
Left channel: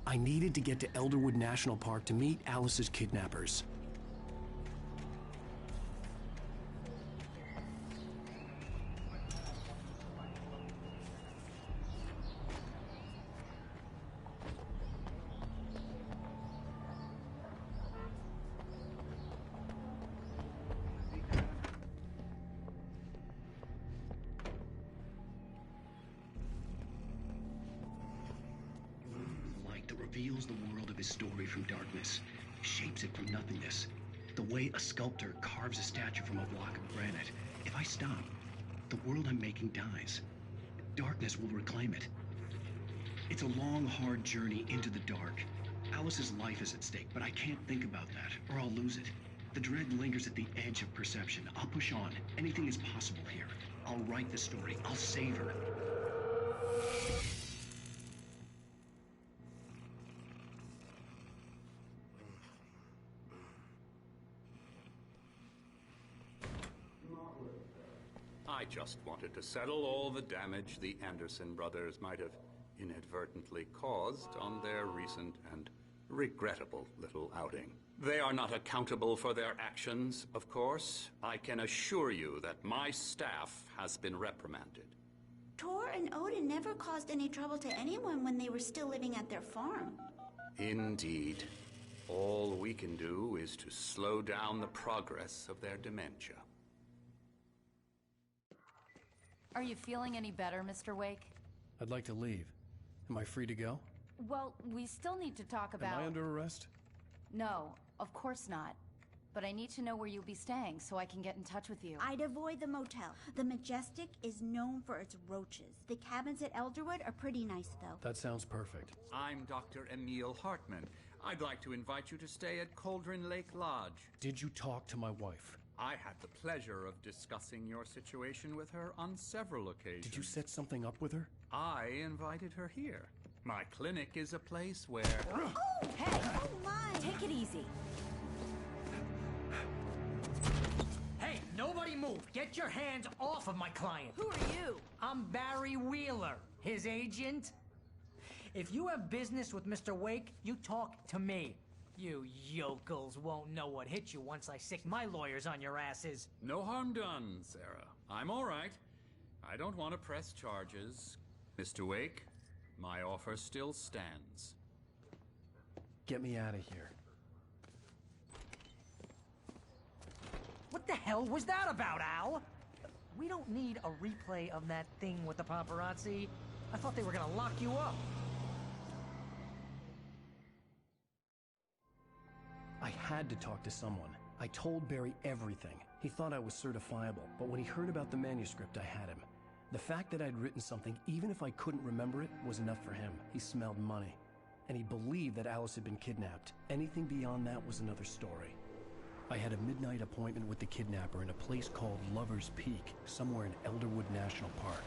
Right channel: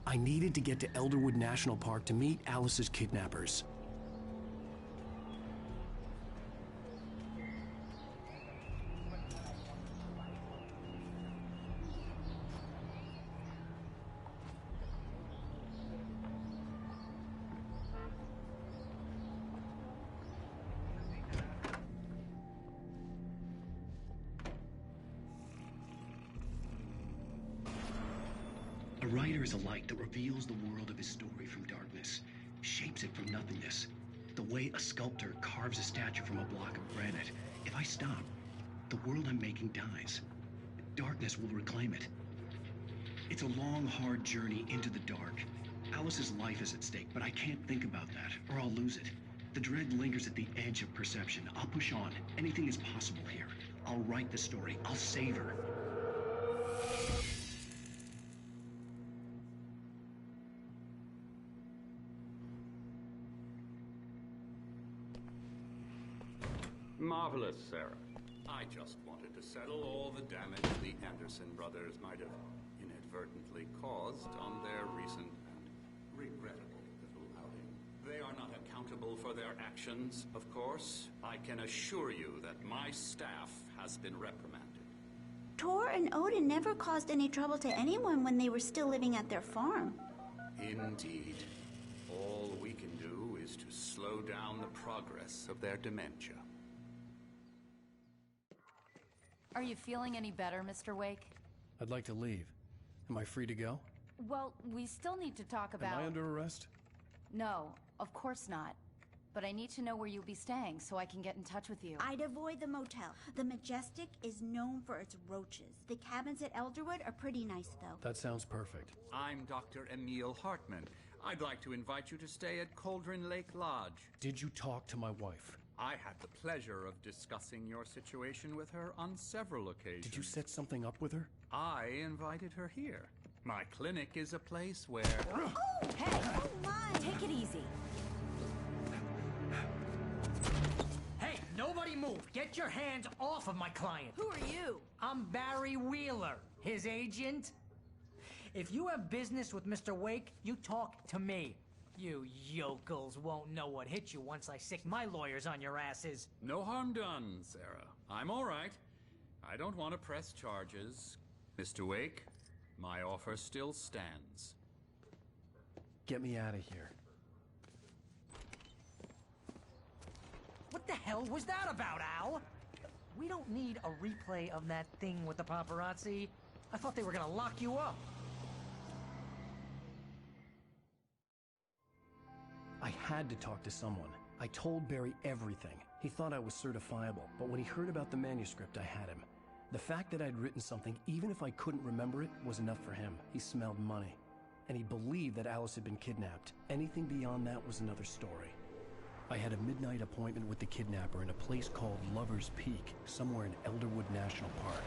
I needed to get to Elderwood National Park to meet Alice's kidnappers. A writer is a light that reveals the world of his story from darkness, shapes it from nothingness. The way a sculptor carves a statue from a block of granite. If I stop, the world I'm making dies. Darkness will reclaim it. It's a long, hard journey into the dark. Alice's life is at stake, but I can't think about that, or I'll lose it. The dread lingers at the edge of perception. I'll push on. Anything is possible here. I'll write the story. I'll save her. Marvelous, Sarah. I just wanted to settle all the damage the Anderson brothers might have inadvertently caused on their recent and regrettable little outing. They are not accountable for their actions, of course. I can assure you that my staff has been reprimanded. Tor and Odin never caused any trouble to anyone when they were still living at their farm. Indeed. All we can do is to slow down the progress of their dementia. Are you feeling any better, Mr. Wake? I'd like to leave. Am I free to go? Well, we still need to talk about... Am I under arrest? No, of course not. But I need to know where you'll be staying so I can get in touch with you. I'd avoid the motel. The Majestic is known for its roaches. The cabins at Elderwood are pretty nice, though. That sounds perfect. I'm Dr. Emil Hartman. I'd like to invite you to stay at Cauldron Lake Lodge. Did you talk to my wife? I had the pleasure of discussing your situation with her on several occasions. Did you set something up with her? I invited her here. My clinic is a place where... Oh, hey! Oh, my! Take it easy. Hey, nobody move! Get your hands off of my client! Who are you? I'm Barry Wheeler, his agent. If you have business with Mr. Wake, you talk to me. You yokels won't know what hit you once I sick my lawyers on your asses. No harm done, Sarah. I'm all right. I don't want to press charges. Mr. Wake, my offer still stands. Get me out of here. What the hell was that about, Al? We don't need a replay of that thing with the paparazzi. I thought they were gonna lock you up. I had to talk to someone. I told Barry everything. He thought I was certifiable, but when he heard about the manuscript, I had him. The fact that I'd written something, even if I couldn't remember it, was enough for him. He smelled money. And he believed that Alice had been kidnapped. Anything beyond that was another story. I had a midnight appointment with the kidnapper in a place called Lover's Peak, somewhere in Elderwood National Park.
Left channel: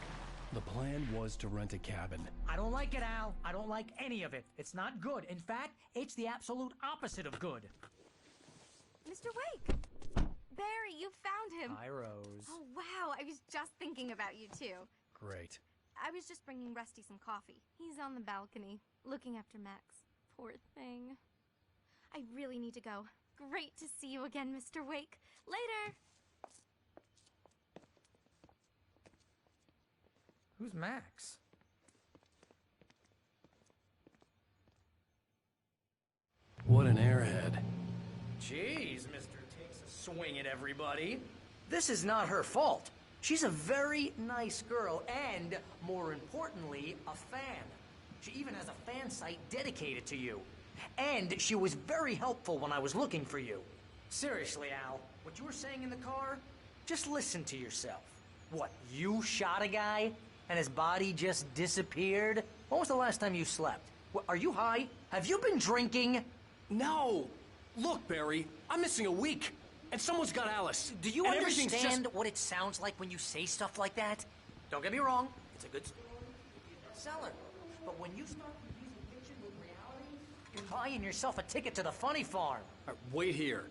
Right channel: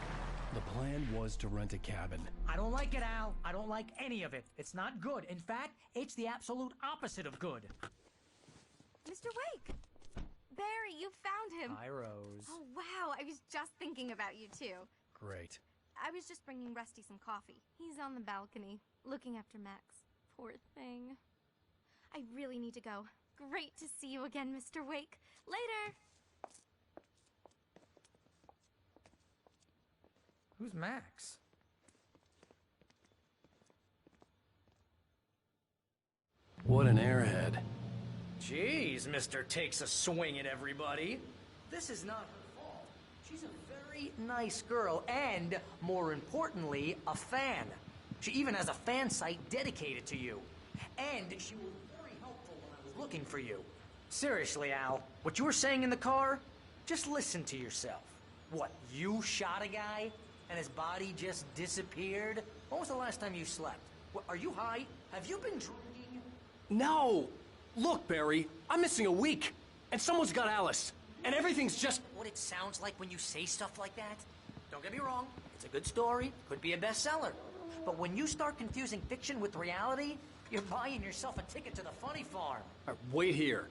The plan was to rent a cabin. I don't like it, Al. I don't like any of it. It's not good. In fact, it's the absolute opposite of good. Mr. Wake! Barry, you found him! Hi, Rose. Oh, wow. I was just thinking about you, too. Great. I was just bringing Rusty some coffee. He's on the balcony, looking after Max. Poor thing. I really need to go. Great to see you again, Mr. Wake. Later! Who's Max? What an airhead. Jeez, Mr. Takes a swing at everybody. This is not her fault. She's a very nice girl and, more importantly, a fan. She even has a fan site dedicated to you. And she was very helpful when I was looking for you. Seriously, Al, what you were saying in the car? Just listen to yourself. What, you shot a guy and his body just disappeared? When was the last time you slept? What, are you high? Have you been drinking? No! Look, Barry, I'm missing a week, and someone's got Alice. Do you and understand everything's just... what it sounds like when you say stuff like that? Don't get me wrong, it's a good story, could be a bestseller. But when you start confusing fiction with reality, you're buying yourself a ticket to the funny farm. All right, wait here.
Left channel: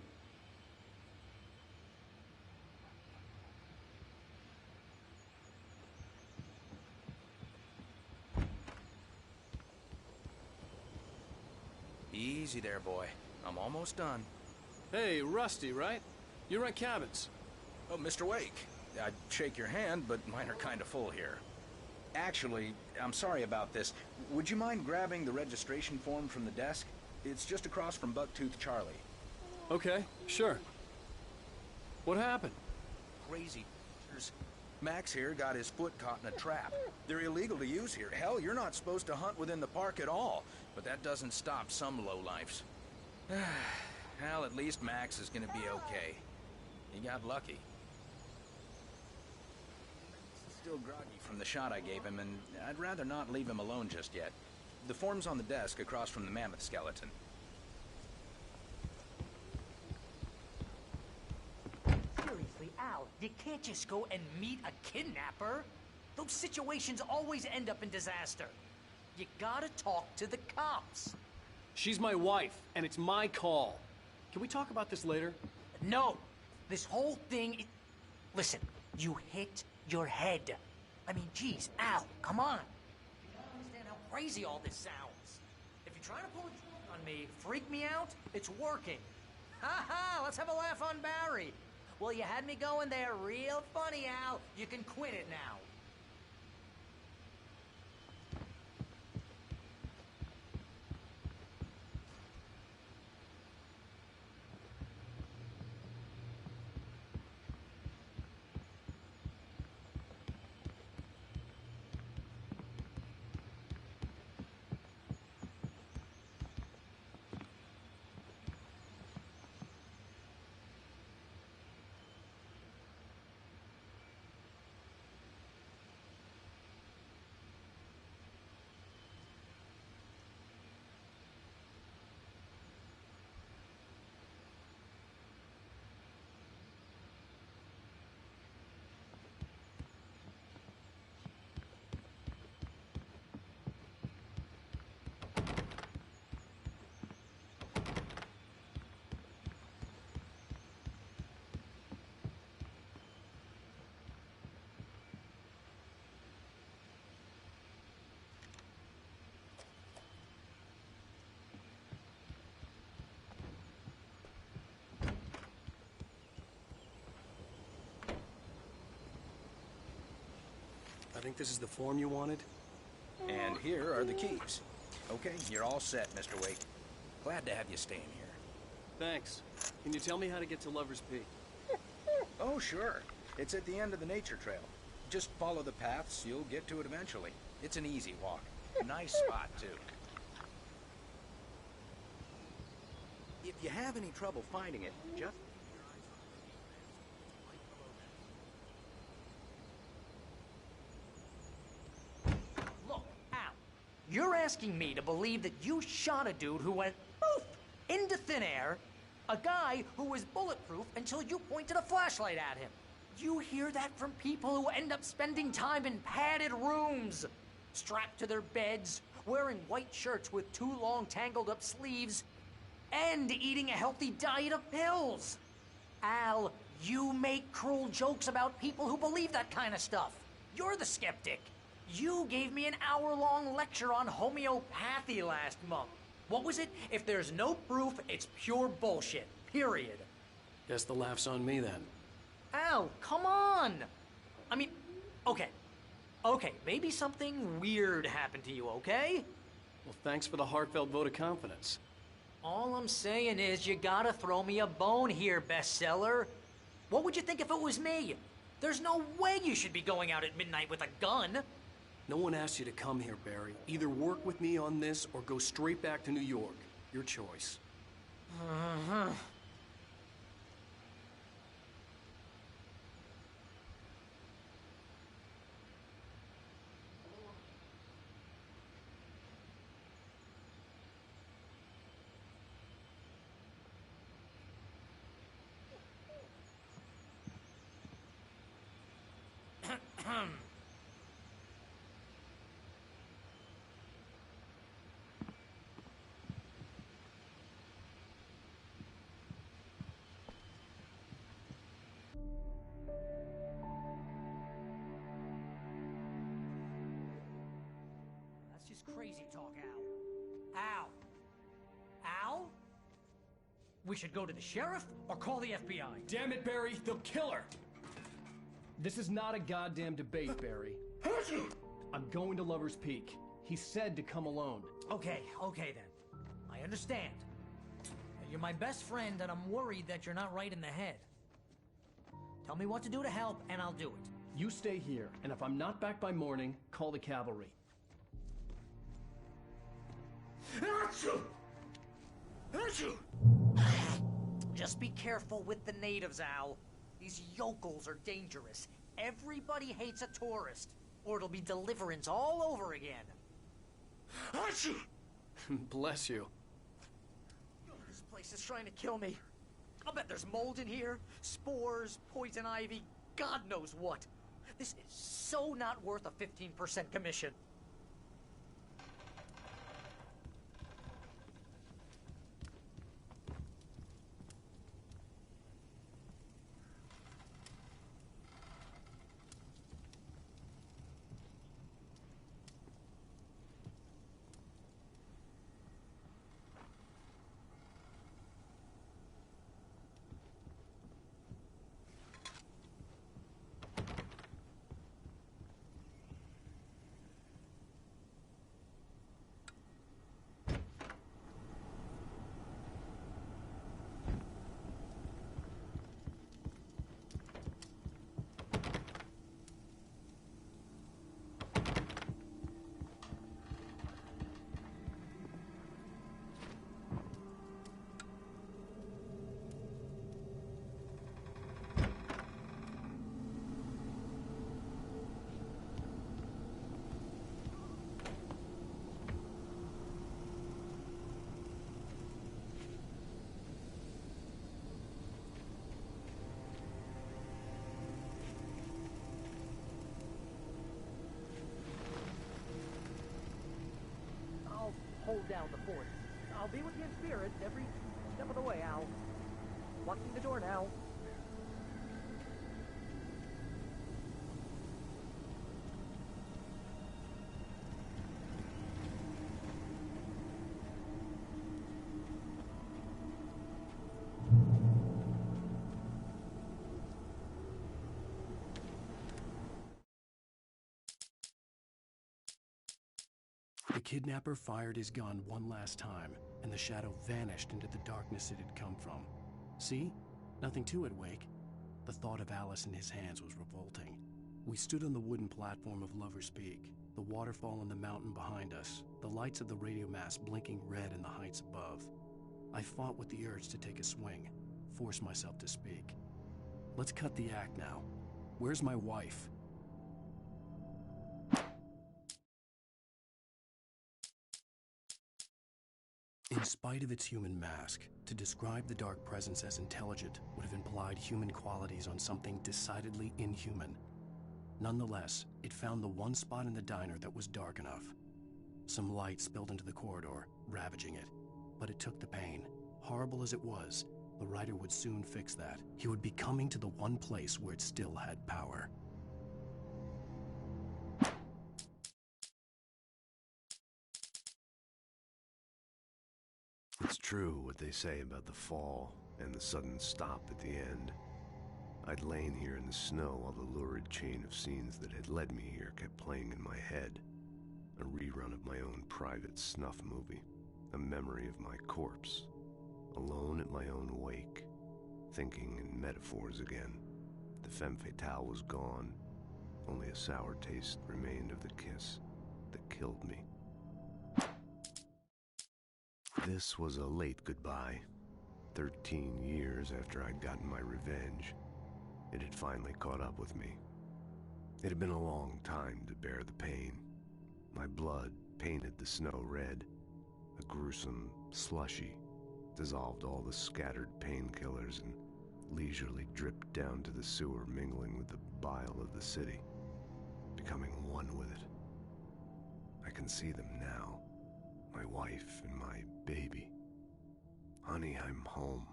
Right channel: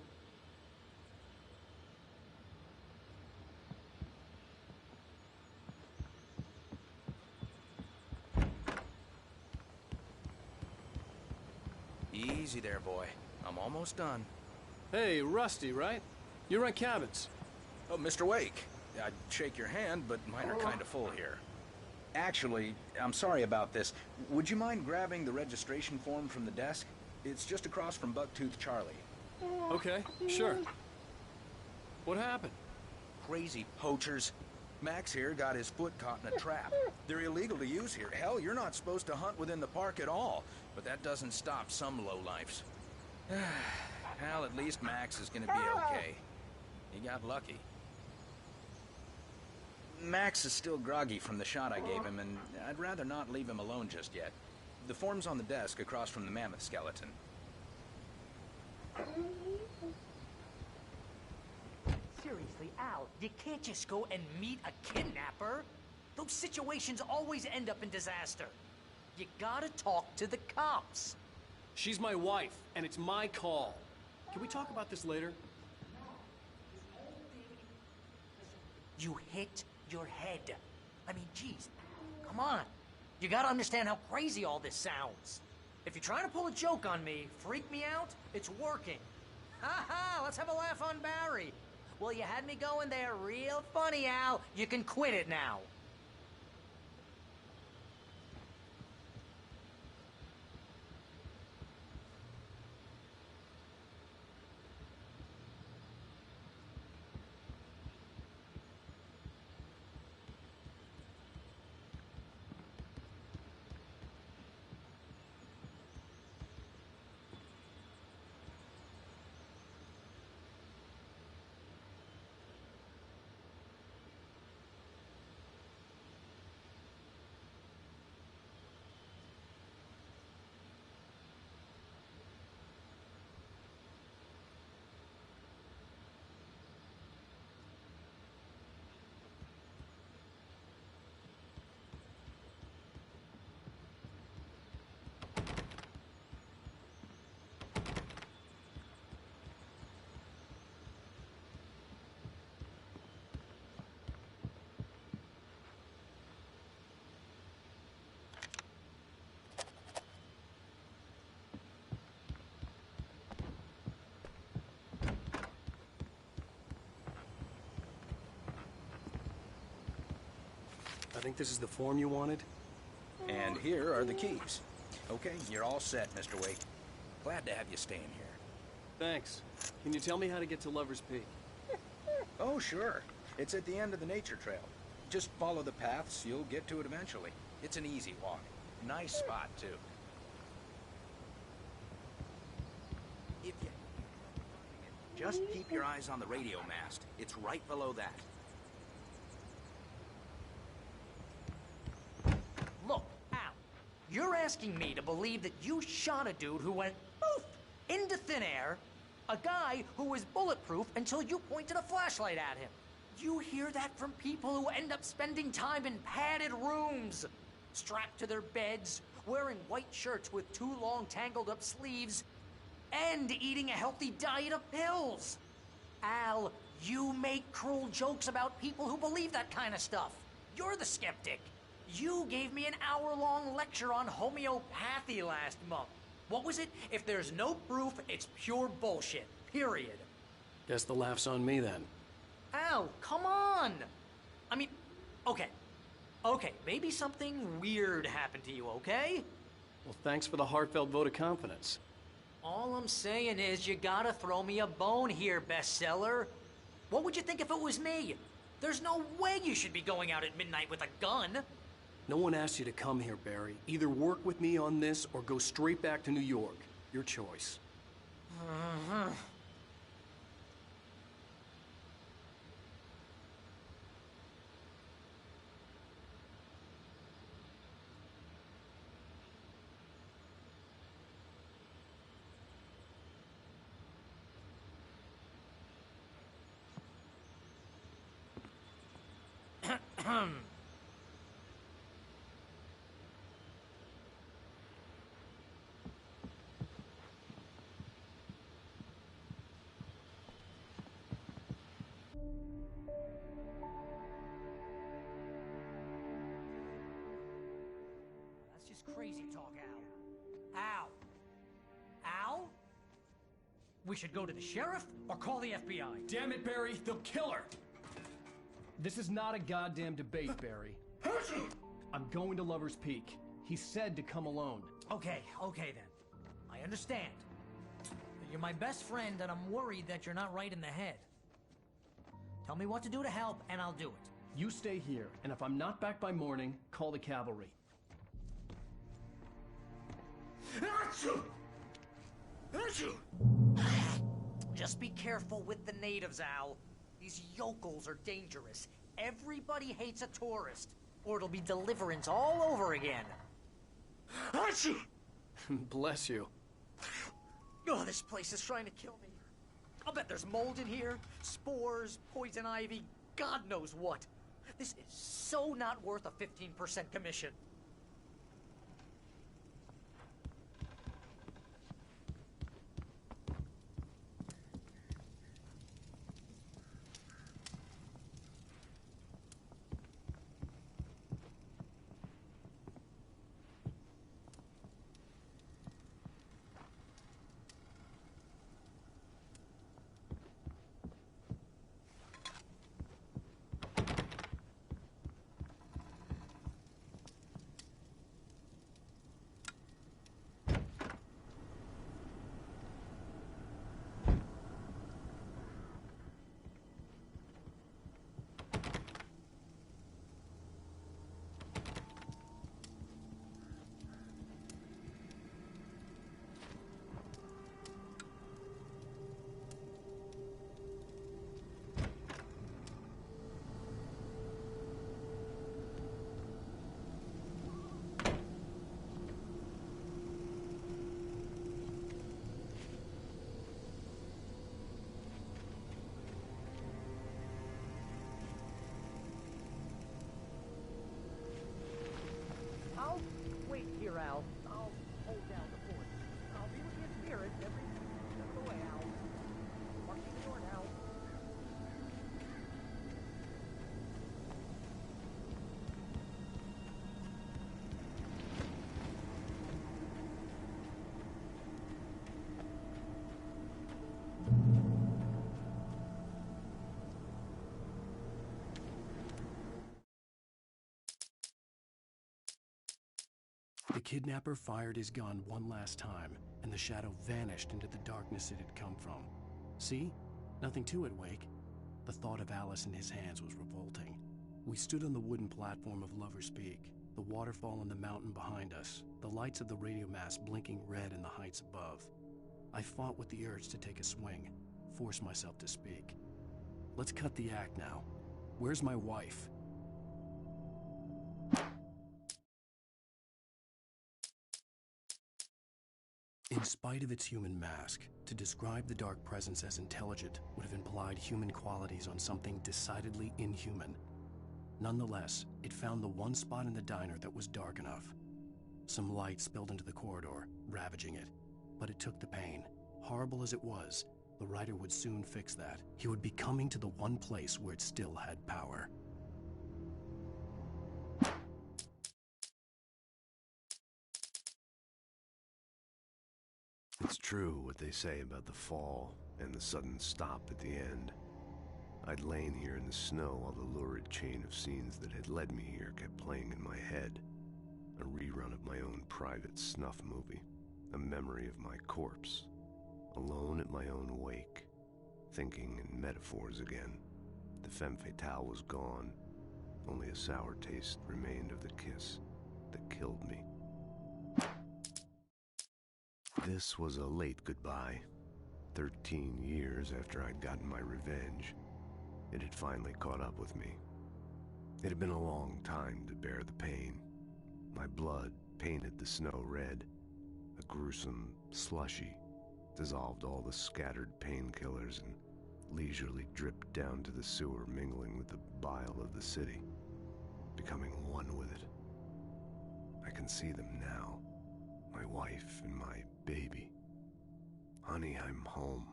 Easy there, boy. I'm almost done. Hey, Rusty, right? You rent cabins. Oh, Mr. Wake. I'd shake your hand, but mine are kind of full here. Actually, I'm sorry about this. Would you mind grabbing the registration form from the desk? It's just across from Bucktooth Charlie. Okay, sure. What happened? Crazy poachers. Max here got his foot caught in a trap. They're illegal to use here. Hell, you're not supposed to hunt within the park at all. But that doesn't stop some lowlifes. Well, at least Max is gonna be okay. He got lucky. Max is still groggy from the shot I gave him, and I'd rather not leave him alone just yet. The form's on the desk across from the mammoth skeleton. Seriously, Al, you can't just go and meet a kidnapper. Those situations always end up in disaster. You gotta talk to the cops. She's my wife, and it's my call. Can we talk about this later? No. This whole thing... Listen, you hit your head. I mean, geez, Al, come on. You gotta understand how crazy all this sounds. If you're trying to pull a joke on me, freak me out, it's working. Ha ha, let's have a laugh on Barry. Well, you had me going there real funny, Al. You can quit it now. I think this is the form you wanted. And here are the keys. Okay, you're all set, Mr. Wake. Glad to have you staying here. Thanks. Can you tell me how to get to Lover's Peak? Oh, sure. It's at the end of the nature trail. Just follow the paths, you'll get to it eventually. It's an easy walk. Nice spot, too. If you have any trouble finding it, just keep your eyes on the radio mast. It's right below that. Look, Al, you're asking me to believe that you shot a dude who went poof into thin air, a guy who was bulletproof until you pointed a flashlight at him. You hear that from people who end up spending time in padded rooms, strapped to their beds, wearing white shirts with too long tangled up sleeves, and eating a healthy diet of pills. Al, you make cruel jokes about people who believe that kind of stuff. You're the skeptic. You gave me an hour-long lecture on homeopathy last month. What was it? If there's no proof, it's pure bullshit. Period. Guess the laugh's on me then. Al, come on! I mean, okay. Okay, maybe something weird happened to you, okay? Well, thanks for the heartfelt vote of confidence. All I'm saying is you gotta throw me a bone here, bestseller. What would you think if it was me? There's no way you should be going out at midnight with a gun. No one asked you to come here, Barry. Either work with me on this or go straight back to New York. Your choice. That's just crazy talk, Al. Al? Al? We should go to the sheriff or call the FBI. Damn it, Barry, they'll kill her! This is not a goddamn debate, Barry. I'm going to Lover's Peak. He said to come alone. Okay then. I understand. You're my best friend, and I'm worried that you're not right in the head. Tell me what to do to help, and I'll do it. You stay here, and if I'm not back by morning, call the cavalry. Achoo! Achoo! Just be careful with the natives, Al. These yokels are dangerous. Everybody hates a tourist, or it'll be Deliverance all over again. Achoo! Bless you. Oh, this place is trying to kill me. I'll bet there's mold in here, spores, poison ivy, God knows what. This is so not worth a 15% commission. Hold down the fort. I'll be with you in spirit every step of the way, Al. Locking the door now. The kidnapper fired his gun one last time, and the shadow vanished into the darkness it had come from. See? Nothing to it, Wake. The thought of Alice in his hands was revolting. We stood on the wooden platform of Lover's Peak, the waterfall on the mountain behind us, the lights of the radio mast blinking red in the heights above. I fought with the urge to take a swing, force myself to speak. Let's cut the act now. Where's my wife? In spite of its human mask, to describe the dark presence as intelligent would have implied human qualities on something decidedly inhuman. Nonetheless, it found the one spot in the diner that was dark enough. Some light spilled into the corridor, ravaging it. But it took the pain. Horrible as it was, the writer would soon fix that. He would be coming to the one place where it still had power. It's true what they say about the fall and the sudden stop at the end. I'd lain here in the snow while the lurid chain of scenes that had led me here kept playing in my head. A rerun of my own private snuff movie. A memory of my corpse. Alone at my own wake. Thinking in metaphors again. The femme fatale was gone. Only a sour taste remained of the kiss that killed me. This was a late goodbye. 13 years after I'd gotten my revenge, it had finally caught up with me. It had been a long time to bear the pain. My blood painted the snow red. A gruesome slushy dissolved all the scattered painkillers and leisurely dripped down to the sewer, mingling with the bile of the city, becoming one with it. I can see them now. My wife and my baby. Honey, I'm home.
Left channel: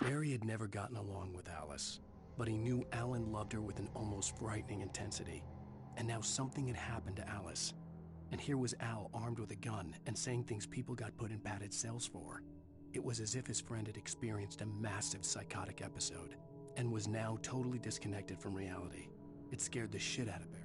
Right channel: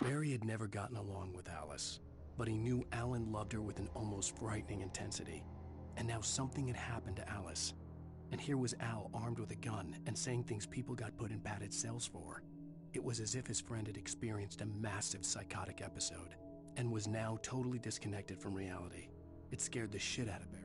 Barry had never gotten along with Alice, but he knew Alan loved her with an almost frightening intensity. And now something had happened to Alice. And here was Al armed with a gun and saying things people got put in padded cells for. It was as if his friend had experienced a massive psychotic episode and was now totally disconnected from reality. It scared the shit out of Barry.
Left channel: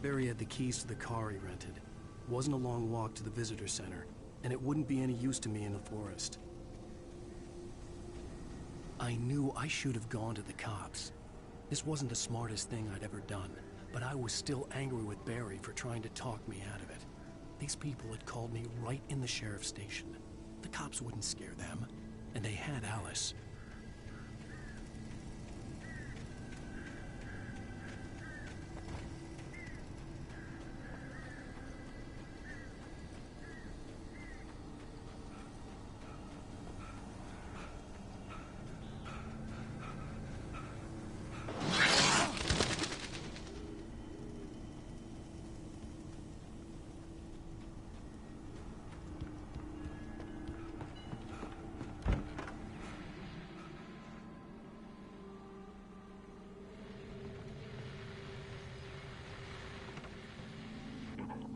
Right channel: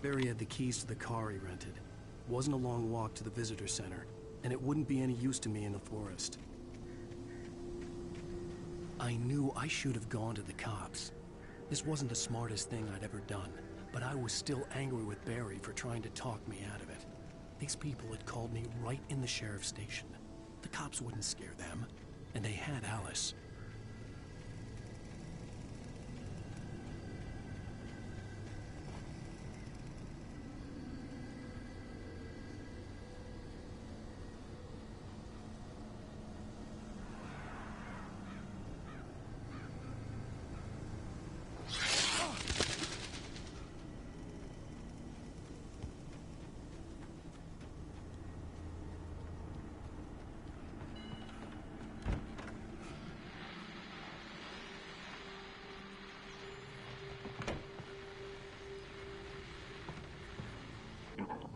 Barry had the keys to the car he rented. It wasn't a long walk to the visitor center, and it wouldn't be any use to me in the forest. I knew I should have gone to the cops. This wasn't the smartest thing I'd ever done, but I was still angry with Barry for trying to talk me out of it. These people had called me right in the sheriff's station. The cops wouldn't scare them, and they had Alice.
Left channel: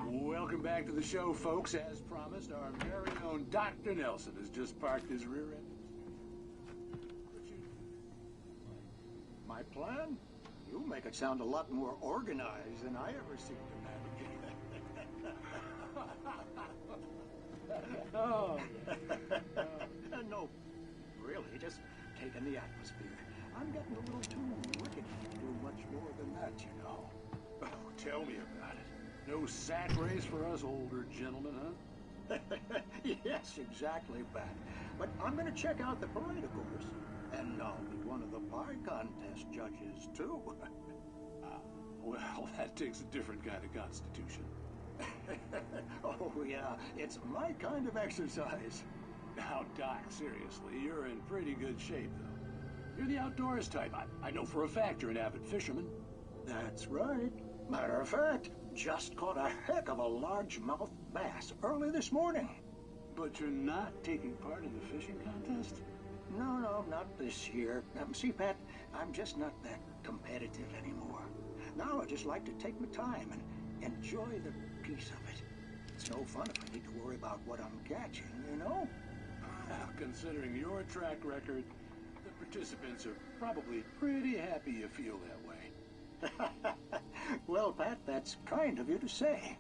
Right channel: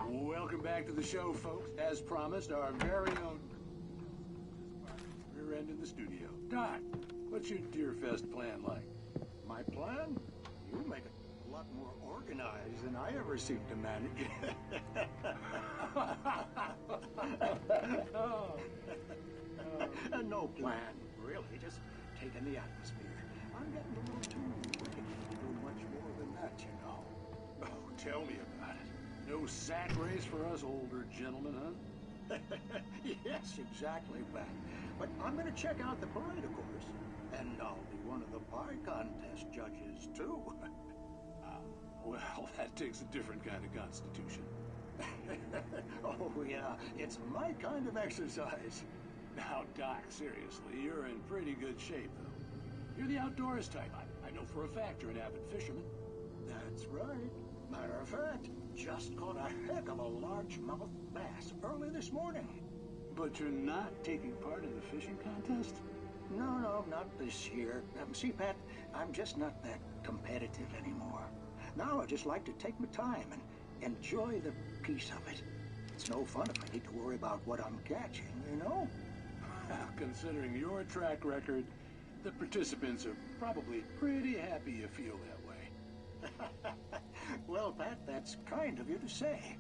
Welcome back to the show, folks. As promised, our very own Dr. Nelson has just parked his rear end in the studio. Doc, what's your Deerfest plan like? My plan? You make it sound a lot more organized than I ever seem to manage. No plan, really. Just taking the atmosphere. I'm getting a little too rickety to do much more than that, you know. Oh, tell me about it. No sack race for us older gentlemen, huh? Yes, exactly, Pat. But I'm going to check out the parade, of course. And I'll be one of the pie contest judges, too. Well, that takes a different kind of constitution. Oh, yeah. It's my kind of exercise. Now, Doc, seriously, you're in pretty good shape, though. You're the outdoors type. I know for a fact you're an avid fisherman. That's right. Matter of fact, just caught a heck of a largemouth bass early this morning. But you're not taking part in the fishing contest? No, not this year. See, Pat, I'm just not that competitive anymore. Now I just like to take my time and enjoy the peace of it. It's no fun if I need to worry about what I'm catching, you know? Well, considering your track record, the participants are probably pretty happy you feel that way. Well, Pat, that's kind of you to say.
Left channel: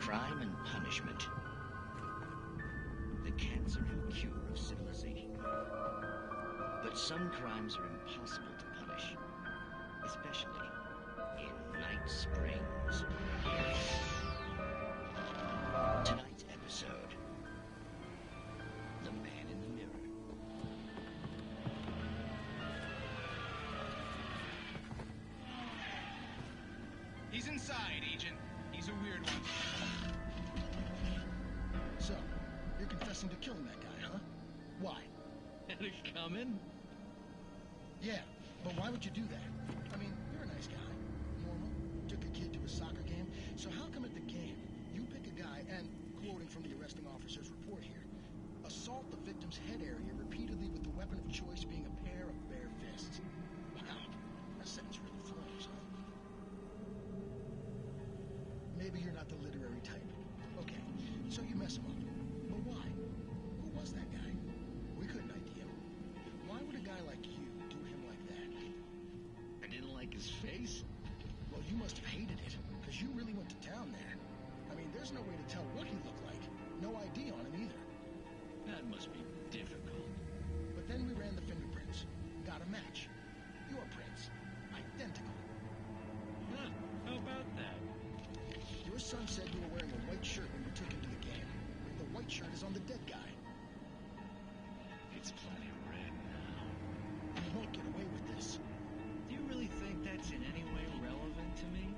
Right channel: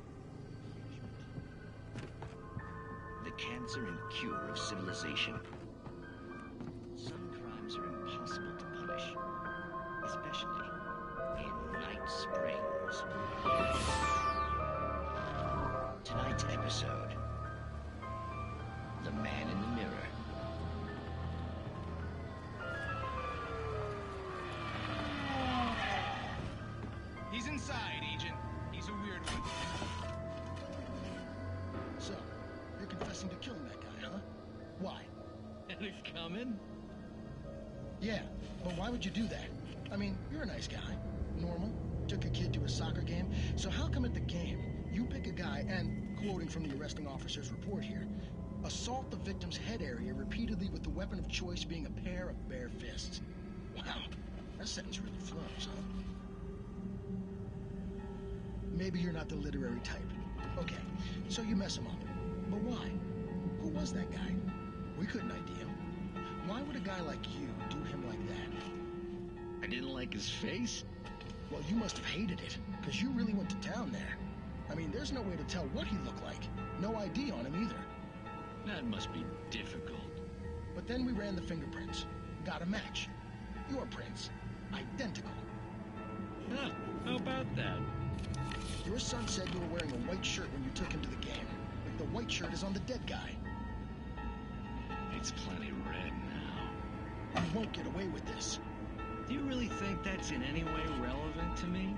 Crime and punishment. The cancer and cure of civilization. But some crimes are impossible to punish, especially in Night Springs. Tonight's episode, The Man in the Mirror. He's inside, Agent. He's a weird one. So, you're confessing to killing that guy, huh? Why? Had it coming? Yeah, but why would you do that? I mean, you're a nice guy. Normal. Took a kid to a soccer game. So how come at the game, you pick a guy and, quoting from the arresting officer's report here, assault the victim's head area repeatedly with the weapon of choice being a pair of bare fists? Wow, that sentence really flows, huh? Maybe you're not the literary type. Okay, so you mess him up. But why? Who was that guy? We couldn't ID him. Why would a guy like you do him like that? I didn't like his face? Well, you must have hated it, because you really went to town there. I mean, there's no way to tell what he looked like. No ID on him either. That must be difficult. But then we ran the fingerprints. Got a match. Your prints. Identical. Huh, how about that? Your son said you were wearing a white shirt when you took him to the game. The white shirt is on the dead guy. It's plenty red now. You won't get away with this. Do you really think that's in any way relevant to me?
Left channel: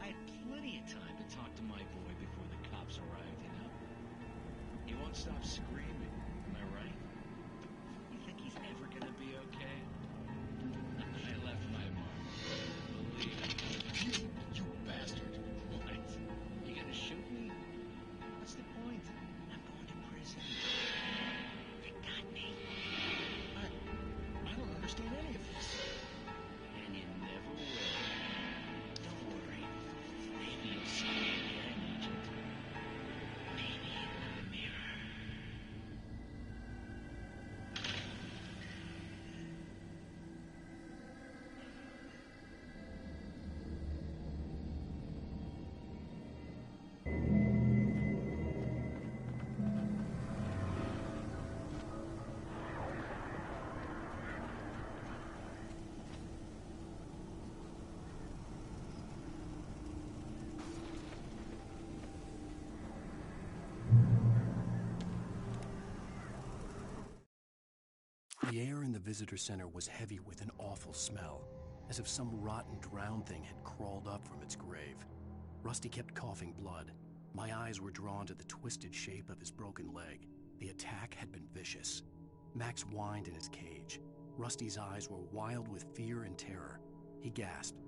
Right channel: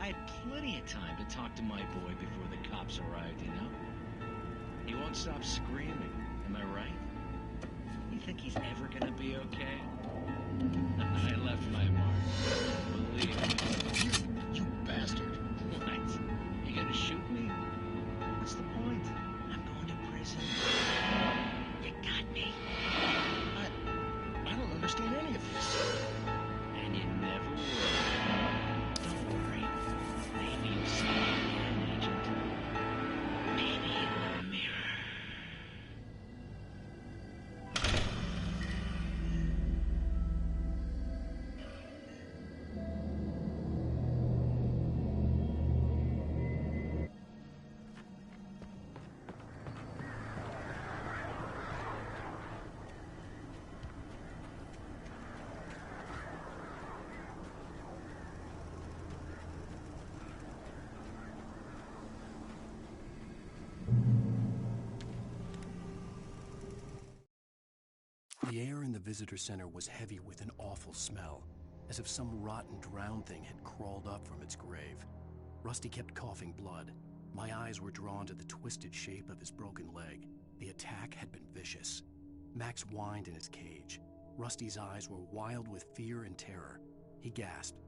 I had plenty of time to talk to my boy before the cops arrived, you know? He won't stop screaming, am I right? You think he's ever gonna be okay? I left my mark. Believe me. You bastard. What? You gonna shoot me? What's the point? I'm going to prison. You got me. I don't understand any of this. And you never will. Don't worry. Maybe you'll see me again, Agent. Maybe in the mirror. The air in the visitor center was heavy with an awful smell, as if some rotten drowned thing had crawled up from its grave. Rusty kept coughing blood. My eyes were drawn to the twisted shape of his broken leg. The attack had been vicious. Max whined in his cage. Rusty's eyes were wild with fear and terror. He gasped.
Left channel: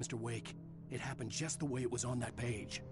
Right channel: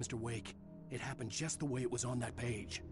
"Mr. Wake, it happened just the way it was on that page."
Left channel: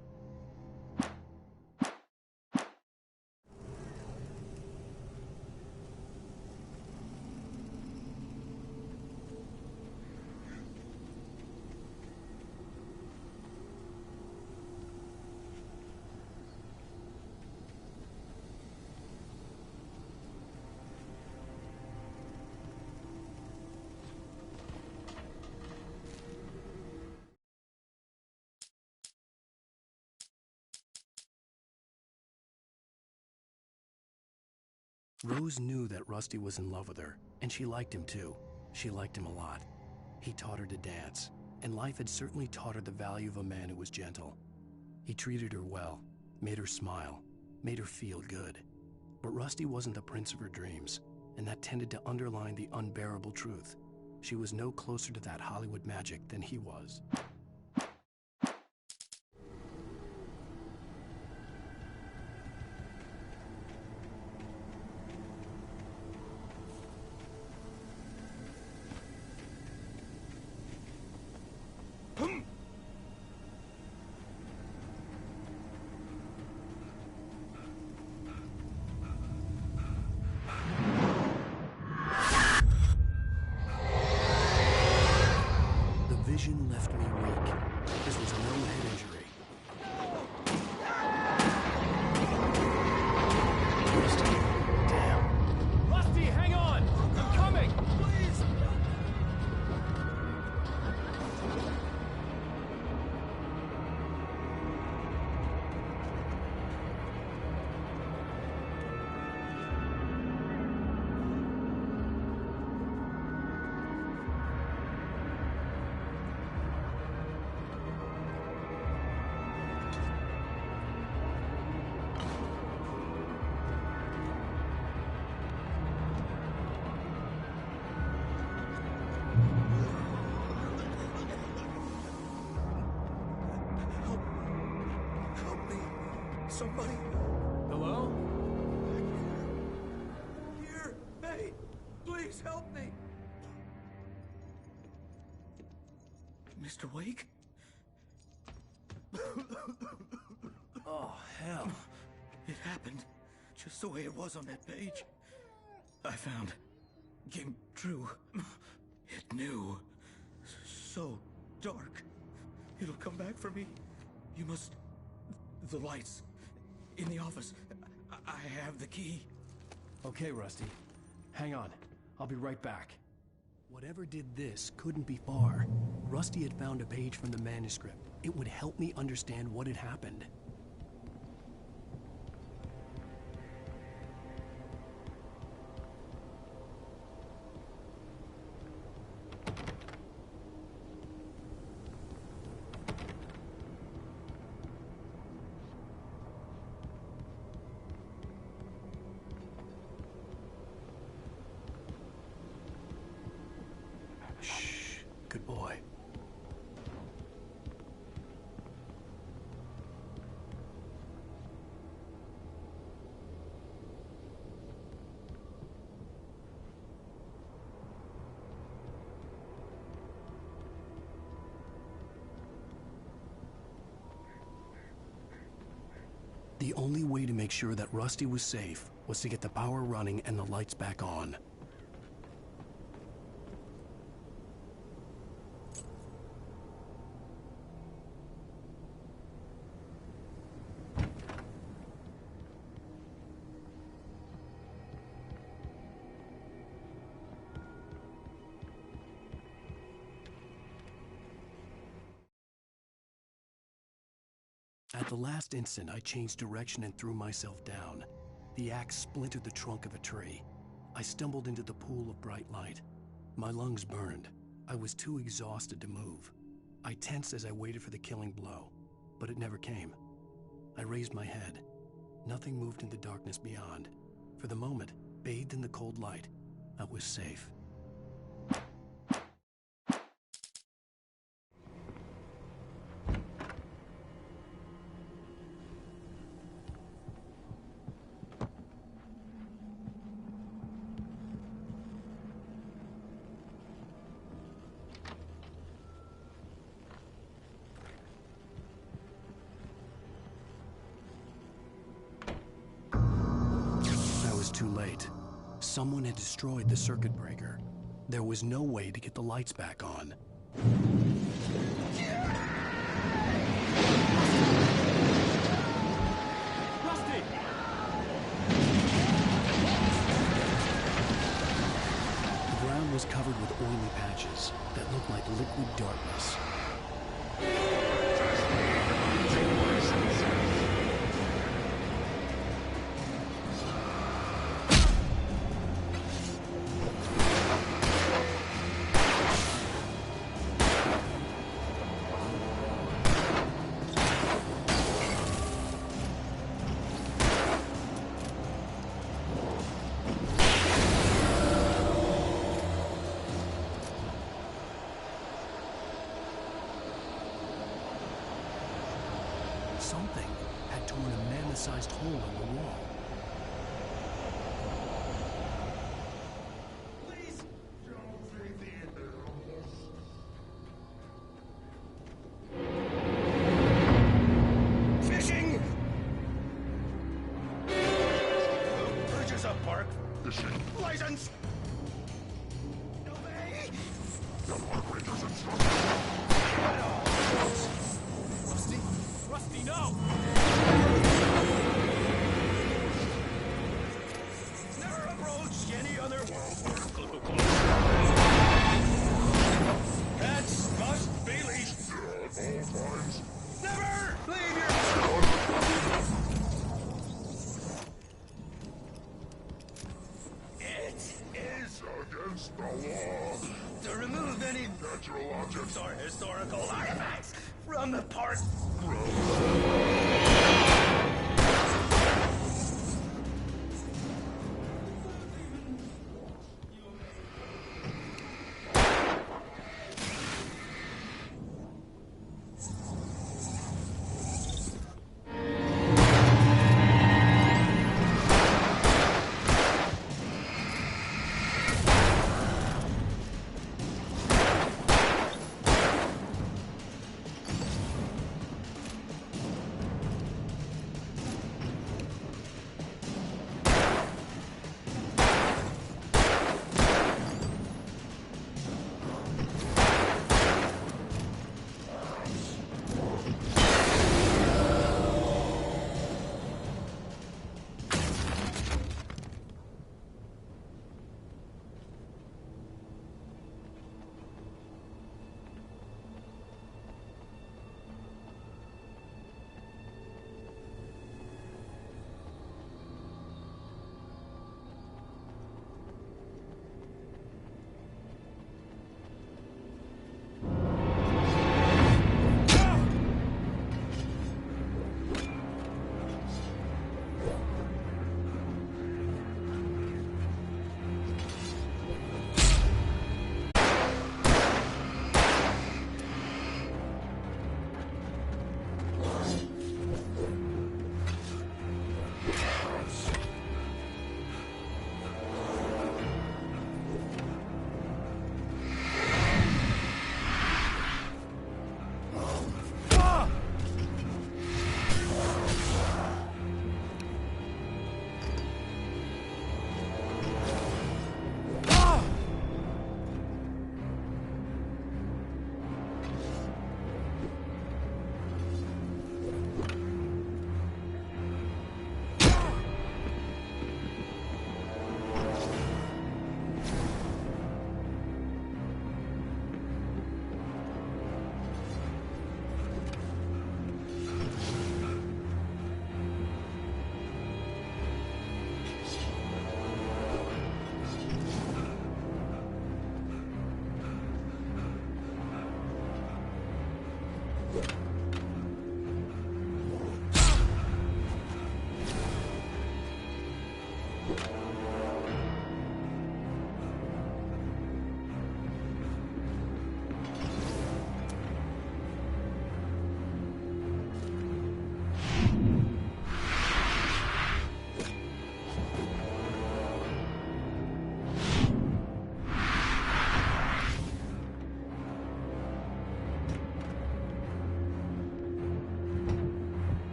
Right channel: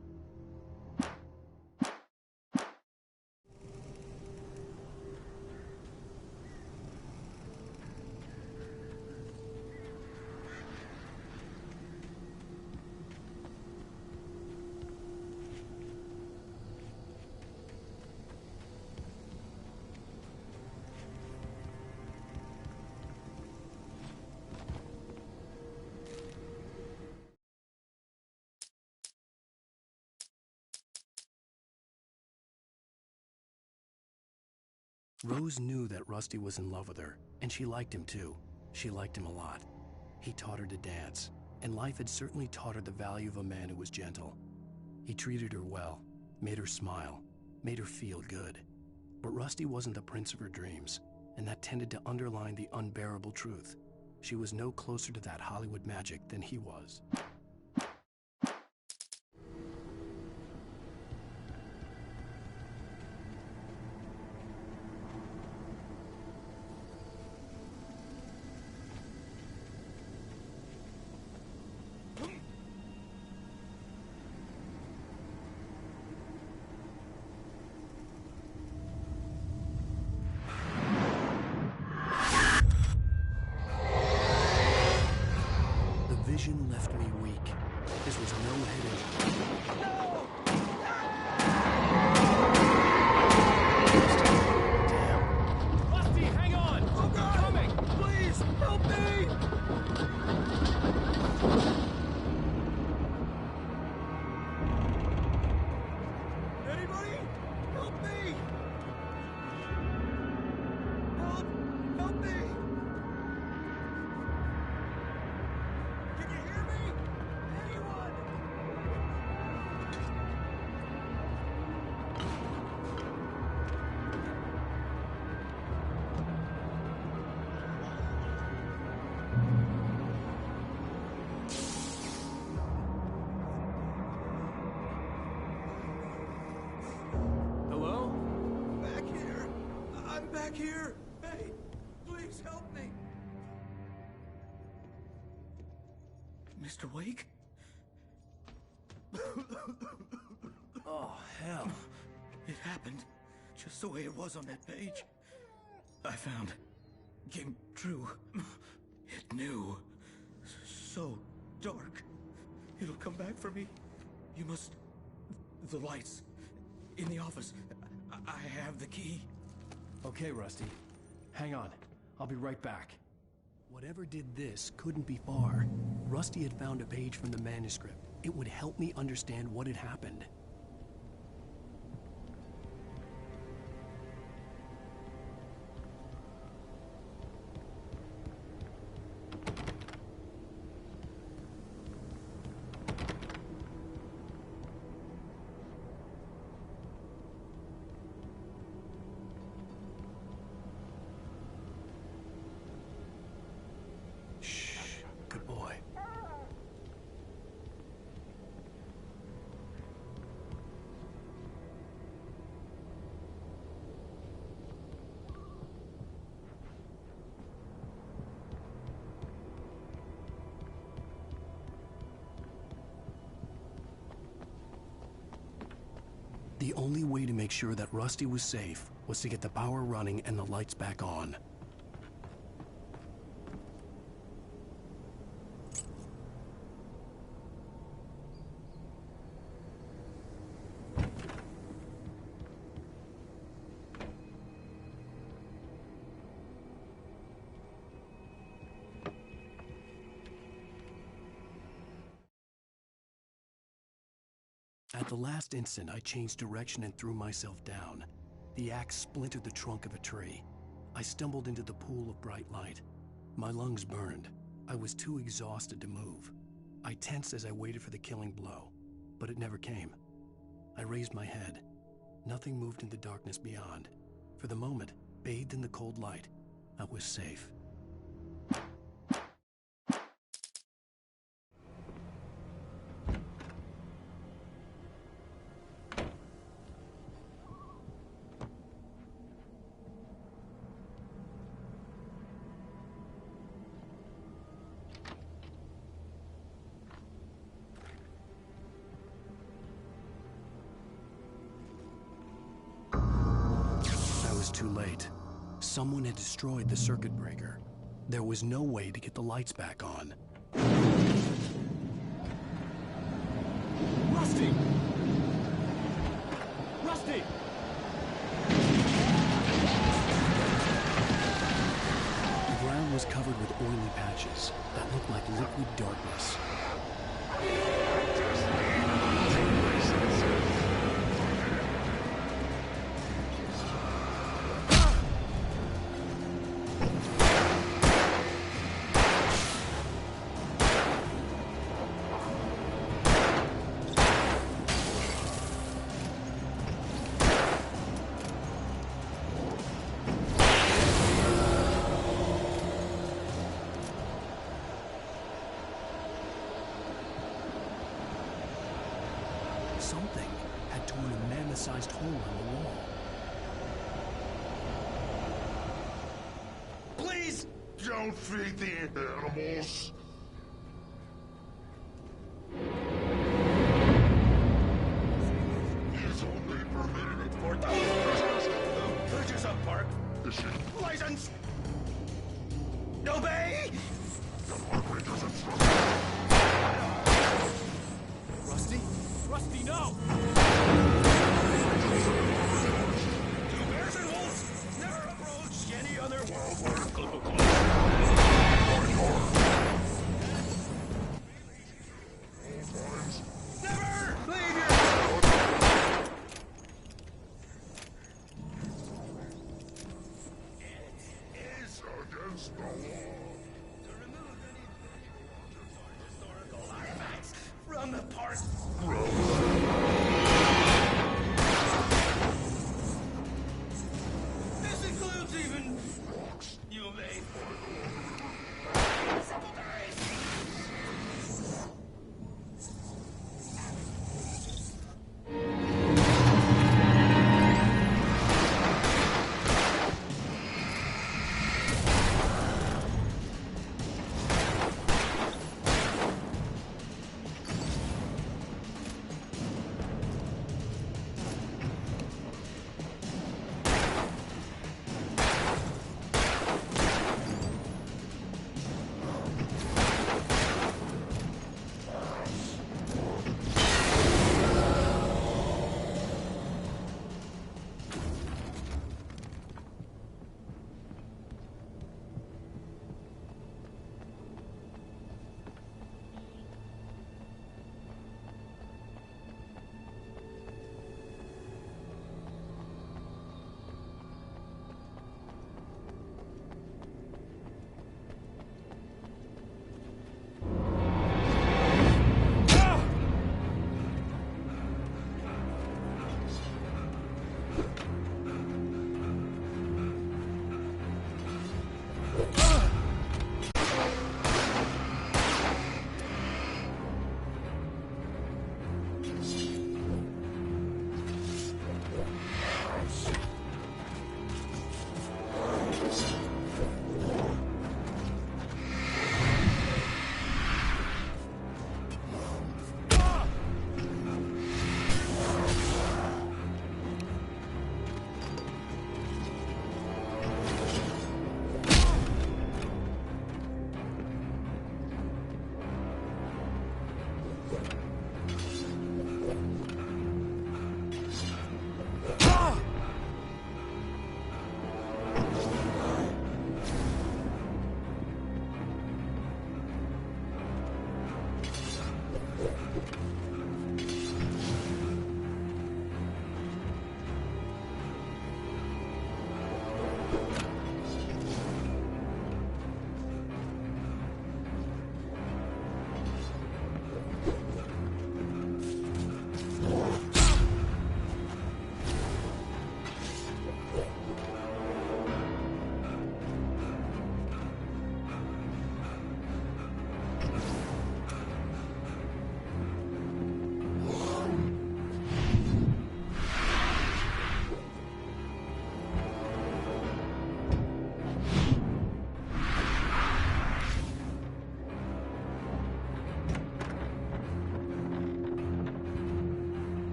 Rose knew that Rusty was in love with her, and she liked him too. She liked him a lot. He taught her to dance, and life had certainly taught her the value of a man who was gentle. He treated her well, made her smile, made her feel good. But Rusty wasn't the prince of her dreams, and that tended to underline the unbearable truth. She was no closer to that Hollywood magic than he was. Vision left me weak. This was no head injury. Damn. Rusty, hang on! I'm coming! Please, help me! Anybody? Help me! Help me! Somebody. Hello? Back here. I'm back here. Hey, please help me. Mr. Wake? Oh, hell. It happened just the way it was on that page. I found. Came true. It knew. So dark. It'll come back for me. You must. The lights. In the office. I have the key. Okay, Rusty. Hang on. I'll be right back. Whatever did this couldn't be far. Rusty had found a page from the manuscript. It would help me understand what had happened. Good boy. The only way to make sure that Rusty was safe was to get the power running and the lights back on. At the last instant, I changed direction and threw myself down. The axe splintered the trunk of a tree. I stumbled into the pool of bright light. My lungs burned. I was too exhausted to move. I tensed as I waited for the killing blow, but it never came. I raised my head. Nothing moved in the darkness beyond. For the moment, bathed in the cold light, I was safe. I was too late. Someone had destroyed the circuit breaker. There was no way to get the lights back on. Rusty! The ground was covered with oily patches that looked like liquid darkness. Something had torn a mammoth-sized hole in the wall. Please! Don't feed the animals! Fishing is only permitted for towers who purchase a park fishing license! Obey! The park ranger's instructions! Rusty? Rusty, no! Two bears and wolves never approached any other wildlife close. Cats must be leashed at all times. Never leave your house! It is against the law to remove any natural objects or historical artifacts from the park. This includes even walks. You obey.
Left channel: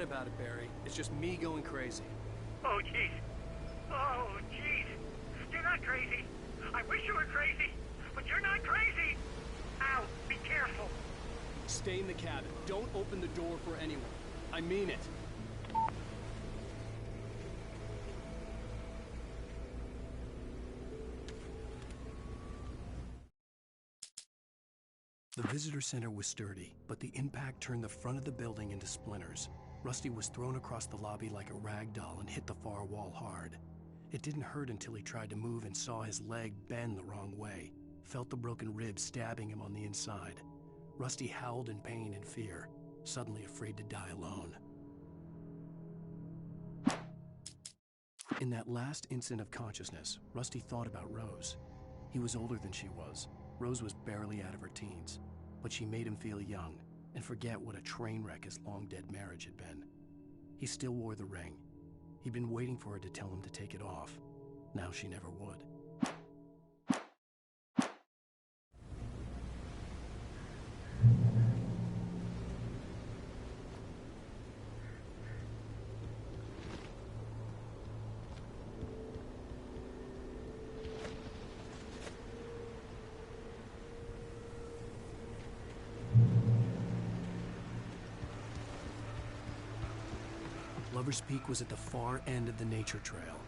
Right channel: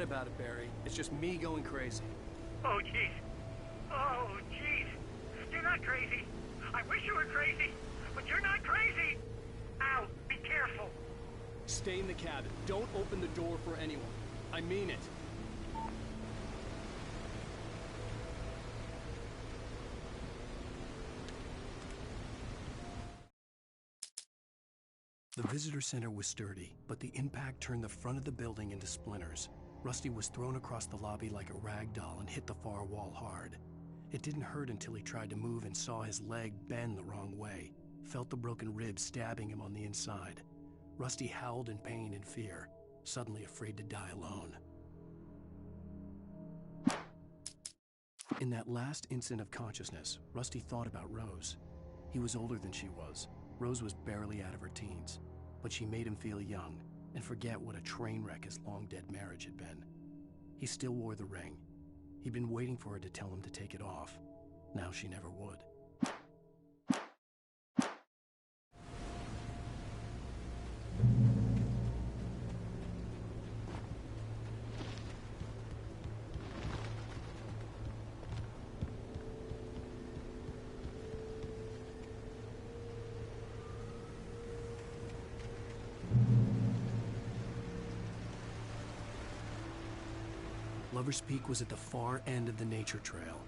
Forget about it, Barry. It's just me going crazy. Oh, jeez. Oh, jeez. You're not crazy. I wish you were crazy, but you're not crazy. Ow, be careful. Stay in the cabin. Don't open the door for anyone. I mean it. The visitor center was sturdy, but the impact turned the front of the building into splinters. Rusty was thrown across the lobby like a rag doll and hit the far wall hard. It didn't hurt until he tried to move and saw his leg bend the wrong way, felt the broken ribs stabbing him on the inside. Rusty howled in pain and fear, suddenly afraid to die alone. In that last instant of consciousness, Rusty thought about Rose. He was older than she was. Rose was barely out of her teens, but she made him feel young and forget what a train wreck his long-dead marriage had been. He still wore the ring. He'd been waiting for her to tell him to take it off. Now she never would. Lover's Peak was at the far end of the nature trail.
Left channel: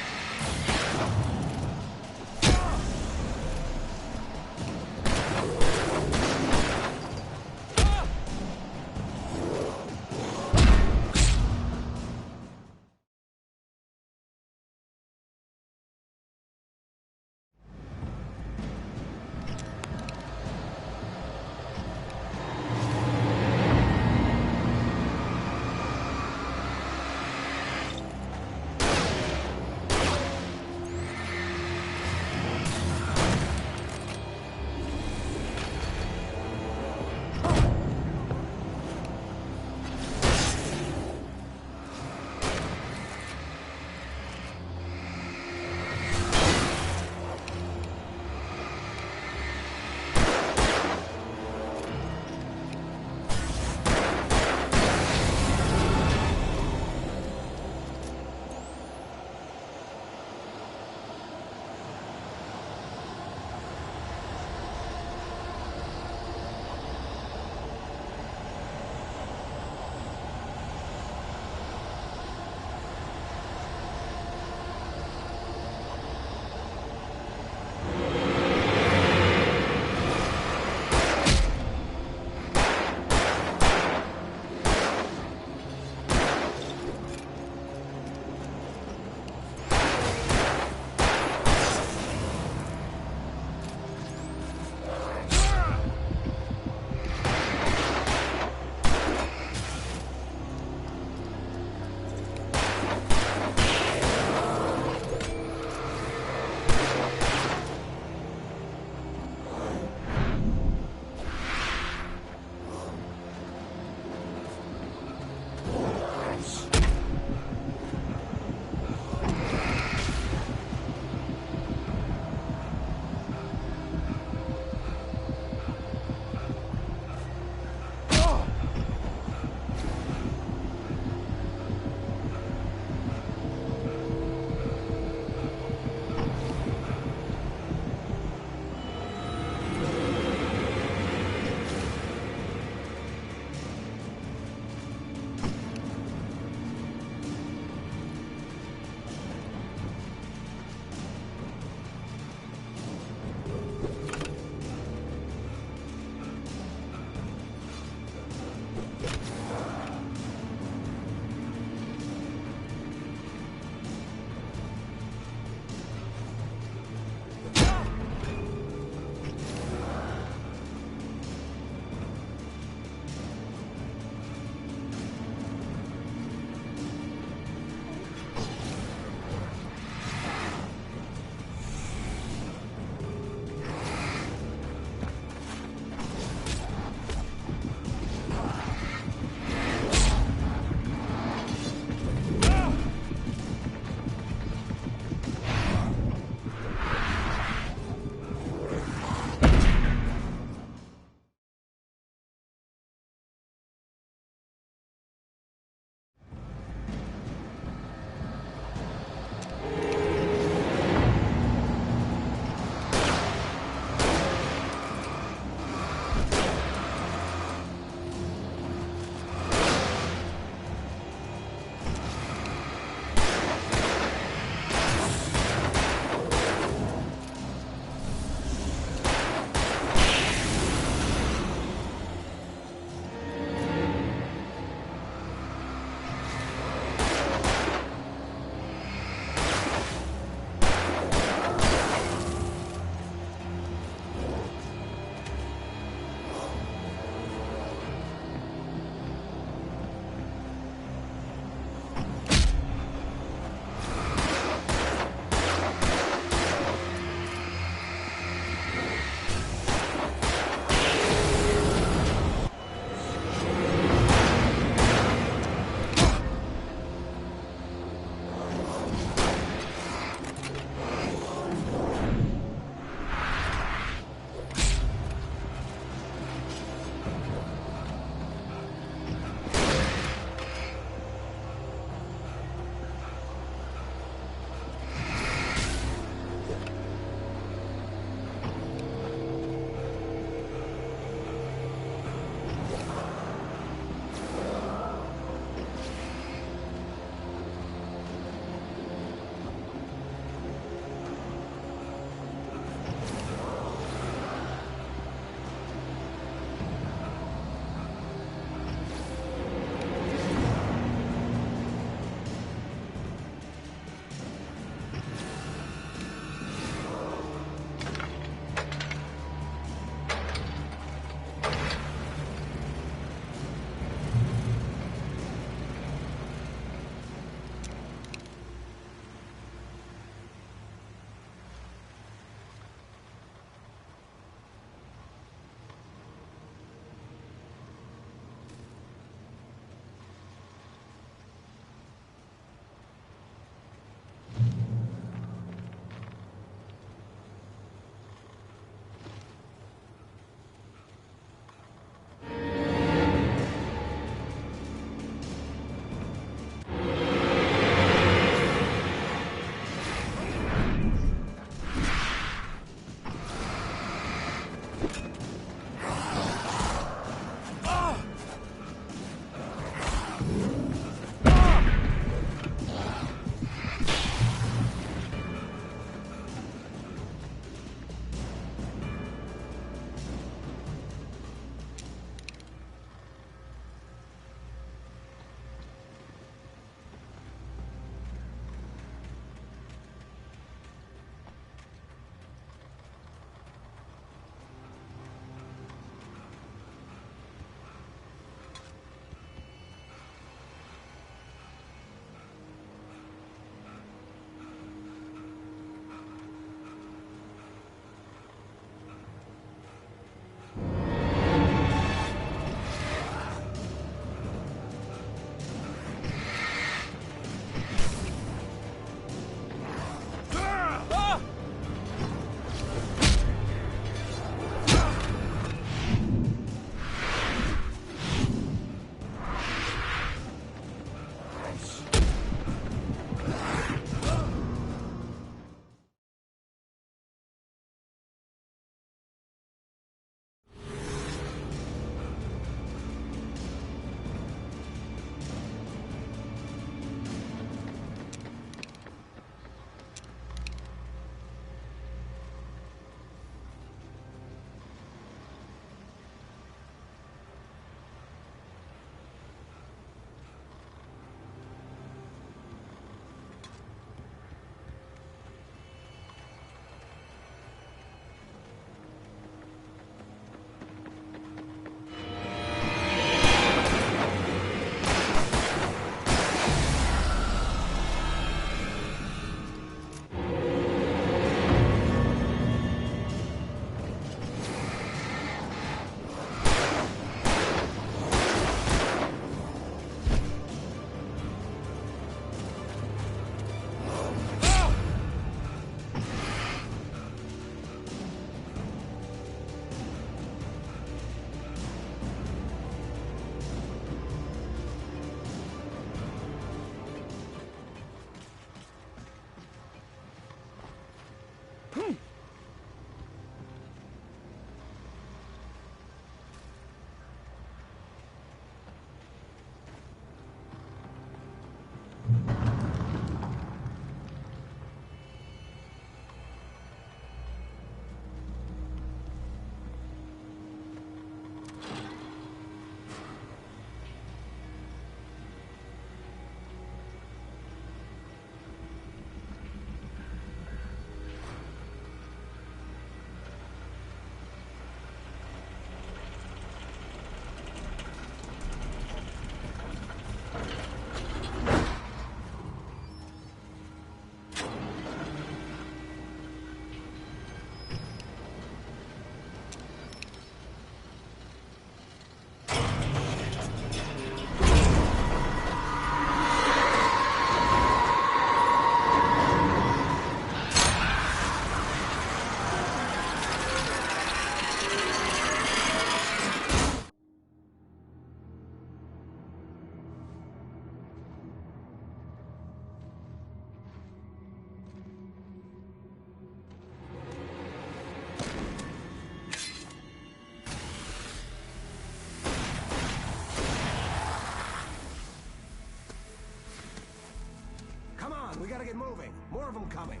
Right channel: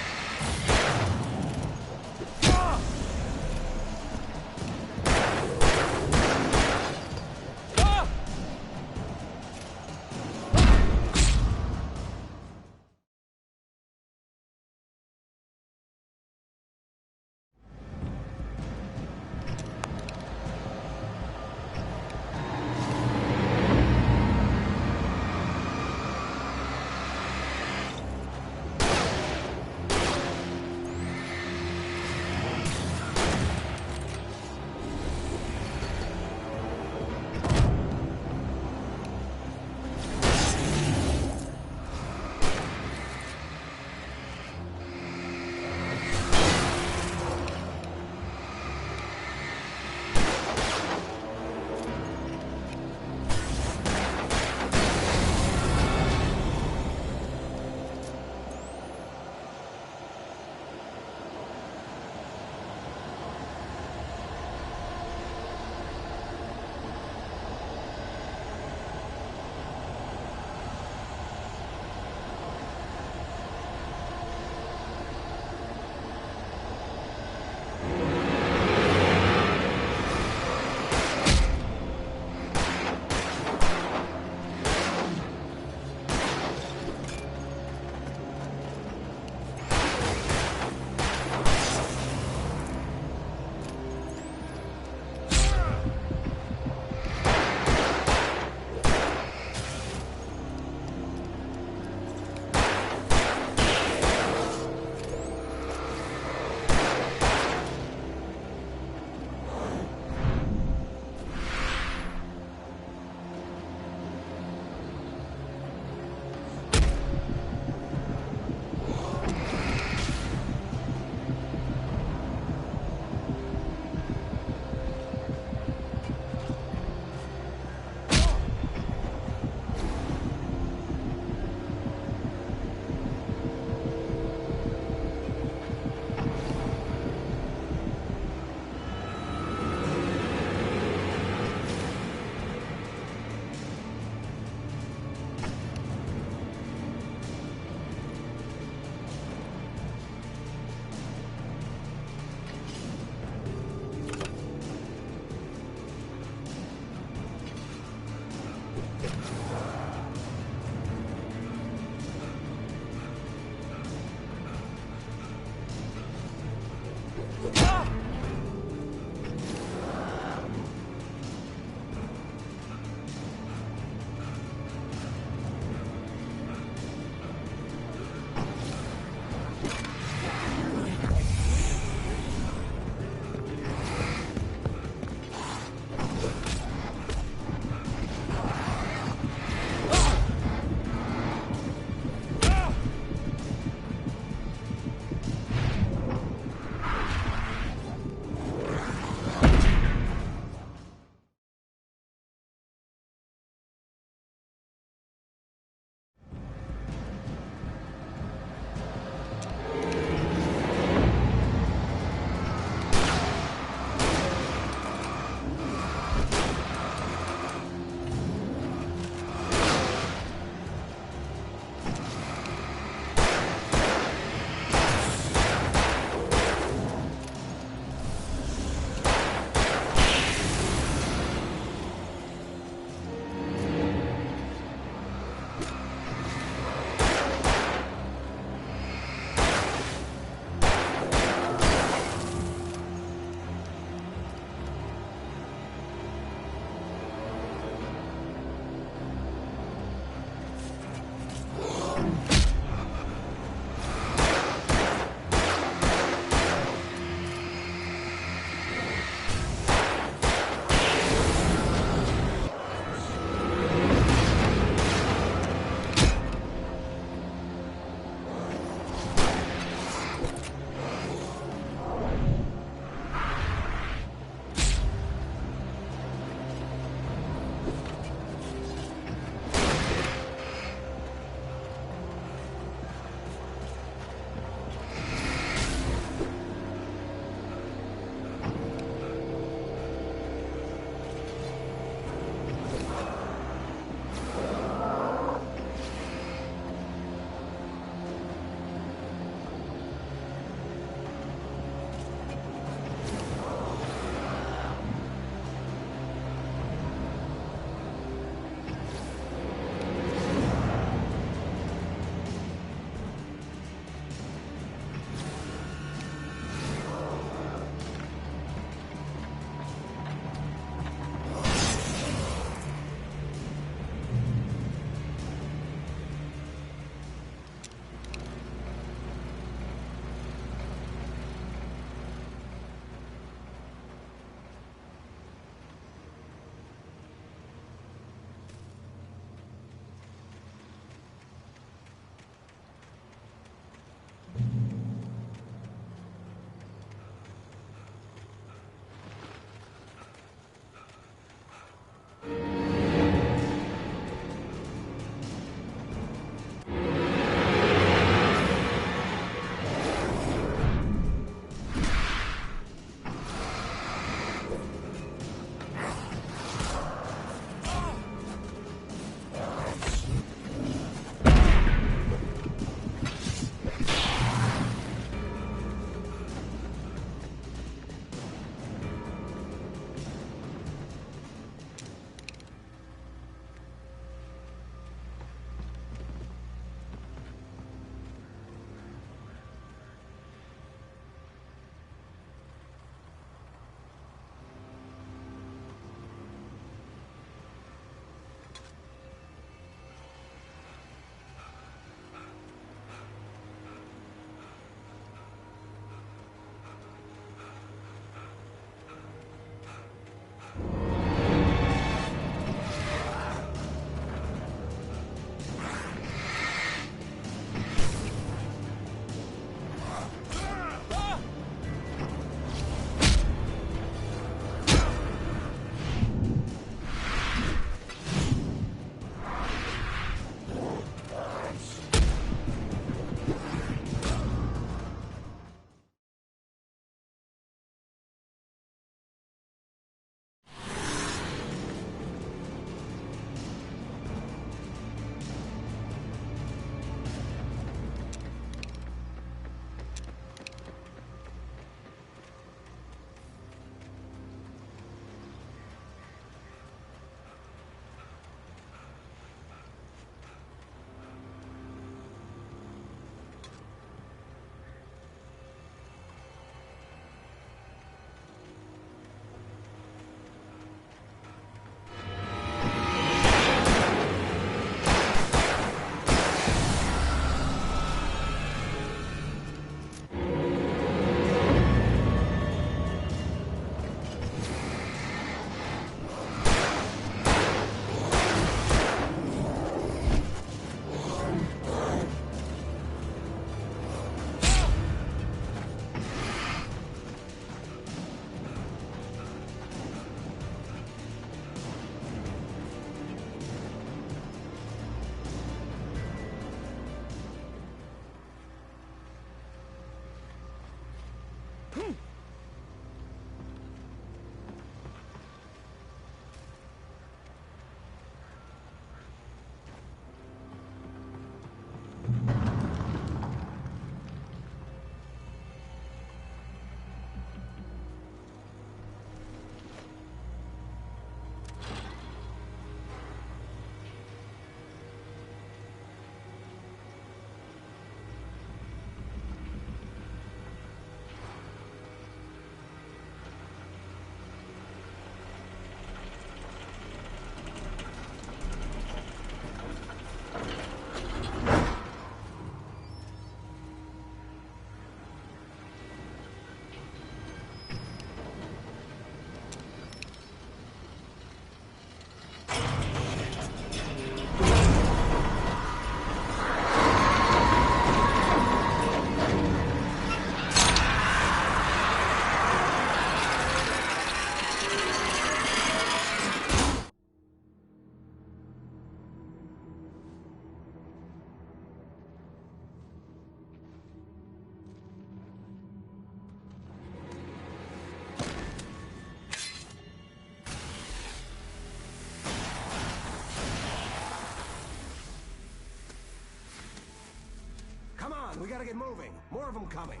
We gotta get moving. More of them coming.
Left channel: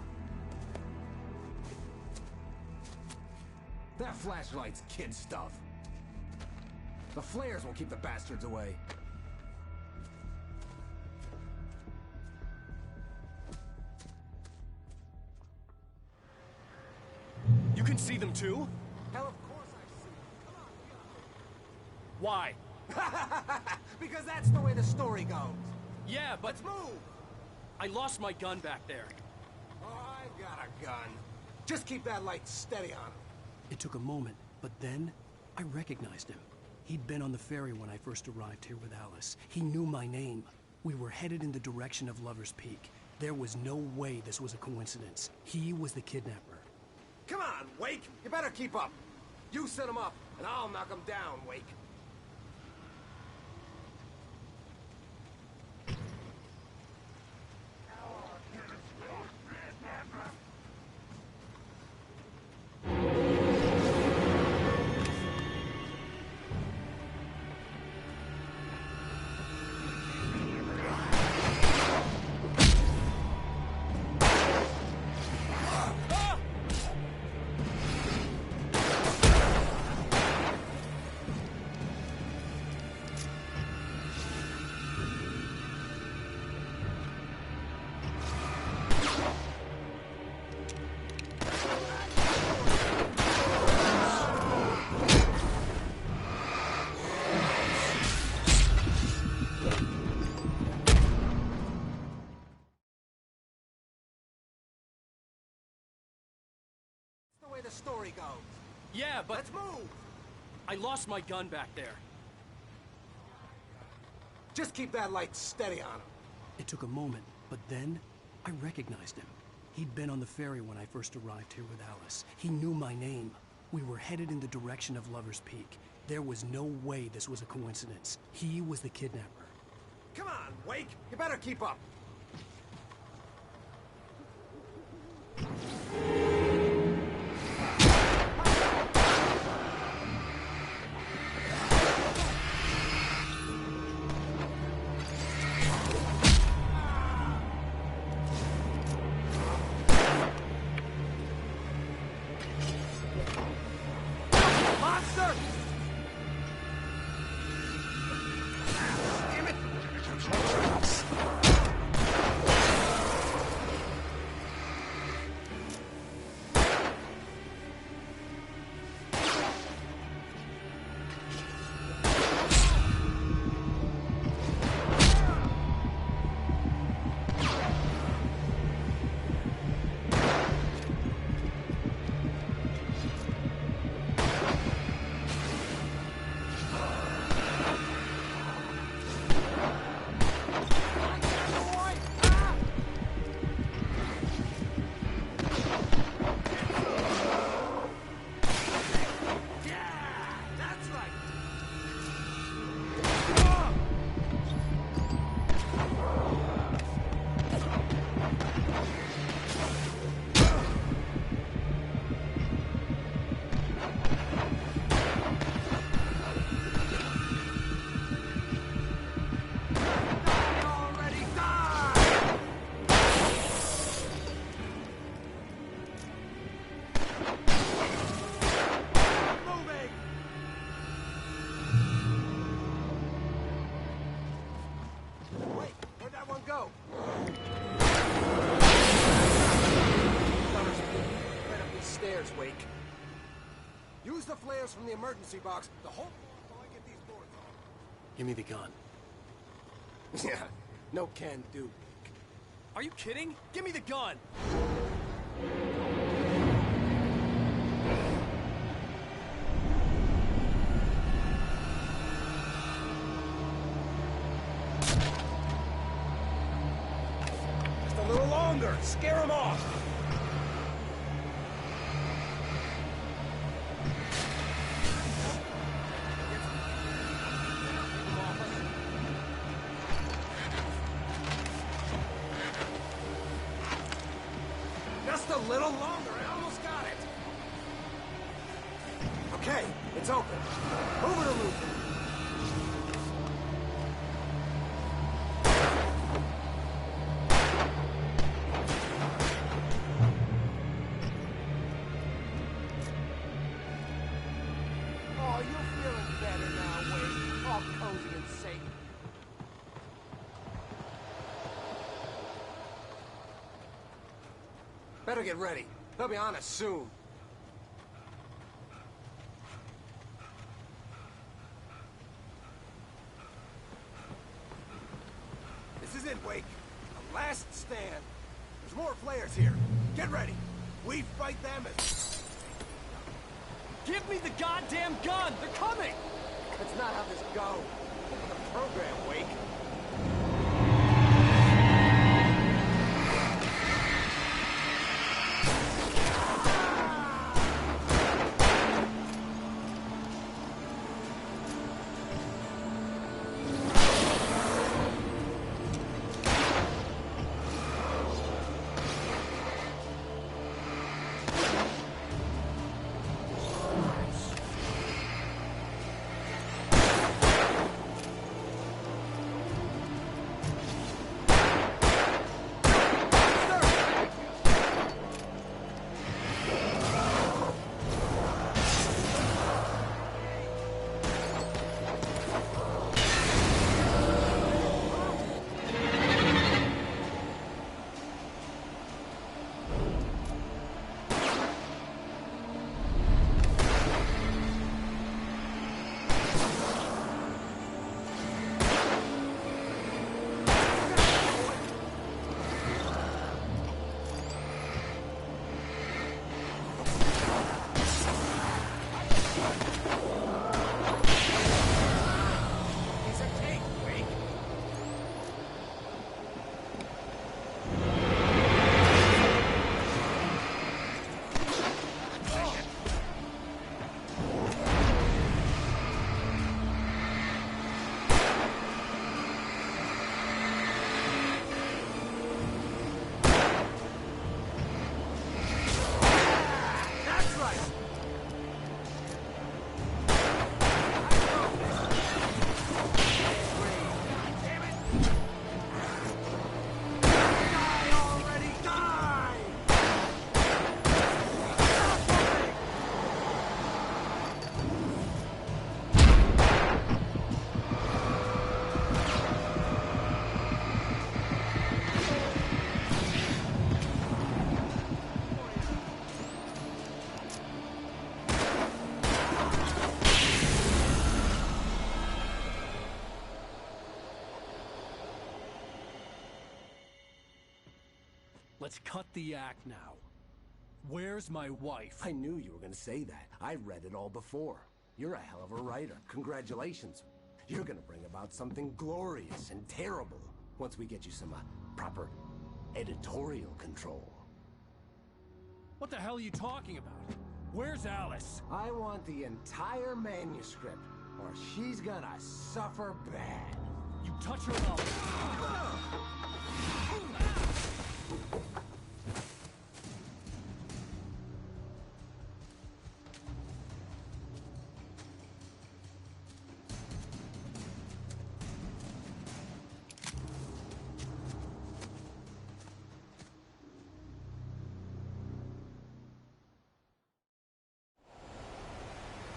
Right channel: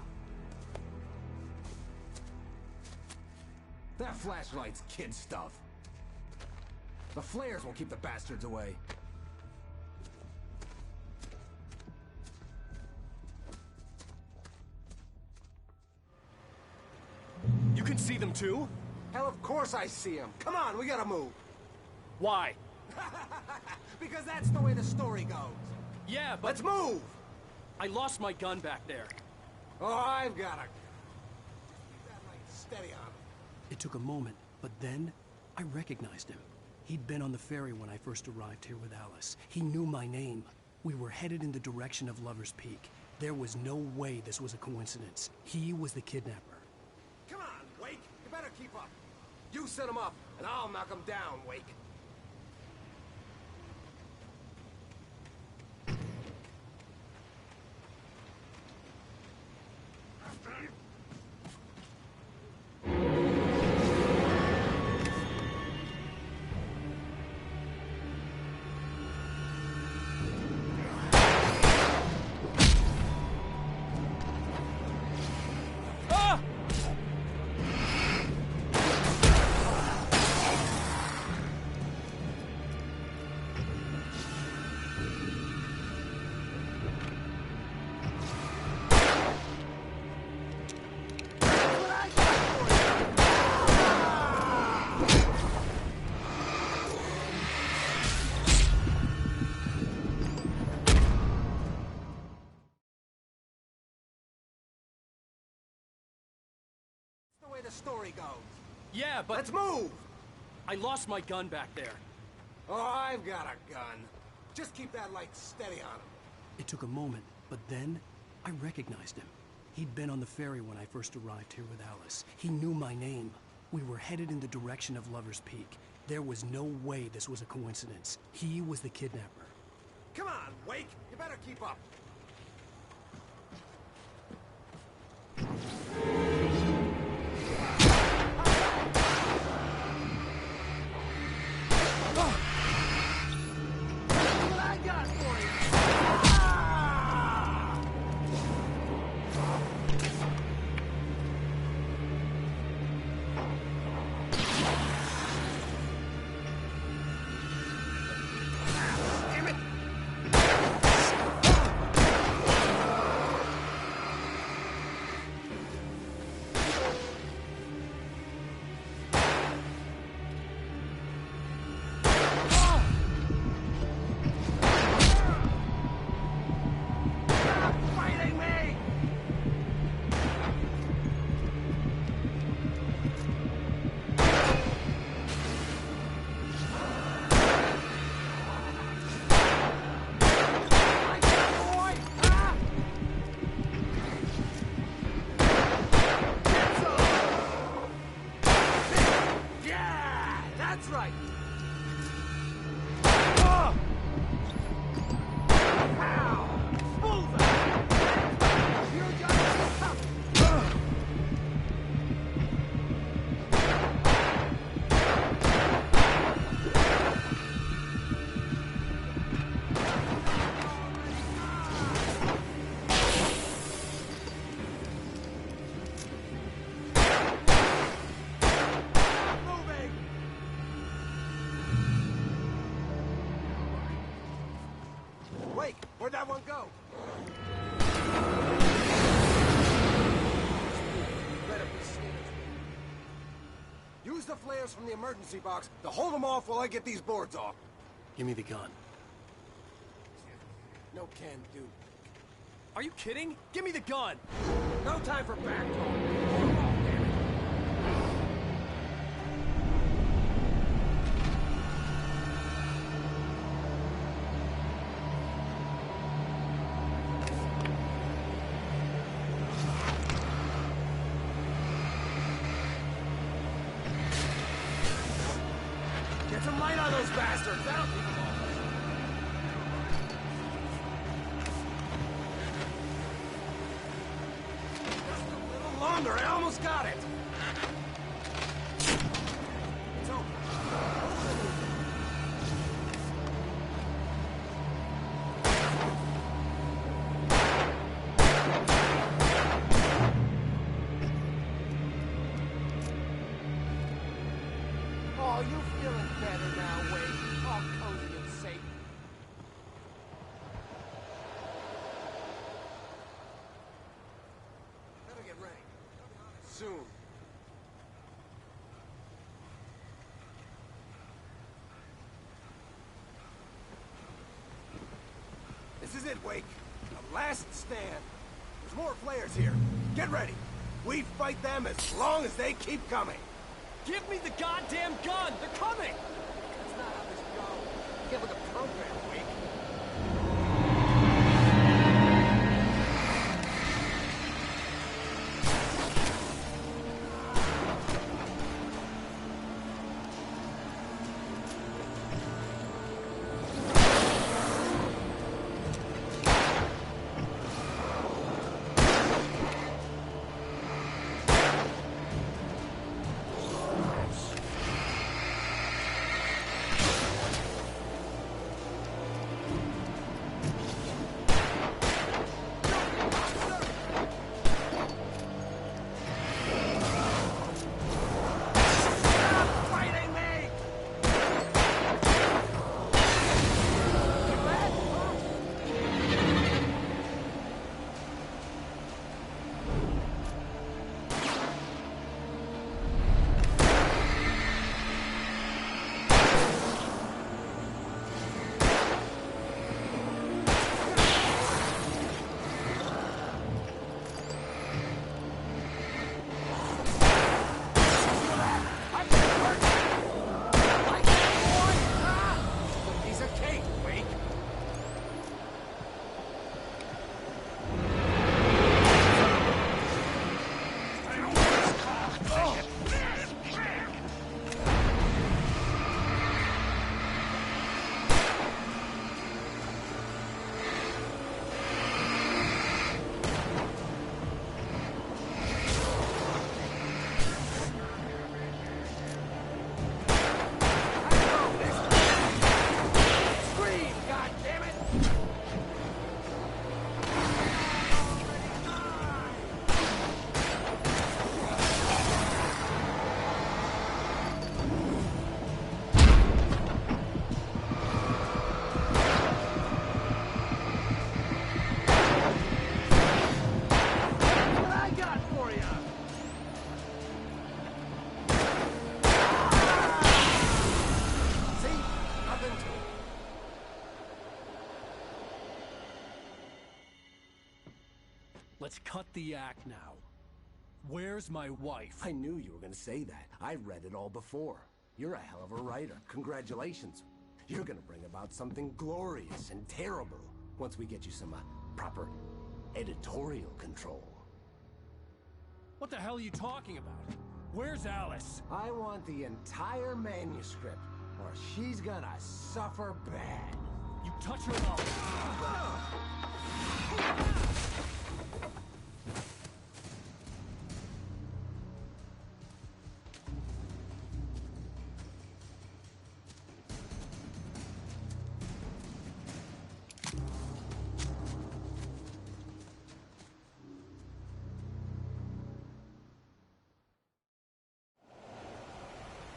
That flashlight's kid stuff. The flares will keep the bastards away. You can see them too? Hell, of course I see them. Come on, we gotta move. Why? Because that's the way the story goes. Yeah, but... Let's move! I lost my gun back there. Oh, I've got a gun. Just keep that light steady on him. It took a moment, but then I recognized him. He'd been on the ferry when I first arrived here with Alice. He knew my name. We were headed in the direction of Lover's Peak. There was no way this was a coincidence. He was the kidnapper. Come on, Wake! You better keep up. You set him up, and I'll knock him down, Wake. The story goes. Yeah, but... Let's move! I lost my gun back there. Oh, I've got a gun. Just keep that light steady on him. It took a moment, but then I recognized him. He'd been on the ferry when I first arrived here with Alice. He knew my name. We were headed in the direction of Lover's Peak. There was no way this was a coincidence. He was the kidnapper. Come on, Wake! You better keep up. Where'd that one go? Right up these stairs, Wake. Use the flares from the emergency box to hold them off while I get these boards off. Give me the gun. Yeah, no can do. Are you kidding? Give me the gun! No time for back talk. Come on, damn it. Just a little longer. Scare them off. Get some light on those bastards. That'll keep them off us. Just a little longer. I almost got it. Okay, it's open. Over to Luther. Oh, you feeling better now, Wake? All cozy and safe. Better get ready. They'll be on us soon. This is it, Wake. The last stand. There's more flares here. Get ready. We fight them as long as they keep coming. Give me the goddamn gun! They're coming! That's not how this goes. Get with the program, Wake. Let's cut the act now. Where's my wife? I knew you were going to say that. I read it all before. You're a hell of a writer. Congratulations. You're going to bring about something glorious and terrible once we get you some proper editorial control. What the hell are you talking about? Where's Alice? I want the entire manuscript, or she's gonna suffer bad. You touch her up.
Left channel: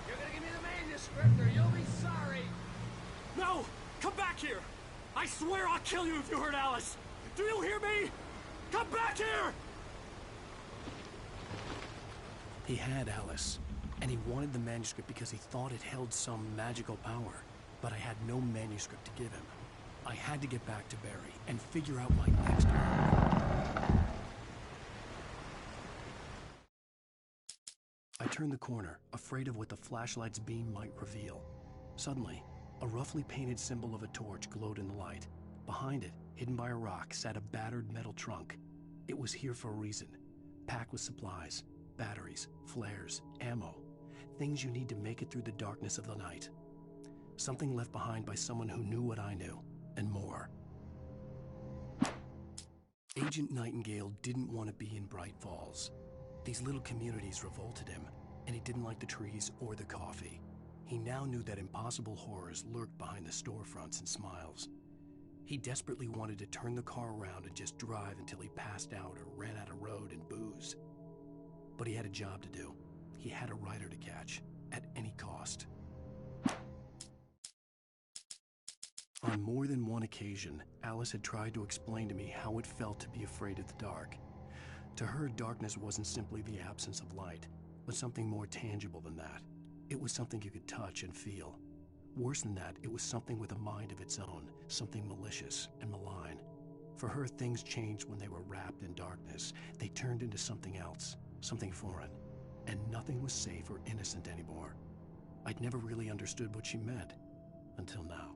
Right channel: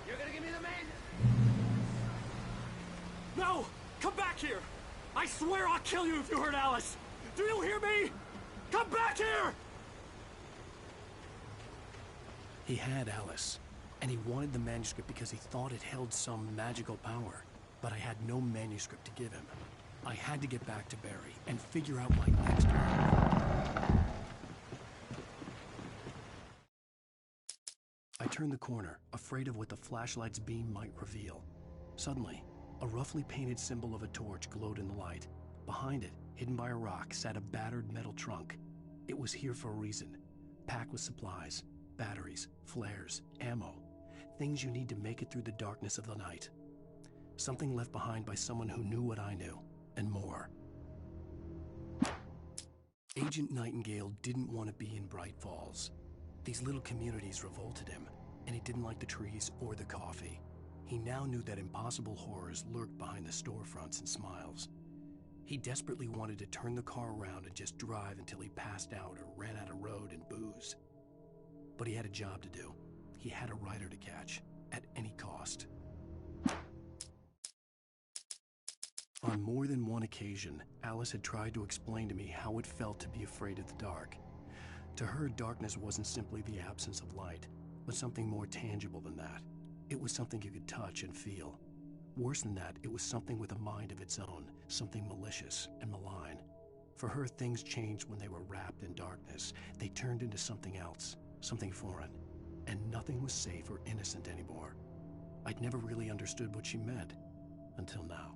You're gonna give me the manuscript, or you'll be sorry. No! Come back here! I swear I'll kill you if you hurt Alice! Do you hear me? Come back here! He had Alice, and he wanted the manuscript because he thought it held some magical power. But I had no manuscript to give him. I had to get back to Barry and figure out my next move. I turned the corner, afraid of what the flashlight's beam might reveal. Suddenly, a roughly painted symbol of a torch glowed in the light. Behind it, hidden by a rock, sat a battered metal trunk. It was here for a reason, packed with supplies, batteries, flares, ammo, things you need to make it through the darkness of the night. Something left behind by someone who knew what I knew, and more. Agent Nightingale didn't want to be in Bright Falls. These little communities revolted him, and he didn't like the trees or the coffee. He now knew that impossible horrors lurked behind the storefronts and smiles. He desperately wanted to turn the car around and just drive until he passed out or ran out of road and booze. But he had a job to do. He had a writer to catch, at any cost. On more than one occasion, Alice had tried to explain to me how it felt to be afraid of the dark. To her, darkness wasn't simply the absence of light, but something more tangible than that. It was something you could touch and feel. Worse than that, it was something with a mind of its own, something malicious and malign. For her, things changed when they were wrapped in darkness. They turned into something else, something foreign, and nothing was safe or innocent anymore. I'd never really understood what she meant, until now.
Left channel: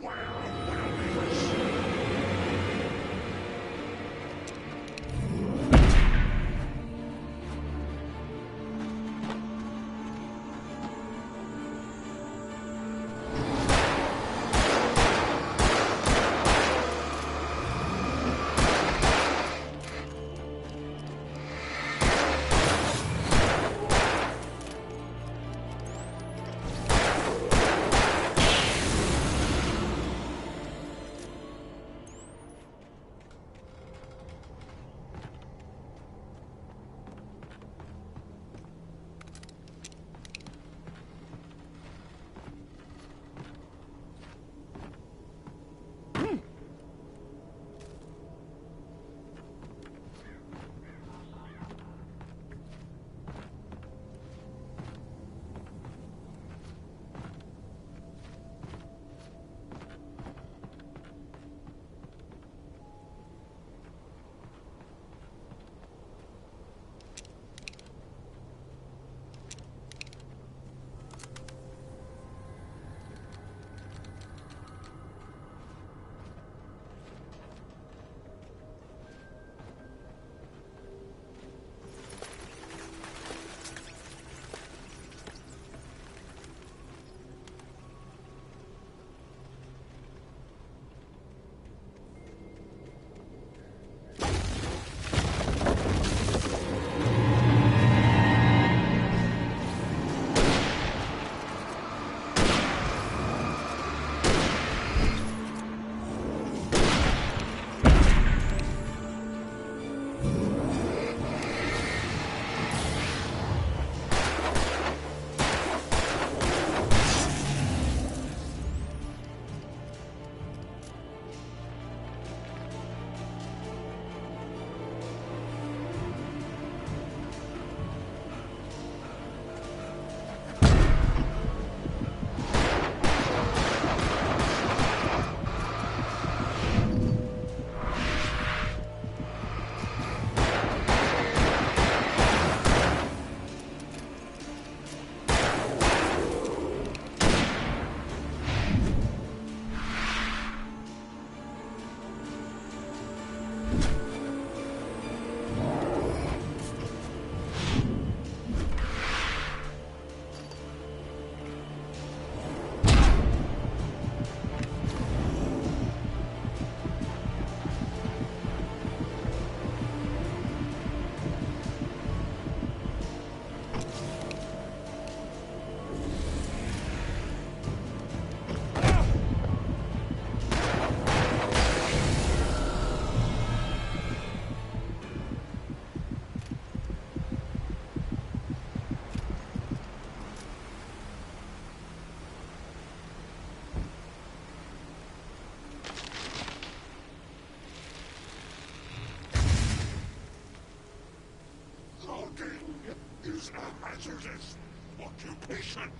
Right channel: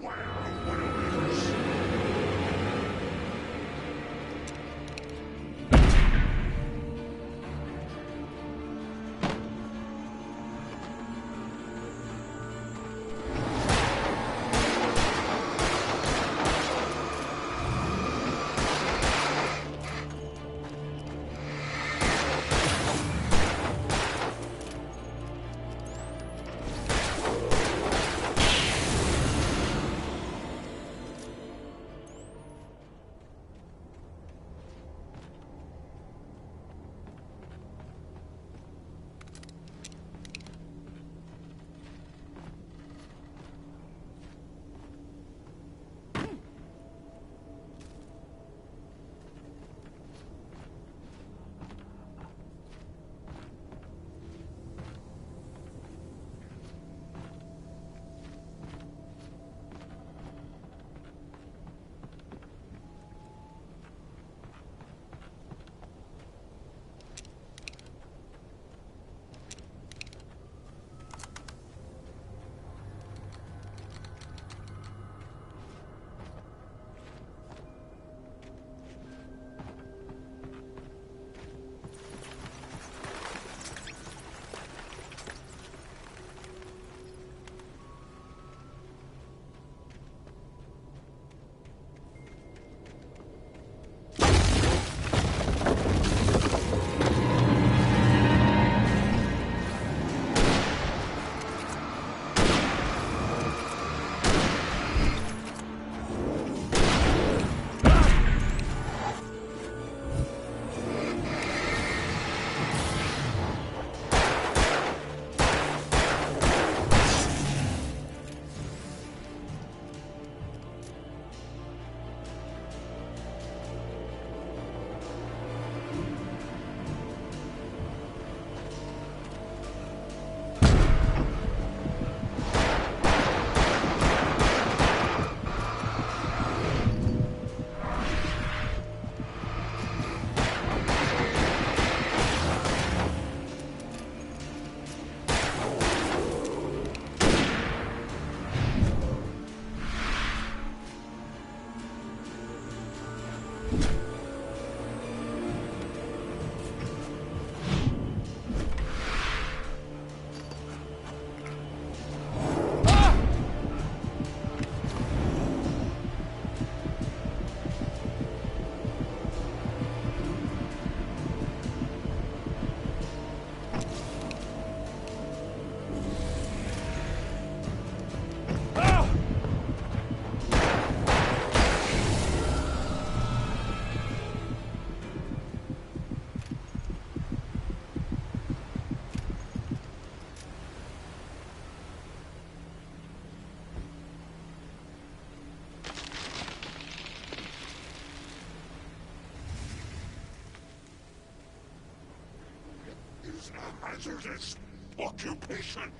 Beware of Widowmakers. Is a hazardous occupation.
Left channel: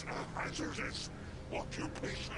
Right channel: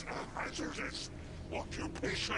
is a hazardous occupation.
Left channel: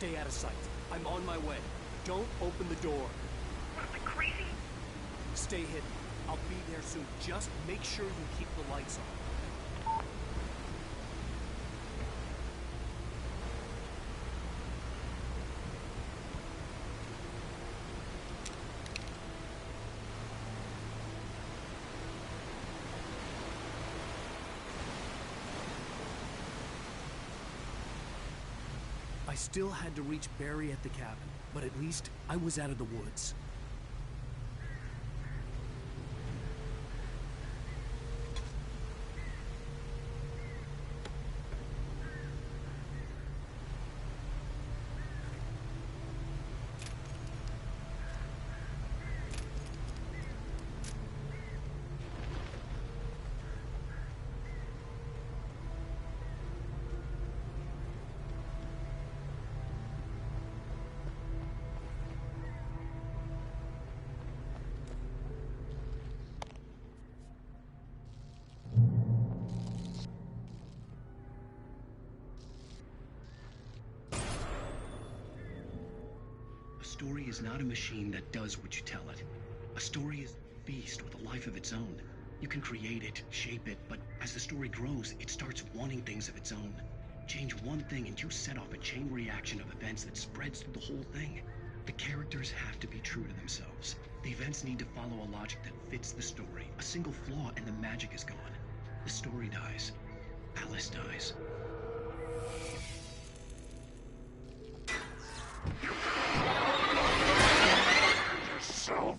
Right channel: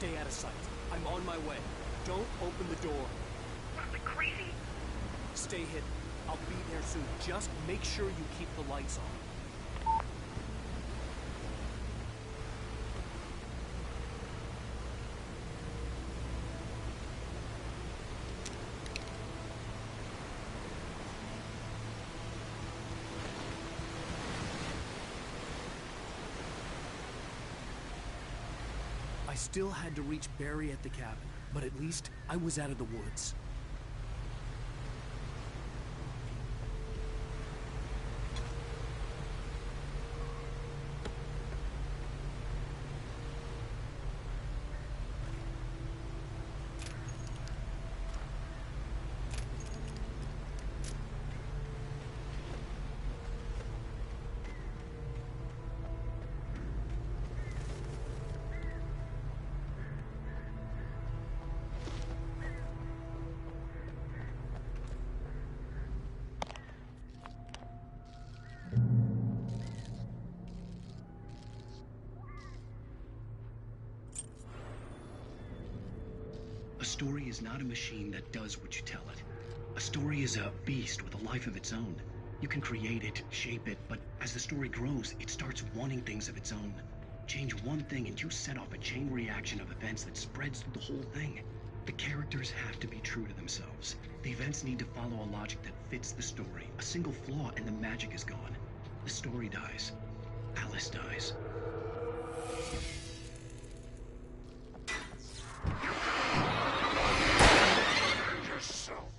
Stay out of sight. I'm on my way. Don't open the door. What, am I crazy? Stay hidden. I'll be there soon. Just make sure you keep the lights on. I still had to reach Barry at the cabin, but at least I was out of the woods. A story is not a machine that does what you tell it. A story is a beast with a life of its own. You can create it, shape it, but as the story grows, it starts wanting things of its own. Change one thing and you set off a chain reaction of events that spreads through the whole thing. The characters have to be true to themselves. The events need to follow a logic that fits the story. A single flaw and the magic is gone. The story dies. Alice dies. Yourself.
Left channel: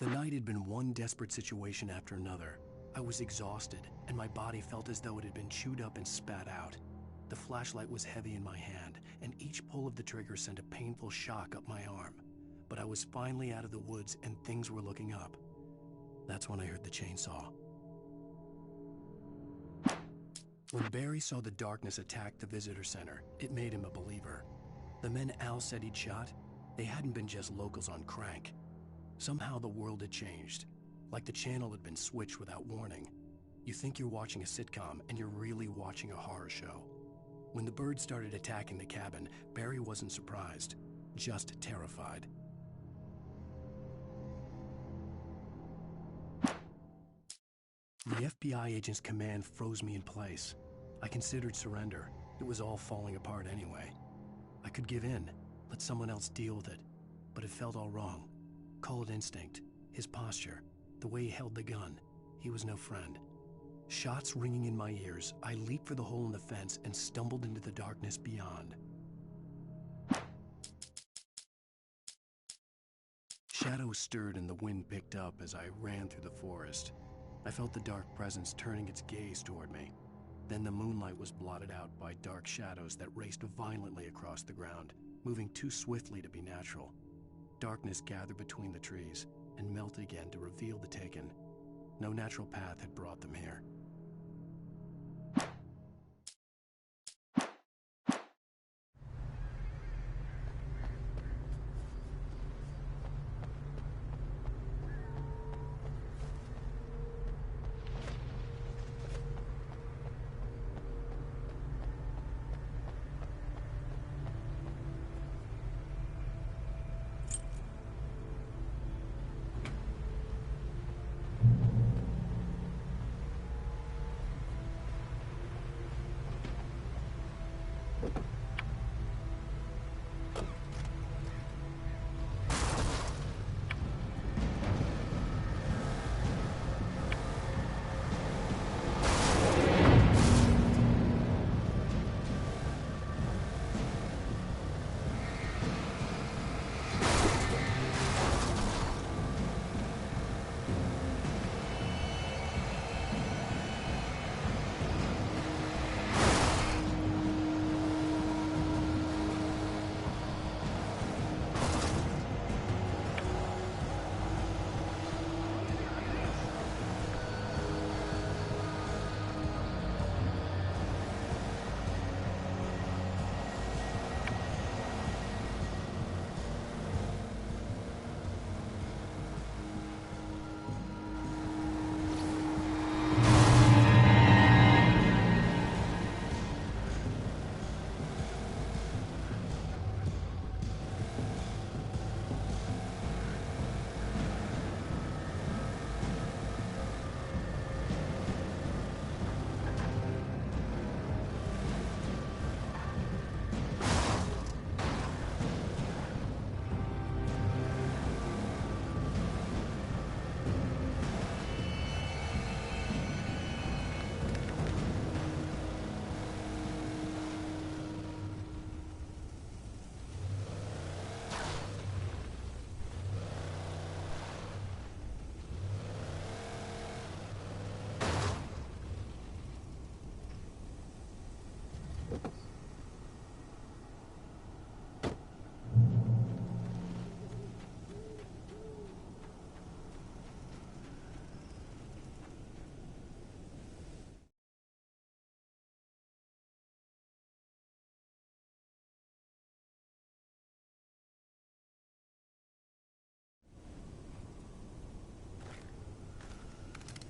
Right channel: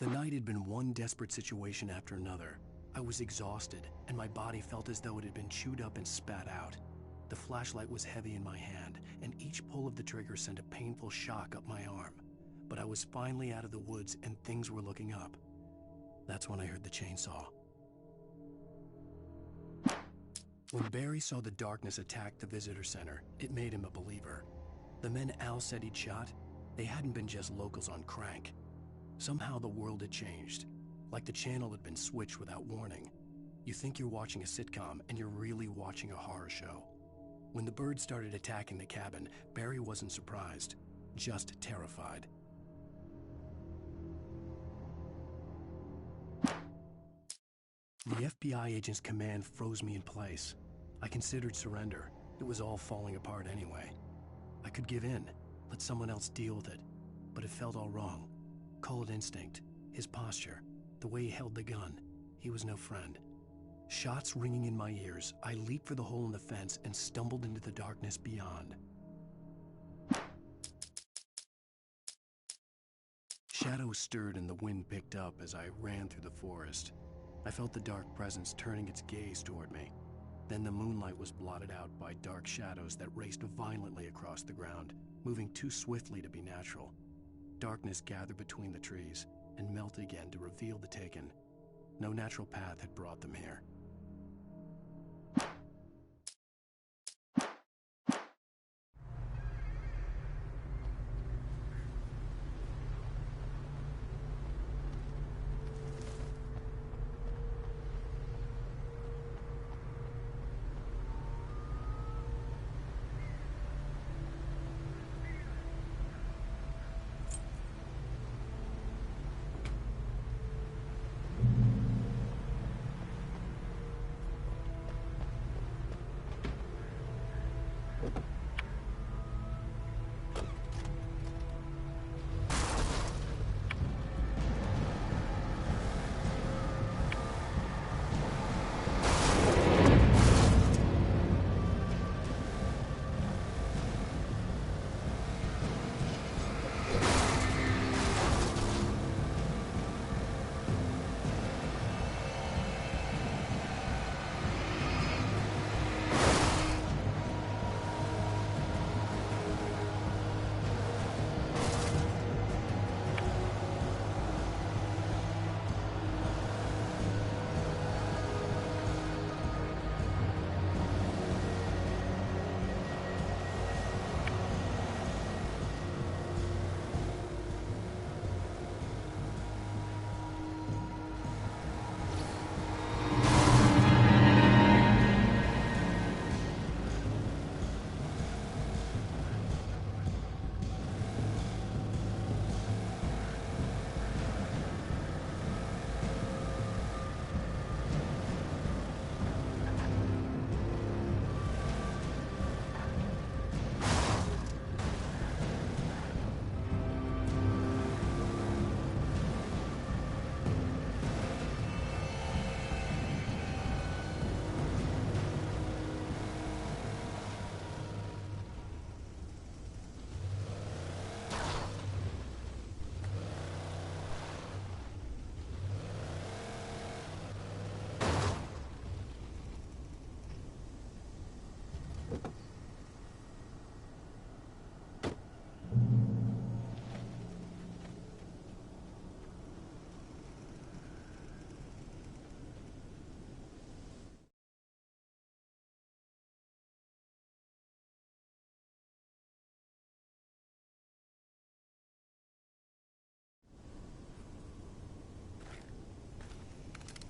The night had been one desperate situation after another. I was exhausted, and my body felt as though it had been chewed up and spat out. The flashlight was heavy in my hand, and each pull of the trigger sent a painful shock up my arm. But I was finally out of the woods, and things were looking up. That's when I heard the chainsaw. When Barry saw the darkness attack the visitor center, it made him a believer. The men Al said he'd shot, they hadn't been just locals on crank. Somehow the world had changed, like the channel had been switched without warning. You think you're watching a sitcom, and you're really watching a horror show. When the birds started attacking the cabin, Barry wasn't surprised, just terrified. The FBI agent's command froze me in place. I considered surrender. It was all falling apart anyway. I could give in, let someone else deal with it, but it felt all wrong. Call it instinct, his posture, the way he held the gun. He was no friend. Shots ringing in my ears, I leaped for the hole in the fence and stumbled into the darkness beyond. Shadows stirred and the wind picked up as I ran through the forest. I felt the dark presence turning its gaze toward me. Then the moonlight was blotted out by dark shadows that raced violently across the ground, moving too swiftly to be natural. Darkness gathered between the trees and melted again to reveal the Taken. No natural path had brought them here.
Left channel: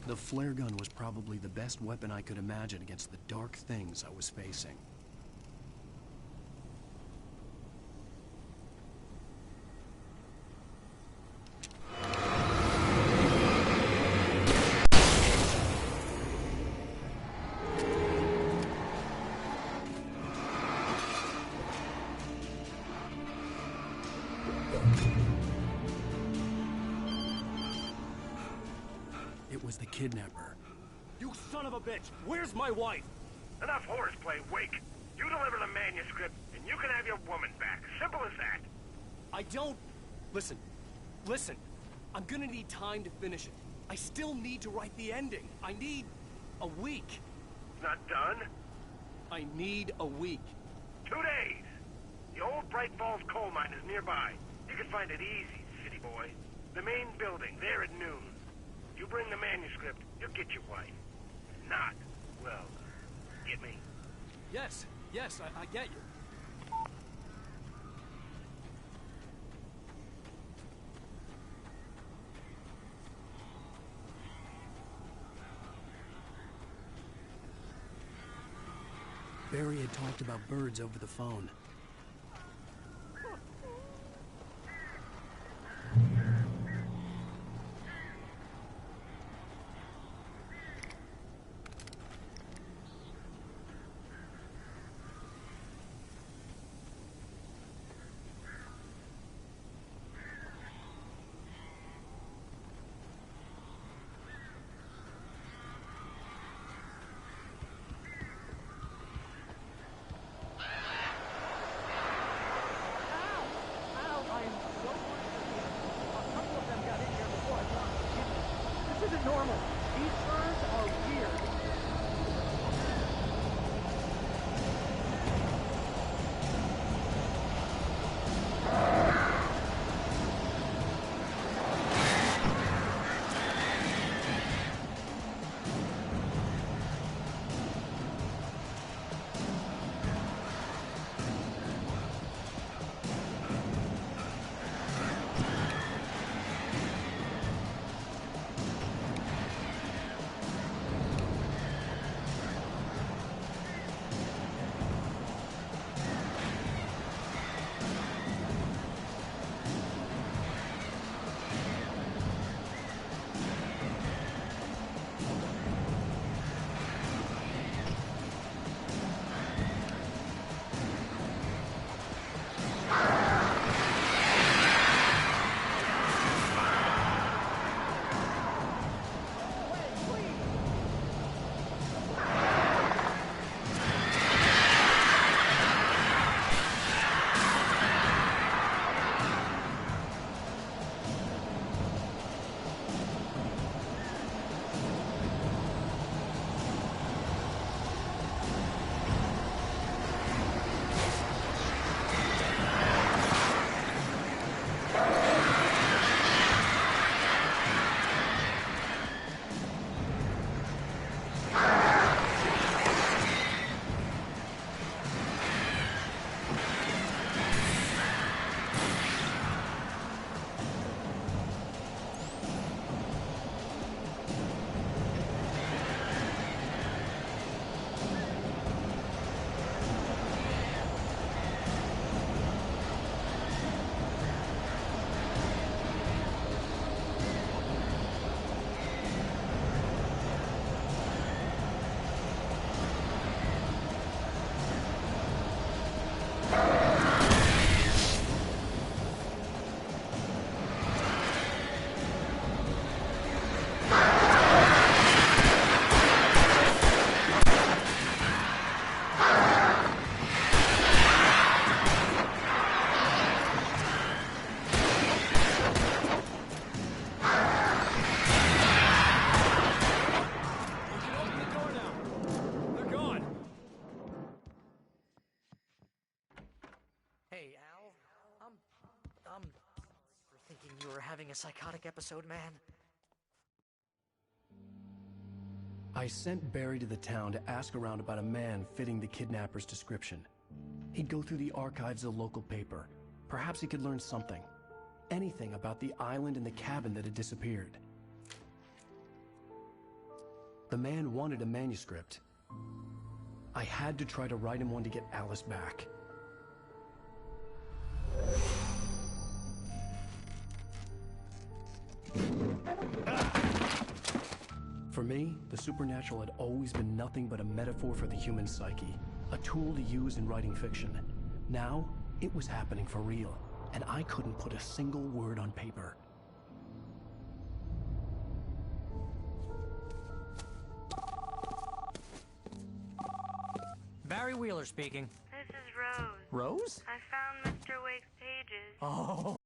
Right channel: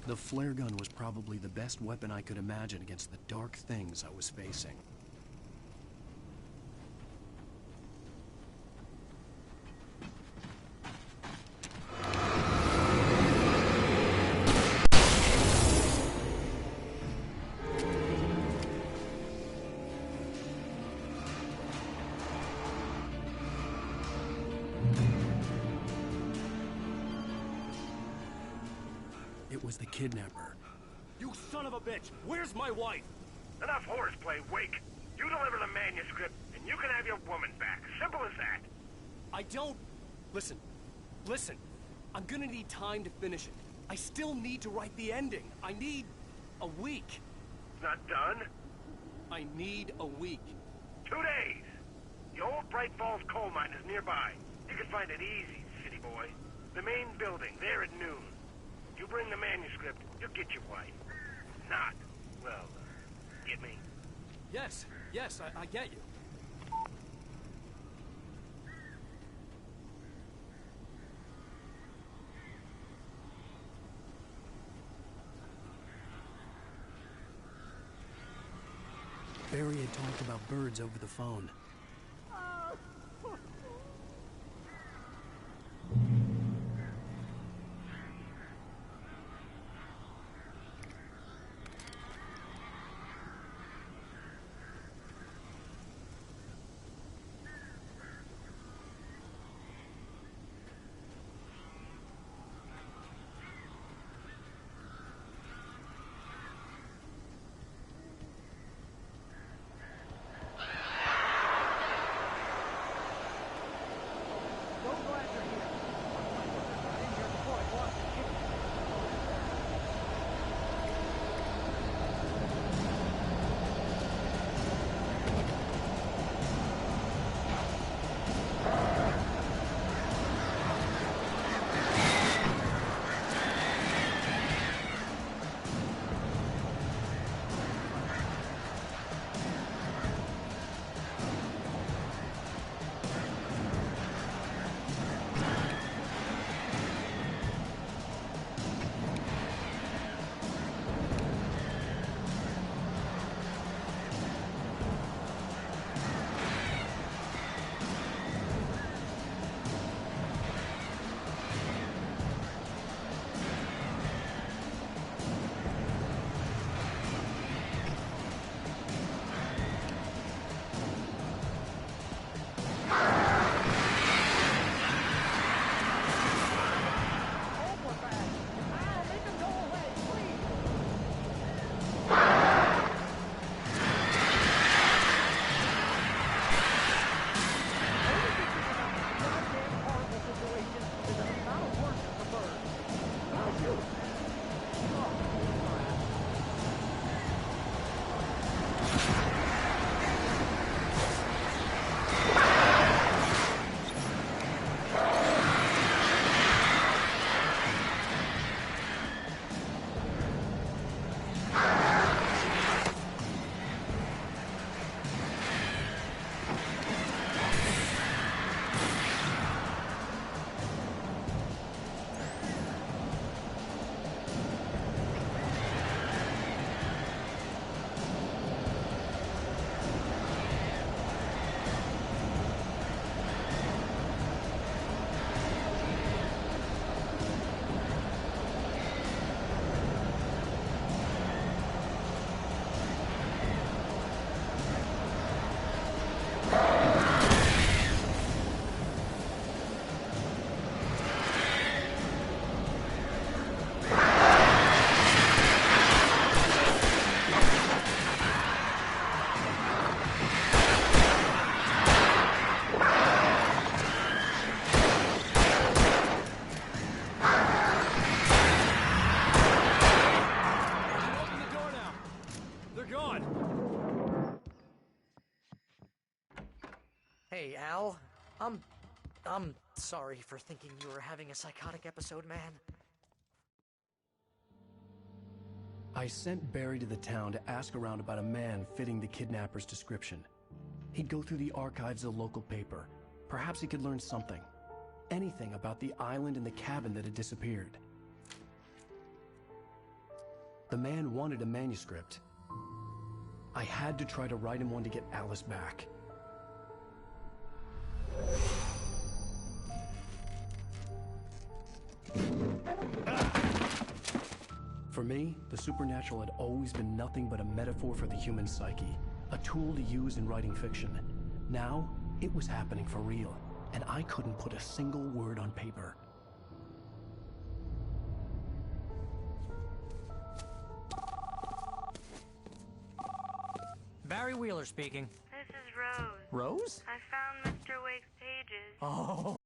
The flare gun was probably the best weapon I could imagine against the dark things I was facing. It was the kidnapper. You son of a bitch! Where's my wife? Enough horseplay, Wake. You deliver the manuscript, and you can have your woman back. Simple as that. I don't... Listen. I'm gonna need time to finish it. I still need to write the ending. I need a week. Not done? I need a week. 2 days. The old Bright Falls coal mine is nearby. You can find it easy, city boy. The main building, there at noon. You bring the manuscript, you'll get your wife. Not, well, get me? Yes, I get you. Barry had talked about birds over the phone. Hey, Al. I'm sorry for thinking you were having a psychotic episode, man. I sent Barry to the town to ask around about a man fitting the kidnapper's description. He'd go through the archives of the local paper. Perhaps he could learn something. Anything about the island and the cabin that had disappeared. The man wanted a manuscript. I had to try to write him one to get Alice back. For me, the supernatural had always been nothing but a metaphor for the human psyche, a tool to use in writing fiction. Now, it was happening for real, and I couldn't put a single word on paper. Barry Wheeler speaking. This is Rose. Rose? I found Mr. Wake's pages. Oh.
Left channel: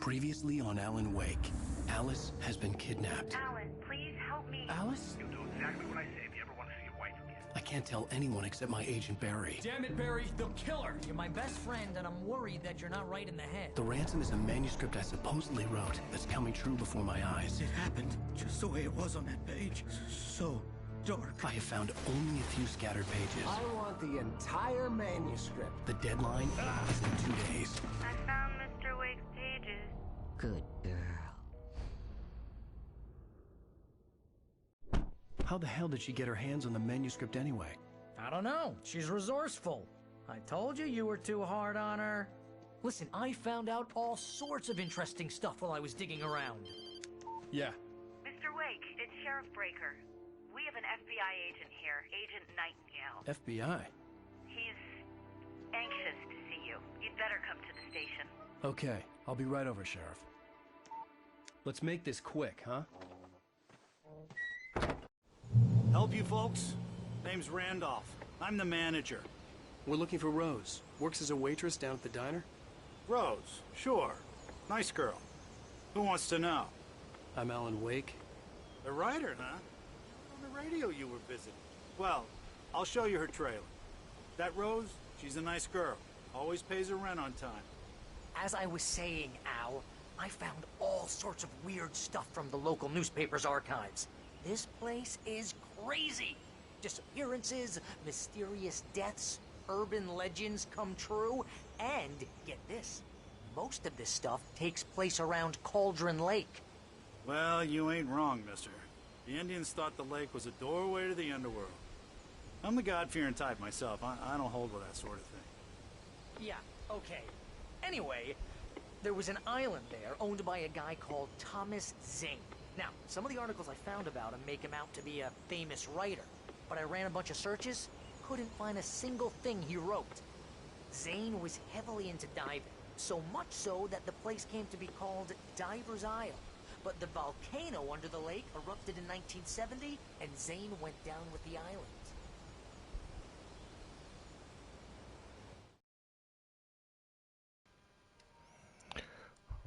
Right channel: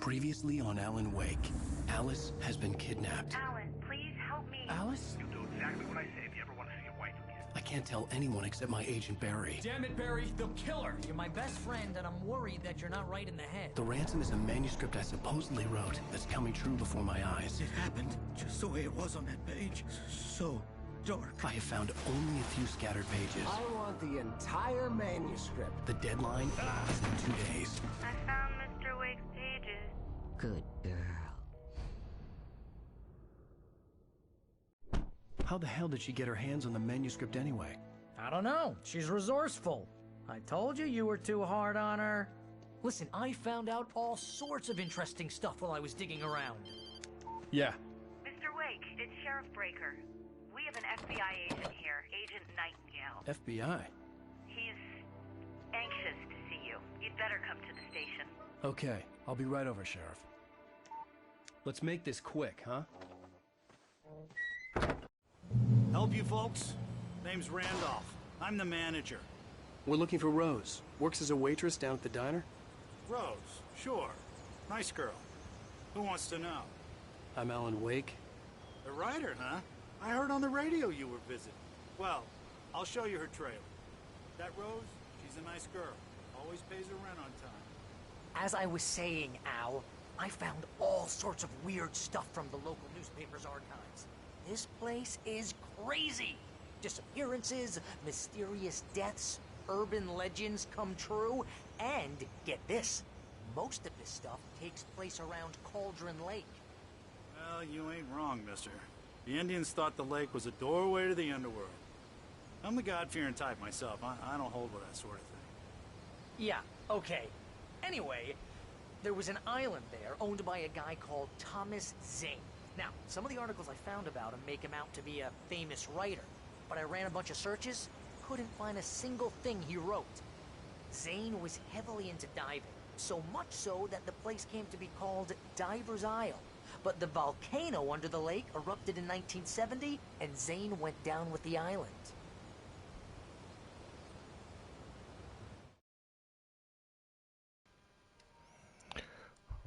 Previously on Alan Wake, Alice has been kidnapped. Alan, please help me. Alice? You'll do exactly what I say if you ever want to see your wife again. I can't tell anyone except my agent Barry. Damn it, Barry, they'll kill her. You're my best friend, and I'm worried that you're not right in the head. The ransom is a manuscript I supposedly wrote that's coming true before my eyes. It happened just the way it was on that page. So dark. I have found only a few scattered pages. I want the entire manuscript. The deadline is in 2 days. I found Mr. Wake's pages. Good girl. How the hell did she get her hands on the manuscript anyway? I don't know. She's resourceful. I told you were too hard on her. Listen, I found out all sorts of interesting stuff while I was digging around. Yeah. Mr. Wake, it's Sheriff Breaker. We have an FBI agent here, Agent Nightingale. FBI? He's anxious to see you. You'd better come to the station. Okay, I'll be right over, Sheriff. Let's make this quick, huh? Help you folks? Name's Randolph. I'm the manager. We're looking for Rose. Works as a waitress down at the diner. Rose, sure. Nice girl. Who wants to know? I'm Alan Wake. The writer, huh? I heard on the radio you were visiting. Well, I'll show you her trailer. That Rose, she's a nice girl. Always pays her rent on time. As I was saying, Al, I found all sorts of weird stuff from the local newspaper's archives. This place is crazy. Disappearances, mysterious deaths, urban legends come true, and, get this, most of this stuff takes place around Cauldron Lake. Well, you ain't wrong, mister. The Indians thought the lake was a doorway to the underworld. I'm the God-fearing type myself. I don't hold with that sort of thing. Yeah, okay. Anyway, there was an island there owned by a guy called Thomas Zane. Now, some of the articles I found about him make him out to be a famous writer, but I ran a bunch of searches, couldn't find a single thing he wrote. Zane was heavily into diving, so much so that the place came to be called Diver's Isle. But the volcano under the lake erupted in 1970, and Zane went down with the island.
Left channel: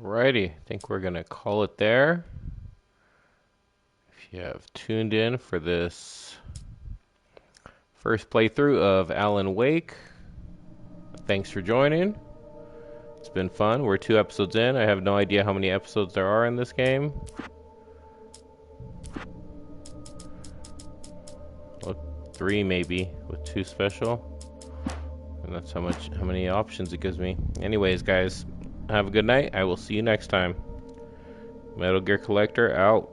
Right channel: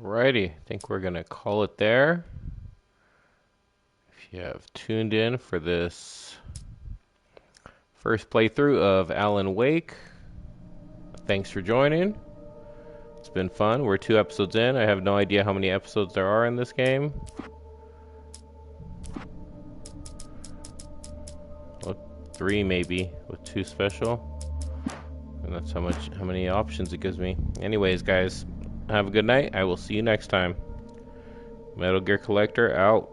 Alrighty, I think we're gonna call it there. If you have tuned in for this first playthrough of Alan Wake, thanks for joining. It's been fun. We're 2 episodes in. I have no idea how many episodes there are in this game. Well, 3 maybe, with 2 special. And that's how many options it gives me. Anyways, guys, have a good night. I will see you next time. Metal Gear Collector out.